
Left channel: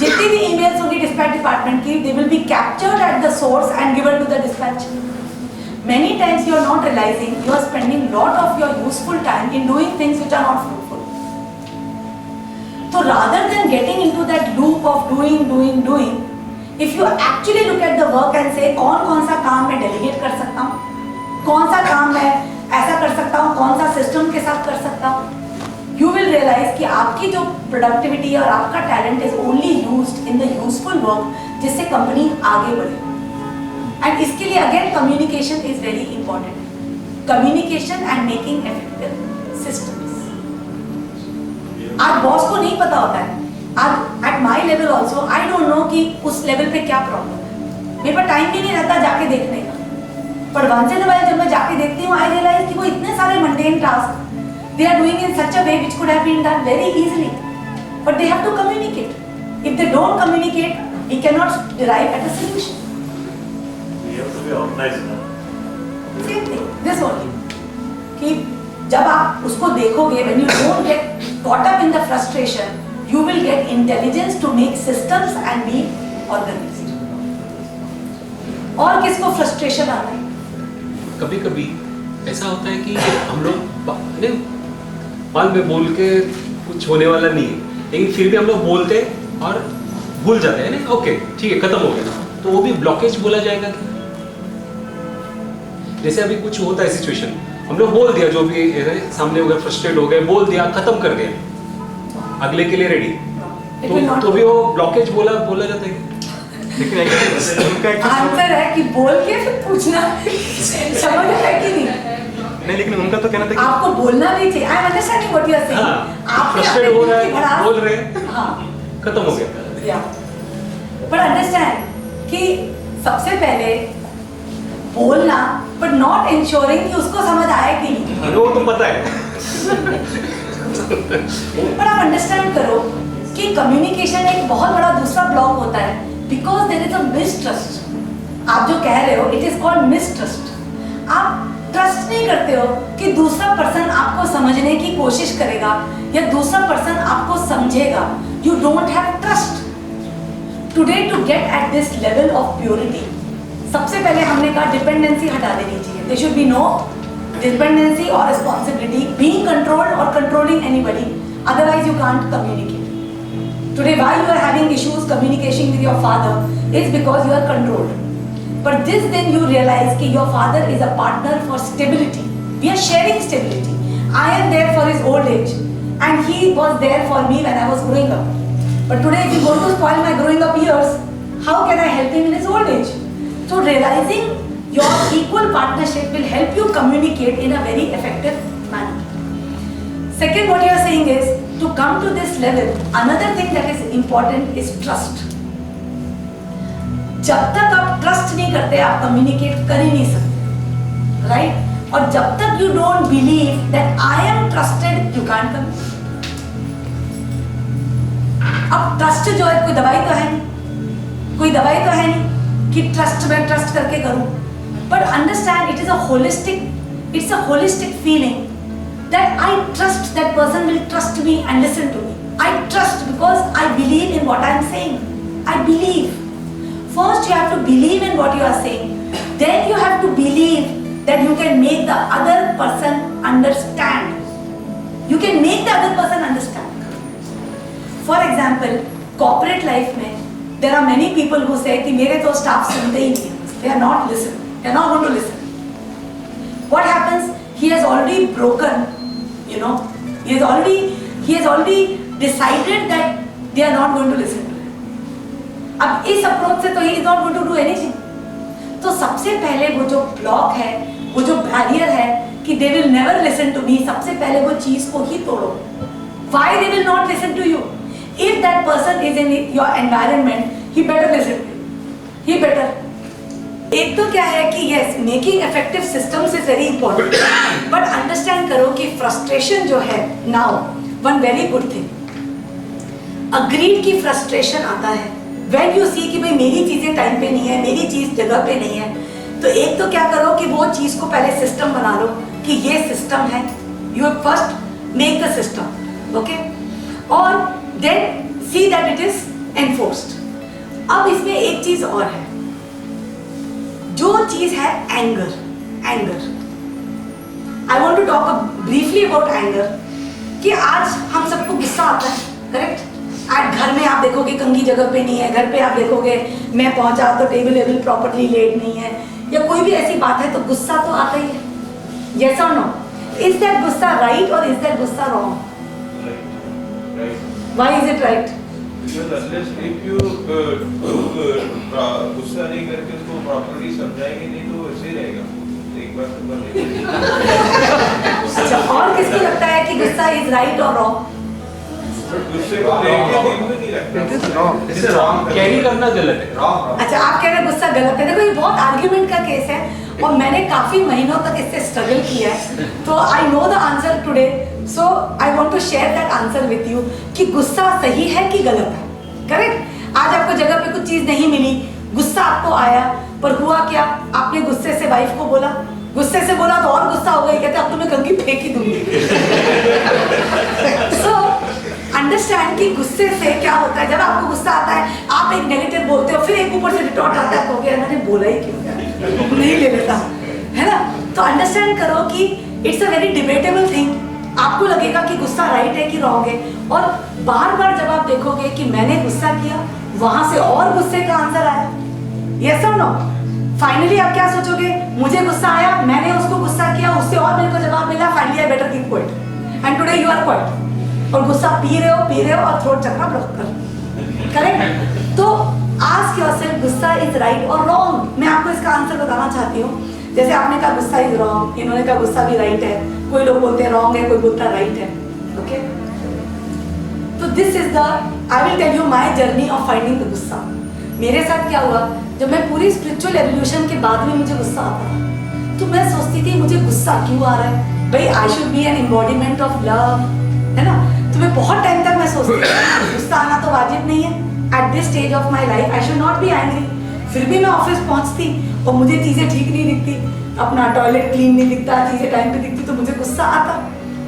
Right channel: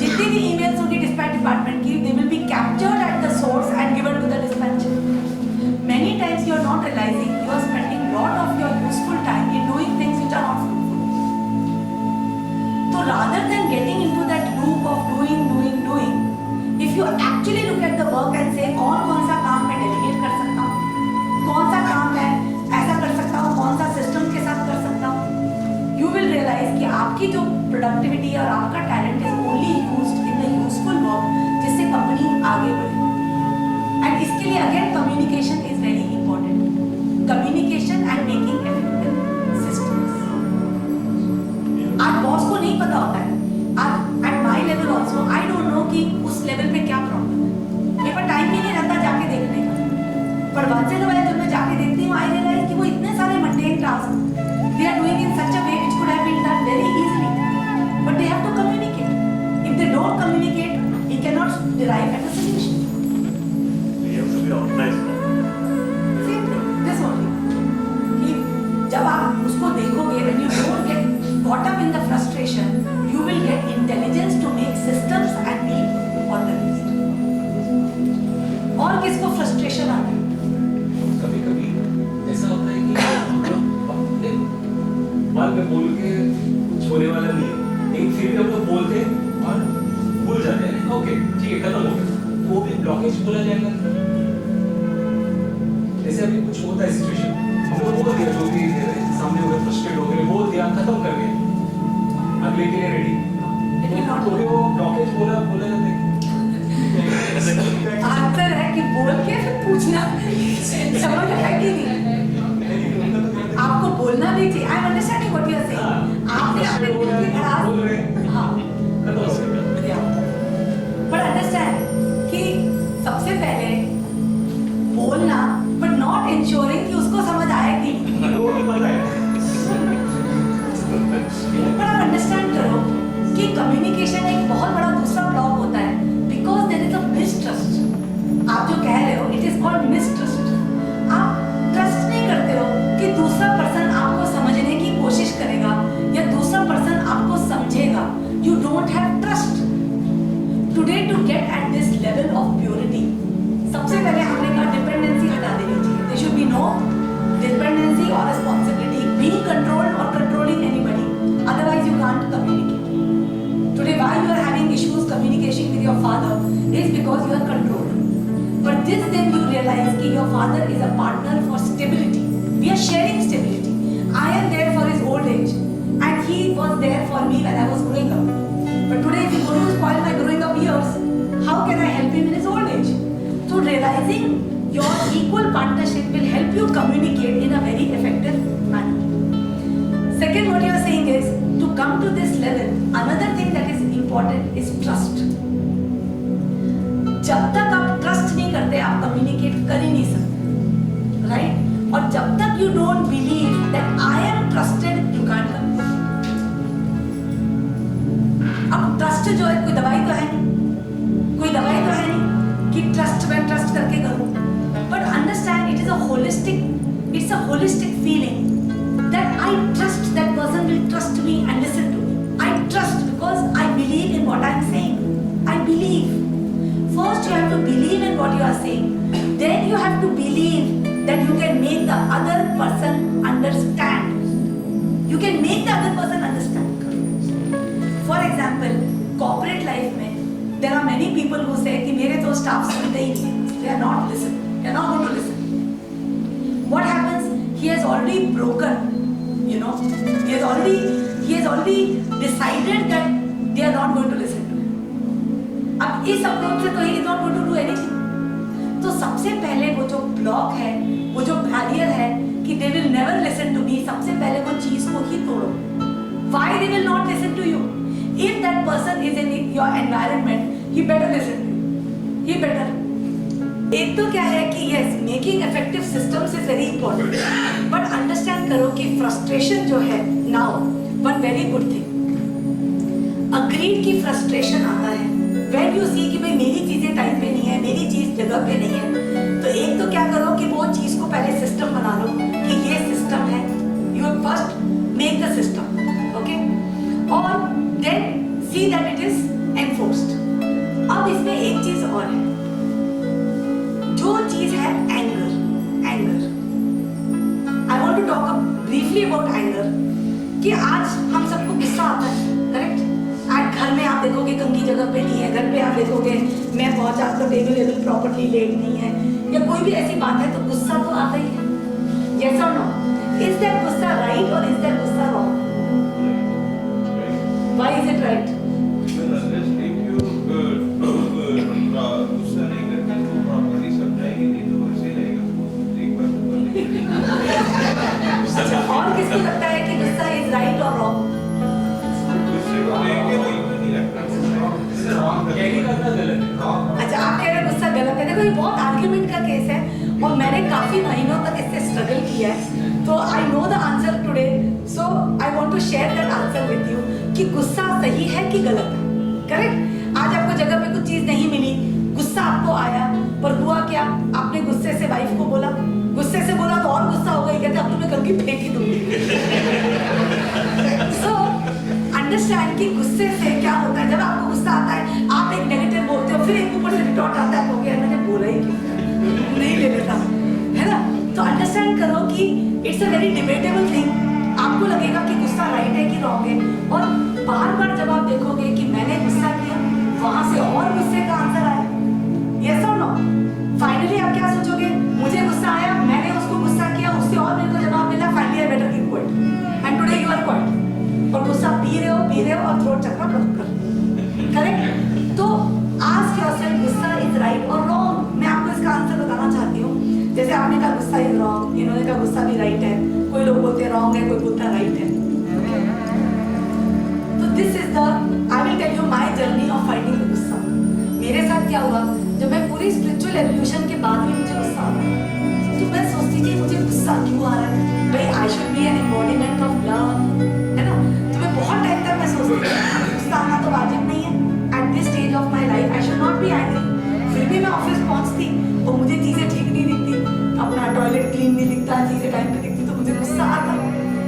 जितनी भी ईमेल्स होंगी डिस्पैच डिपार्टमेंट की they will be captured at the source and given to the dispatch. Many times you are not realizing you are spending lot of your useful time in doing things which are not fruitful. So rather than getting into that loop of doing, if you actually look at the work and say कौन सा काम मैं delegate कर सकता हूँ, कौन सा काम मैं ऐसा कर सकता हूँ, कौन सा सिस्टम के साथ कर सकता हूँ, you will realize कि आपकी जो productivity और आपका talent is only used in the useful work जिससे कंपनी आगे बढ़े. And इसके लिए again communication is very important. Communication and making effective systems. आज बॉस को नहीं पता होता है. आज at my level also I don't know कि उस लेवल पे क्या प्रॉब्लम है. मेरे पास टाइम भी नहीं रहता जाके देखने का. पर once in a while जब मैं जाके देखती हूँ I realize कि वो इतने सारे mundane tasks they are doing in such a way which could have been done very easily, but they have to communicate. If they don't communicate, we cannot derive at a solution. You have to be organized. Same thing, this only. कि जब आप उसको देखोगे, when you don't get caught up in the frustration, you will get intelligence to make systems and be organized. और किसको frustration आता है? कभी कभी ऐसा होता है कि हम लोग बाल में बोल के कुछ होने वाला नहीं है, लेकिन फिर भी हम लोग बोलते हैं और भूल जाते हैं. ओके ठीक है खत्म हो गया, तो वो भी ब्लॉकेज बोला जाएगा. जैसे अभी कुछ होता है सिचुएशन, हम लोग बोल दिया जो भी है, सामने हो गए, फ्रस्ट्रेट हो गए, बोल दिया, खत्म कर दिया, अगले के लिए रेडी, तो भी वो ब्लॉकेज बोला जाता है. आंसर है कि बोल के फिर पूछना समझ है कि नहीं. नहीं लेकिन उनका तो कहना था कि आपको बोलना भी चाहिए. I am understanding what you are saying. आपने अपने हो रहा दिल की है, भड़ास बोल रहे हैं, हाँ खत्म हो गया. बट अंडरस्टैंड कि सबसे पहले बोलना बट नॉट इंश्योरिंग कि उसको समझ आए कि नहीं. वो तो पता है. पर आप अंडरस्टैंड करो कि कम्युनिकेशन एक बहुत बड़ा दूसरा ब्लॉक होता है because there is a mistrust. आप जो कह रहे हो इट इज कॉल्ड मिसट्रस्ट. आप ट्रस्ट नहीं करते हो कि दूसरा पर्सन आपको समझने की कोशिश करेगा या दूसरा पर्सन आपको समझेगा. You don't have trust. Today to get at this level of purity, सबसे पहले हमने कहा डिपेंडेंसी हटा देनी चाहिए. There should be no dependency और रिस्पॉन्सिबिलिटी, बीइंग कंट्रोल्ड और controlling anybody, otherwise you can't communicate. Today why you are having issues communicating with your father is because you are controlled. But this then you realize that your father is a partner for stability. We are sharing stability. I am there for his old age and he was there for me when I was growing up. But today if you go to spoil my growing up years, how can I help him in his old age? So realizing your equal partnership will help you communicate in a very effective manner. Second, what you are saying is to come to this level, another thing that is important is trust. जब तक आप ट्रस्ट नहीं करते आप कम्युनिकेट कर ही नहीं सकते, राइट? और जब तक you don't believe that I am trusted you can't communicate. अब ट्रस्ट जो है कोई दवाई तो है नहीं, कोई दवाई तो है नहीं कि ट्रस्ट में ट्रस्ट करके करूं. But understand it is a holistic feeling that I trust that person will trust me and listen to me. I trust because I believe in what I am saying. I believe. First you have to believe in what you are saying. Then you have to believe that you can make the other person understand. You can make the other person understand. For example, corporate life में there are many people who say कि मेरे तो staff सुनते ही नहीं हैं. They are not listening. They are not going to listen. What happens? He has already broken. You know, he has already decided that they are not going to listen to him. अब इस अप्रोच से तो he is not going to do anything. तो सबसे पहले वो जो ब्लॉक है, वो जो बैरियर है कि they will never listen to me, सबसे पहले वो चीज को ही तोड़ो. Why they will not listen to you? If that person is in your environment, he better listen to you. He better. एक तो क्या है कि yes, making effective systems is very important. But understand करो कि frustration जो है now, one very good thing. Agreed की frustration आता है. When you see कि भाई मेरी चीजें टाइम पे नहीं है, मेरी चीज जगह पे नहीं है, तो एक तो क्या करो कि वो चीज को पहले सिस्टम बना लो कि ये सिस्टम है. You first make the system. Okay? और then see that it is enforced. अब इसमें एक चीज और है, जो चीज है anger. I want to talk briefly about anger. कि आज हम सबको गुस्सा आता है, करेक्ट? आज घर में आप देखोगे कंघी जगह पे नहीं है, घर पे आप देखोगे मैं पहुंचा तो टेबल प्रॉपरली लेट नहीं है, या कोई भी ऐसी बात है तो गुस्सा तो आता ही है. yes or no? Is that गुस्सा right or is that गुस्सा wrong? Why is it right? Because unless if you गुस्सा नहीं करके उसको प्रॉपर्ली समझाएंगे नहीं तो वैसे ही रहेगा. एक बार तो करने अच्छा, और किसको लगता है कि गुस्सा is right or wrong? गुस्से को लेके दिल में नहीं लगता. कैरी करना गलत है. अच्छा, आप कह रहे हैं गुस्सा गलत है. देखो ये बहुत आर्ग्यूमेंट का केस है और मैंने काफी महीनों तक इससे स्ट्रगल किया है, तो I know the answer today, so I want to share that answer with you कि गुस्सा सही है कि गलत है. करेक्ट? आज आपको जगह पे कुछ चीज नहीं मिली, गुस्सा आपको आया, पर हुआ क्या? आपने गुस्से से वाइफ को बोला, गुस्से से बोला तो और गुस्सा हो गई, कहते अब तो मैं कंघी फेंक ही दूंगी. सो अंडरस्टैंड कि गुस्से से क्या होता है. जब आपको गुस्सा आता है आप एक नेगेटिव बोलते हो, फिर एक ऊपर से रिटॉर्ट आता है, हो गया मैंने बोला ही क्यों, नहीं ले लेता, है ना? तो अंडरस्टैंड करो कि it's a very debatable thing. आपको लगेगा कि गुस्सा राइट है कि रॉन्ग है, और बार बार जब आप देखोगे कि मैंने गुस्सा किया, वहां से और गुस्से का आंसर आया, यस और नो, फाइनली आप क्या सोचोगे? मुझे गुस्सा आया, मैंने उसको गुस्सा किया, उससे और मेरे को जवाब मिला, finally I better keep quiet, and today you are quiet. और गुस्सा पी रहे हो और थ्रोट चक्रा ब्लॉक कर. करेक्ट? तो आस्क योरसेल्फ, गुस्सा इज राइट और रॉन्ग? मैं आपको इसका आंसर बताना चाहती हूँ. जैसे आपने कहा गुस्सा इज रॉन्ग, इन्होंने कहा गुस्सा भी राइट है, कोई लोग बोलते हैं रॉन्ग है, कोई बोलता राइट है. ओके, तो this is the, I will tell you my journey of finding the गुस्सा. मेरे साथ क्या हुआ, जब मैं पूरी स्पिरिचुअल एवोल्यूशन के बाद भी मुझे गुस्सा आता था, तो मैं सोचती थी मुझे गुस्सा क्यों आ रहा है? भाई I should be an embodiment of love, है ना? तो मैं बहुत टाइम तक मैं सोचती थी गुस्सा आना तो वाजिब नहीं है. At this stage of my life I should not be angry. फिर भी मैं ऑफिस पहुंचती और मुझे चीज़ें ठीक नहीं दिखती, अपना टॉयलेट क्लीन नहीं दिखता, चीज़ें टाइम पे दिखती, तो मुझे गुस्सा आता.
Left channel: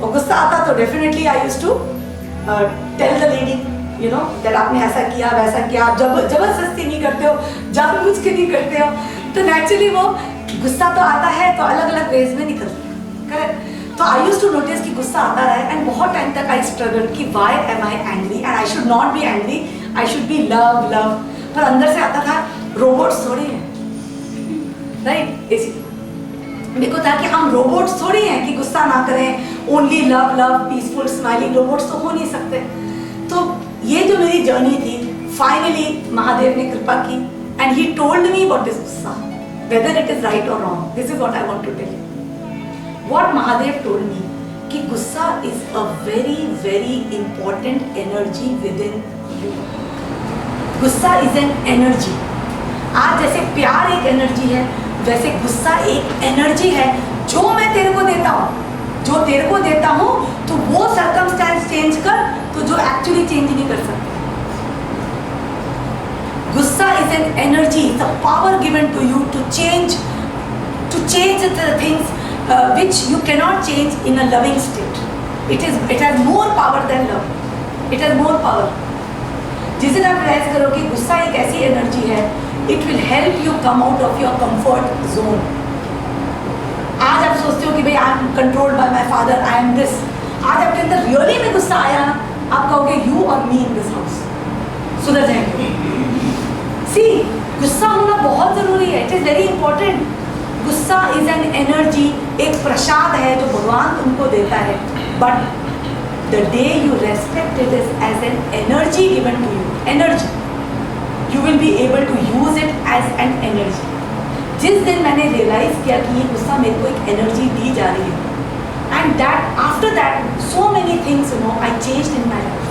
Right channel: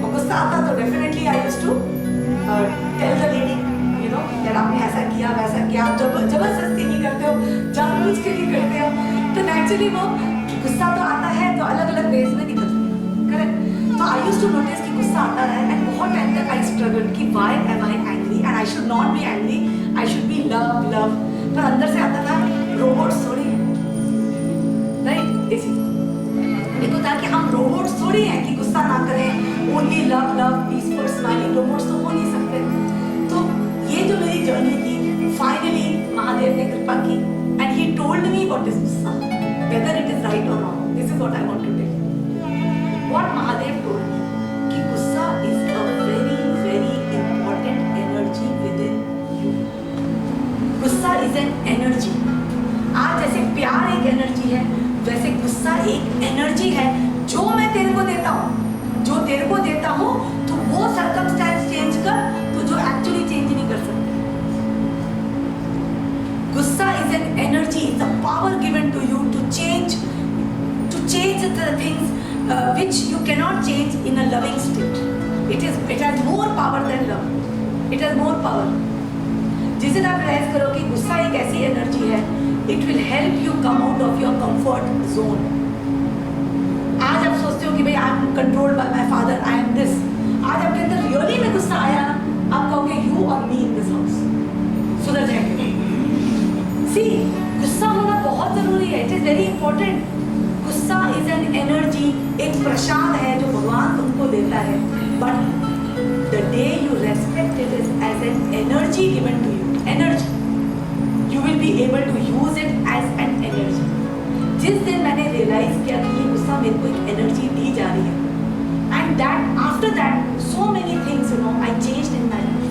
और गुस्सा आता तो definitely I used to tell the lady, you know, that आपने ऐसा किया वैसा किया. आप जबरदस्ती नहीं करते हो, जानबूझ के नहीं करते हो, तो नेचुरली वो गुस्सा तो आता है, तो अलग अलग वेज में निकलता है. करेक्ट? तो आई यूज्ड टू नोटिस कि गुस्सा आता रहा है, एंड बहुत टाइम तक आई स्ट्रगल कि why am I angry, and I should not be angry, I should be love. पर अंदर से आता था रोबोट्स थोड़ी हैं, राइट? इसी मेरे को था कि हम रोबोट्स थोड़ी हैं कि गुस्सा ना करें, only love love peaceful smiling. Robots तो हो नहीं सकते. तो ये जो मेरी जर्नी थी, फाइनली महादेव ने कृपा की, and he told me what is गुस्सा, वेदर इट इज राइट और wrong. This is what I want to tell you. What Mahadev told me कि गुस्सा is a very very important energy within you. गुस्सा is an energy. आज जैसे प्यार एक एनर्जी है, वैसे गुस्सा एक एनर्जी है जो मैं तेरे को देता हूँ, जो तेरे को देता हूँ, तो वो सर्कमस्टेंस चेंज कर, तो जो एक्चुअली चेंज नहीं कर सकते. गुस्सा is an energy, it's a power given to you to change the things which you cannot change in a loving state. It has more power than love. It has more power. जिस दिन आप रियलाइज करो कि गुस्सा एक ऐसी एनर्जी है, it will help you come out of your comfort zone. आज आप सोचते हो कि भाई I am controlled by my father, I am this. आज आपके अंदर रियली में गुस्सा आया ना, आप कहोगे you or me in this house. सुधर जाएंगे. See, गुस्सा होना बहुत जरूरी है. It is very important. गुस्सा इज एन एनर्जी, एक प्रसाद है जो भगवान तुमको देता है, but the day you respect it is as an energy given to you, energy, you will be able to use it as an energy. जिस दिन मैंने रियलाइज किया कि ये गुस्सा मेरे को एक एनर्जी दी जा रही है, And that after that, so many things, I changed in my life.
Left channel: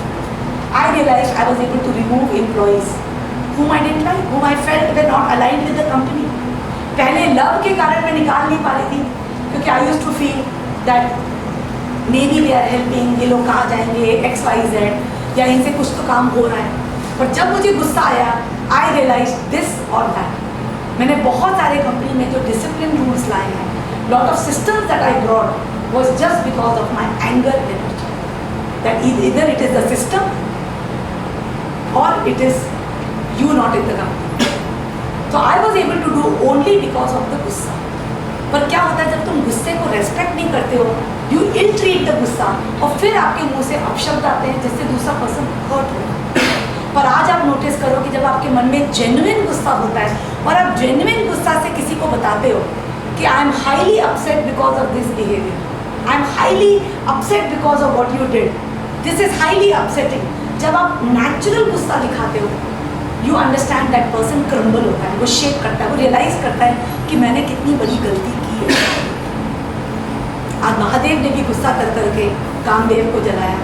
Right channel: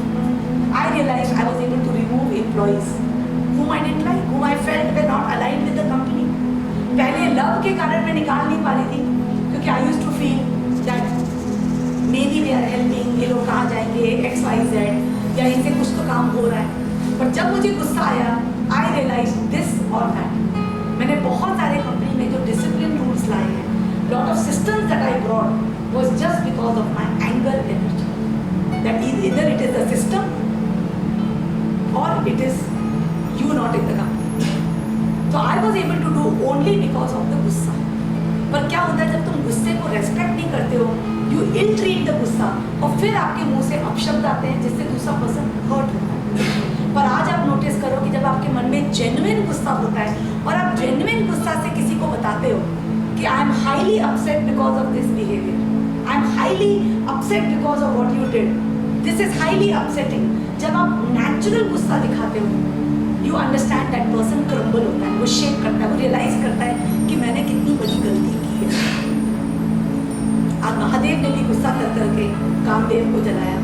I realized I was able to remove employees whom I didn't like, whom I felt were not aligned with the company. पहले love के कारण मैं निकाल नहीं पा रही थी, क्योंकि I used to feel that maybe they are helping, ये लोग कहाँ जाएंगे, XYZ, या इनसे कुछ तो काम हो रहा है. पर जब मुझे गुस्सा आया, I realized this or that. मैंने बहुत सारे कंपनी में जो डिसिप्लिन रूल्स लाए हैं, lot of systems that I brought was just because of my anger energy. That either it is the system or it is you not in the company. So I was able to do only because of the गुस्सा. पर क्या होता है जब तुम गुस्से को रेस्पेक्ट नहीं करते हो, यू इल ट्रीट द गुस्सा, और फिर आपके मुंह से अपशब्द आते हैं जिससे दूसरा पर्सन हर्ट होगा. पर आज आप नोटिस करो कि जब आपके मन में जेन्युइन गुस्सा होता है और आप जेन्युइन गुस्सा से किसी को बताते हो कि I am highly upset because of this behaviour, I am highly upset because of what you did, this is highly upsetting. जब आप नेचुरल गुस्सा दिखाते हो, you understand that person crumble होता है, वो शेक करता है, वो रियलाइज करता है कि मैंने कितनी बड़ी गलती की है. आज महादेव ने भी गुस्सा कर करके कामदेव को जलाया,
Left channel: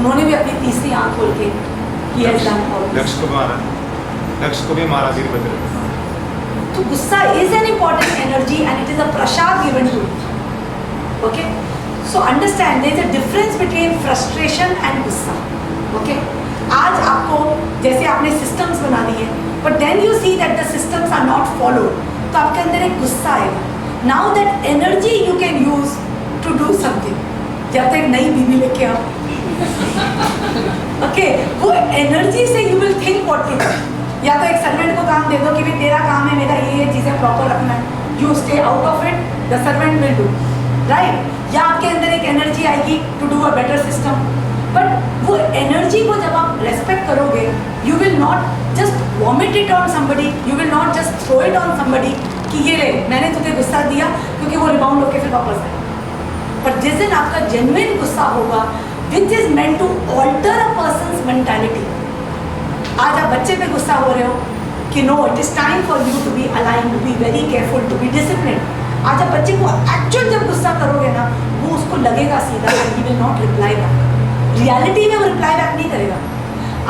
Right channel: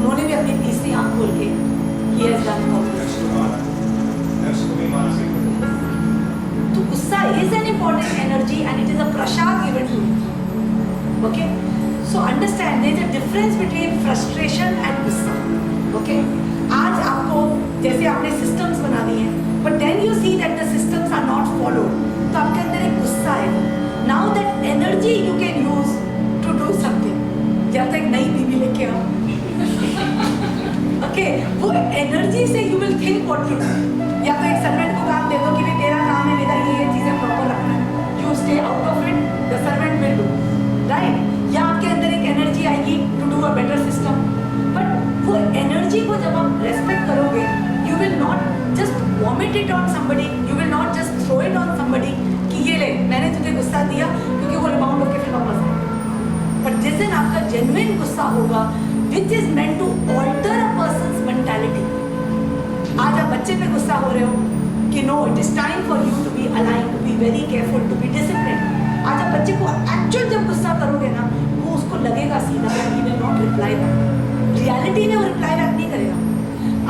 उन्होंने भी अपनी तीसरी आंख खोल के he has done all this. लक्ष्य को भी मारा वीरभद्र. तो गुस्सा is an important energy and it is a prasad given to you. Okay? So understand there is a difference between frustration and गुस्सा. Okay? आज आपको जैसे आपने systems बना दिए, but then you see that the systems are not followed, तो आपके अंदर एक गुस्सा आएगा. Now that energy you can use to do something. या तो एक नई बीवी लेके आओ. ओके, वो एनर्जी से you will think what to do. या तो एक सर्वेंट को काम दे दो कि भाई तेरा काम है मेरा ये चीज़ें प्रॉपर रखना है, you stay out of it, the servant will do, right. या आपके अंदर एक एनर्जी आएगी to do a better system. But वो एनर्जी को जब आप रेस्पेक्ट करोगे, you will not just vomit it on somebody, you will not just throw it on somebody कि ये ले मैंने तुझे गुस्सा दिया, क्योंकि वो रिबाउंड होकर फिर वापस आए. पर जिस दिन आपका जेन्युइन गुस्सा होगा which is meant to alter a person's mentality. आज आप बच्चे पे गुस्सा हो रहे हो कि no, it is time for you to be aligned, to be very careful, to be disciplined. आज आप बच्चे को एक्चुअल जब गुस्सा करोगे ना, वो उसको लगेगा सीधा that he will not reply back. Reality में वो रिप्लाई बैक नहीं करेगा.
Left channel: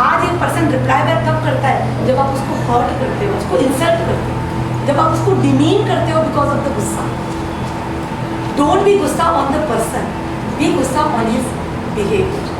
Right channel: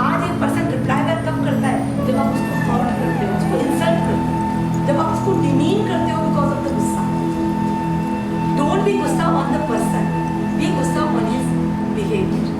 आज एक पर्सन रिप्लाई बैक कब करता है? जब आप उसको हर्ट करते हो, उसको इंसल्ट करते हो, जब आप उसको डिमीन करते हो बिकॉज ऑफ द गुस्सा. डोंट बी गुस्सा ऑन द पर्सन, बी गुस्सा ऑन हिज behavior.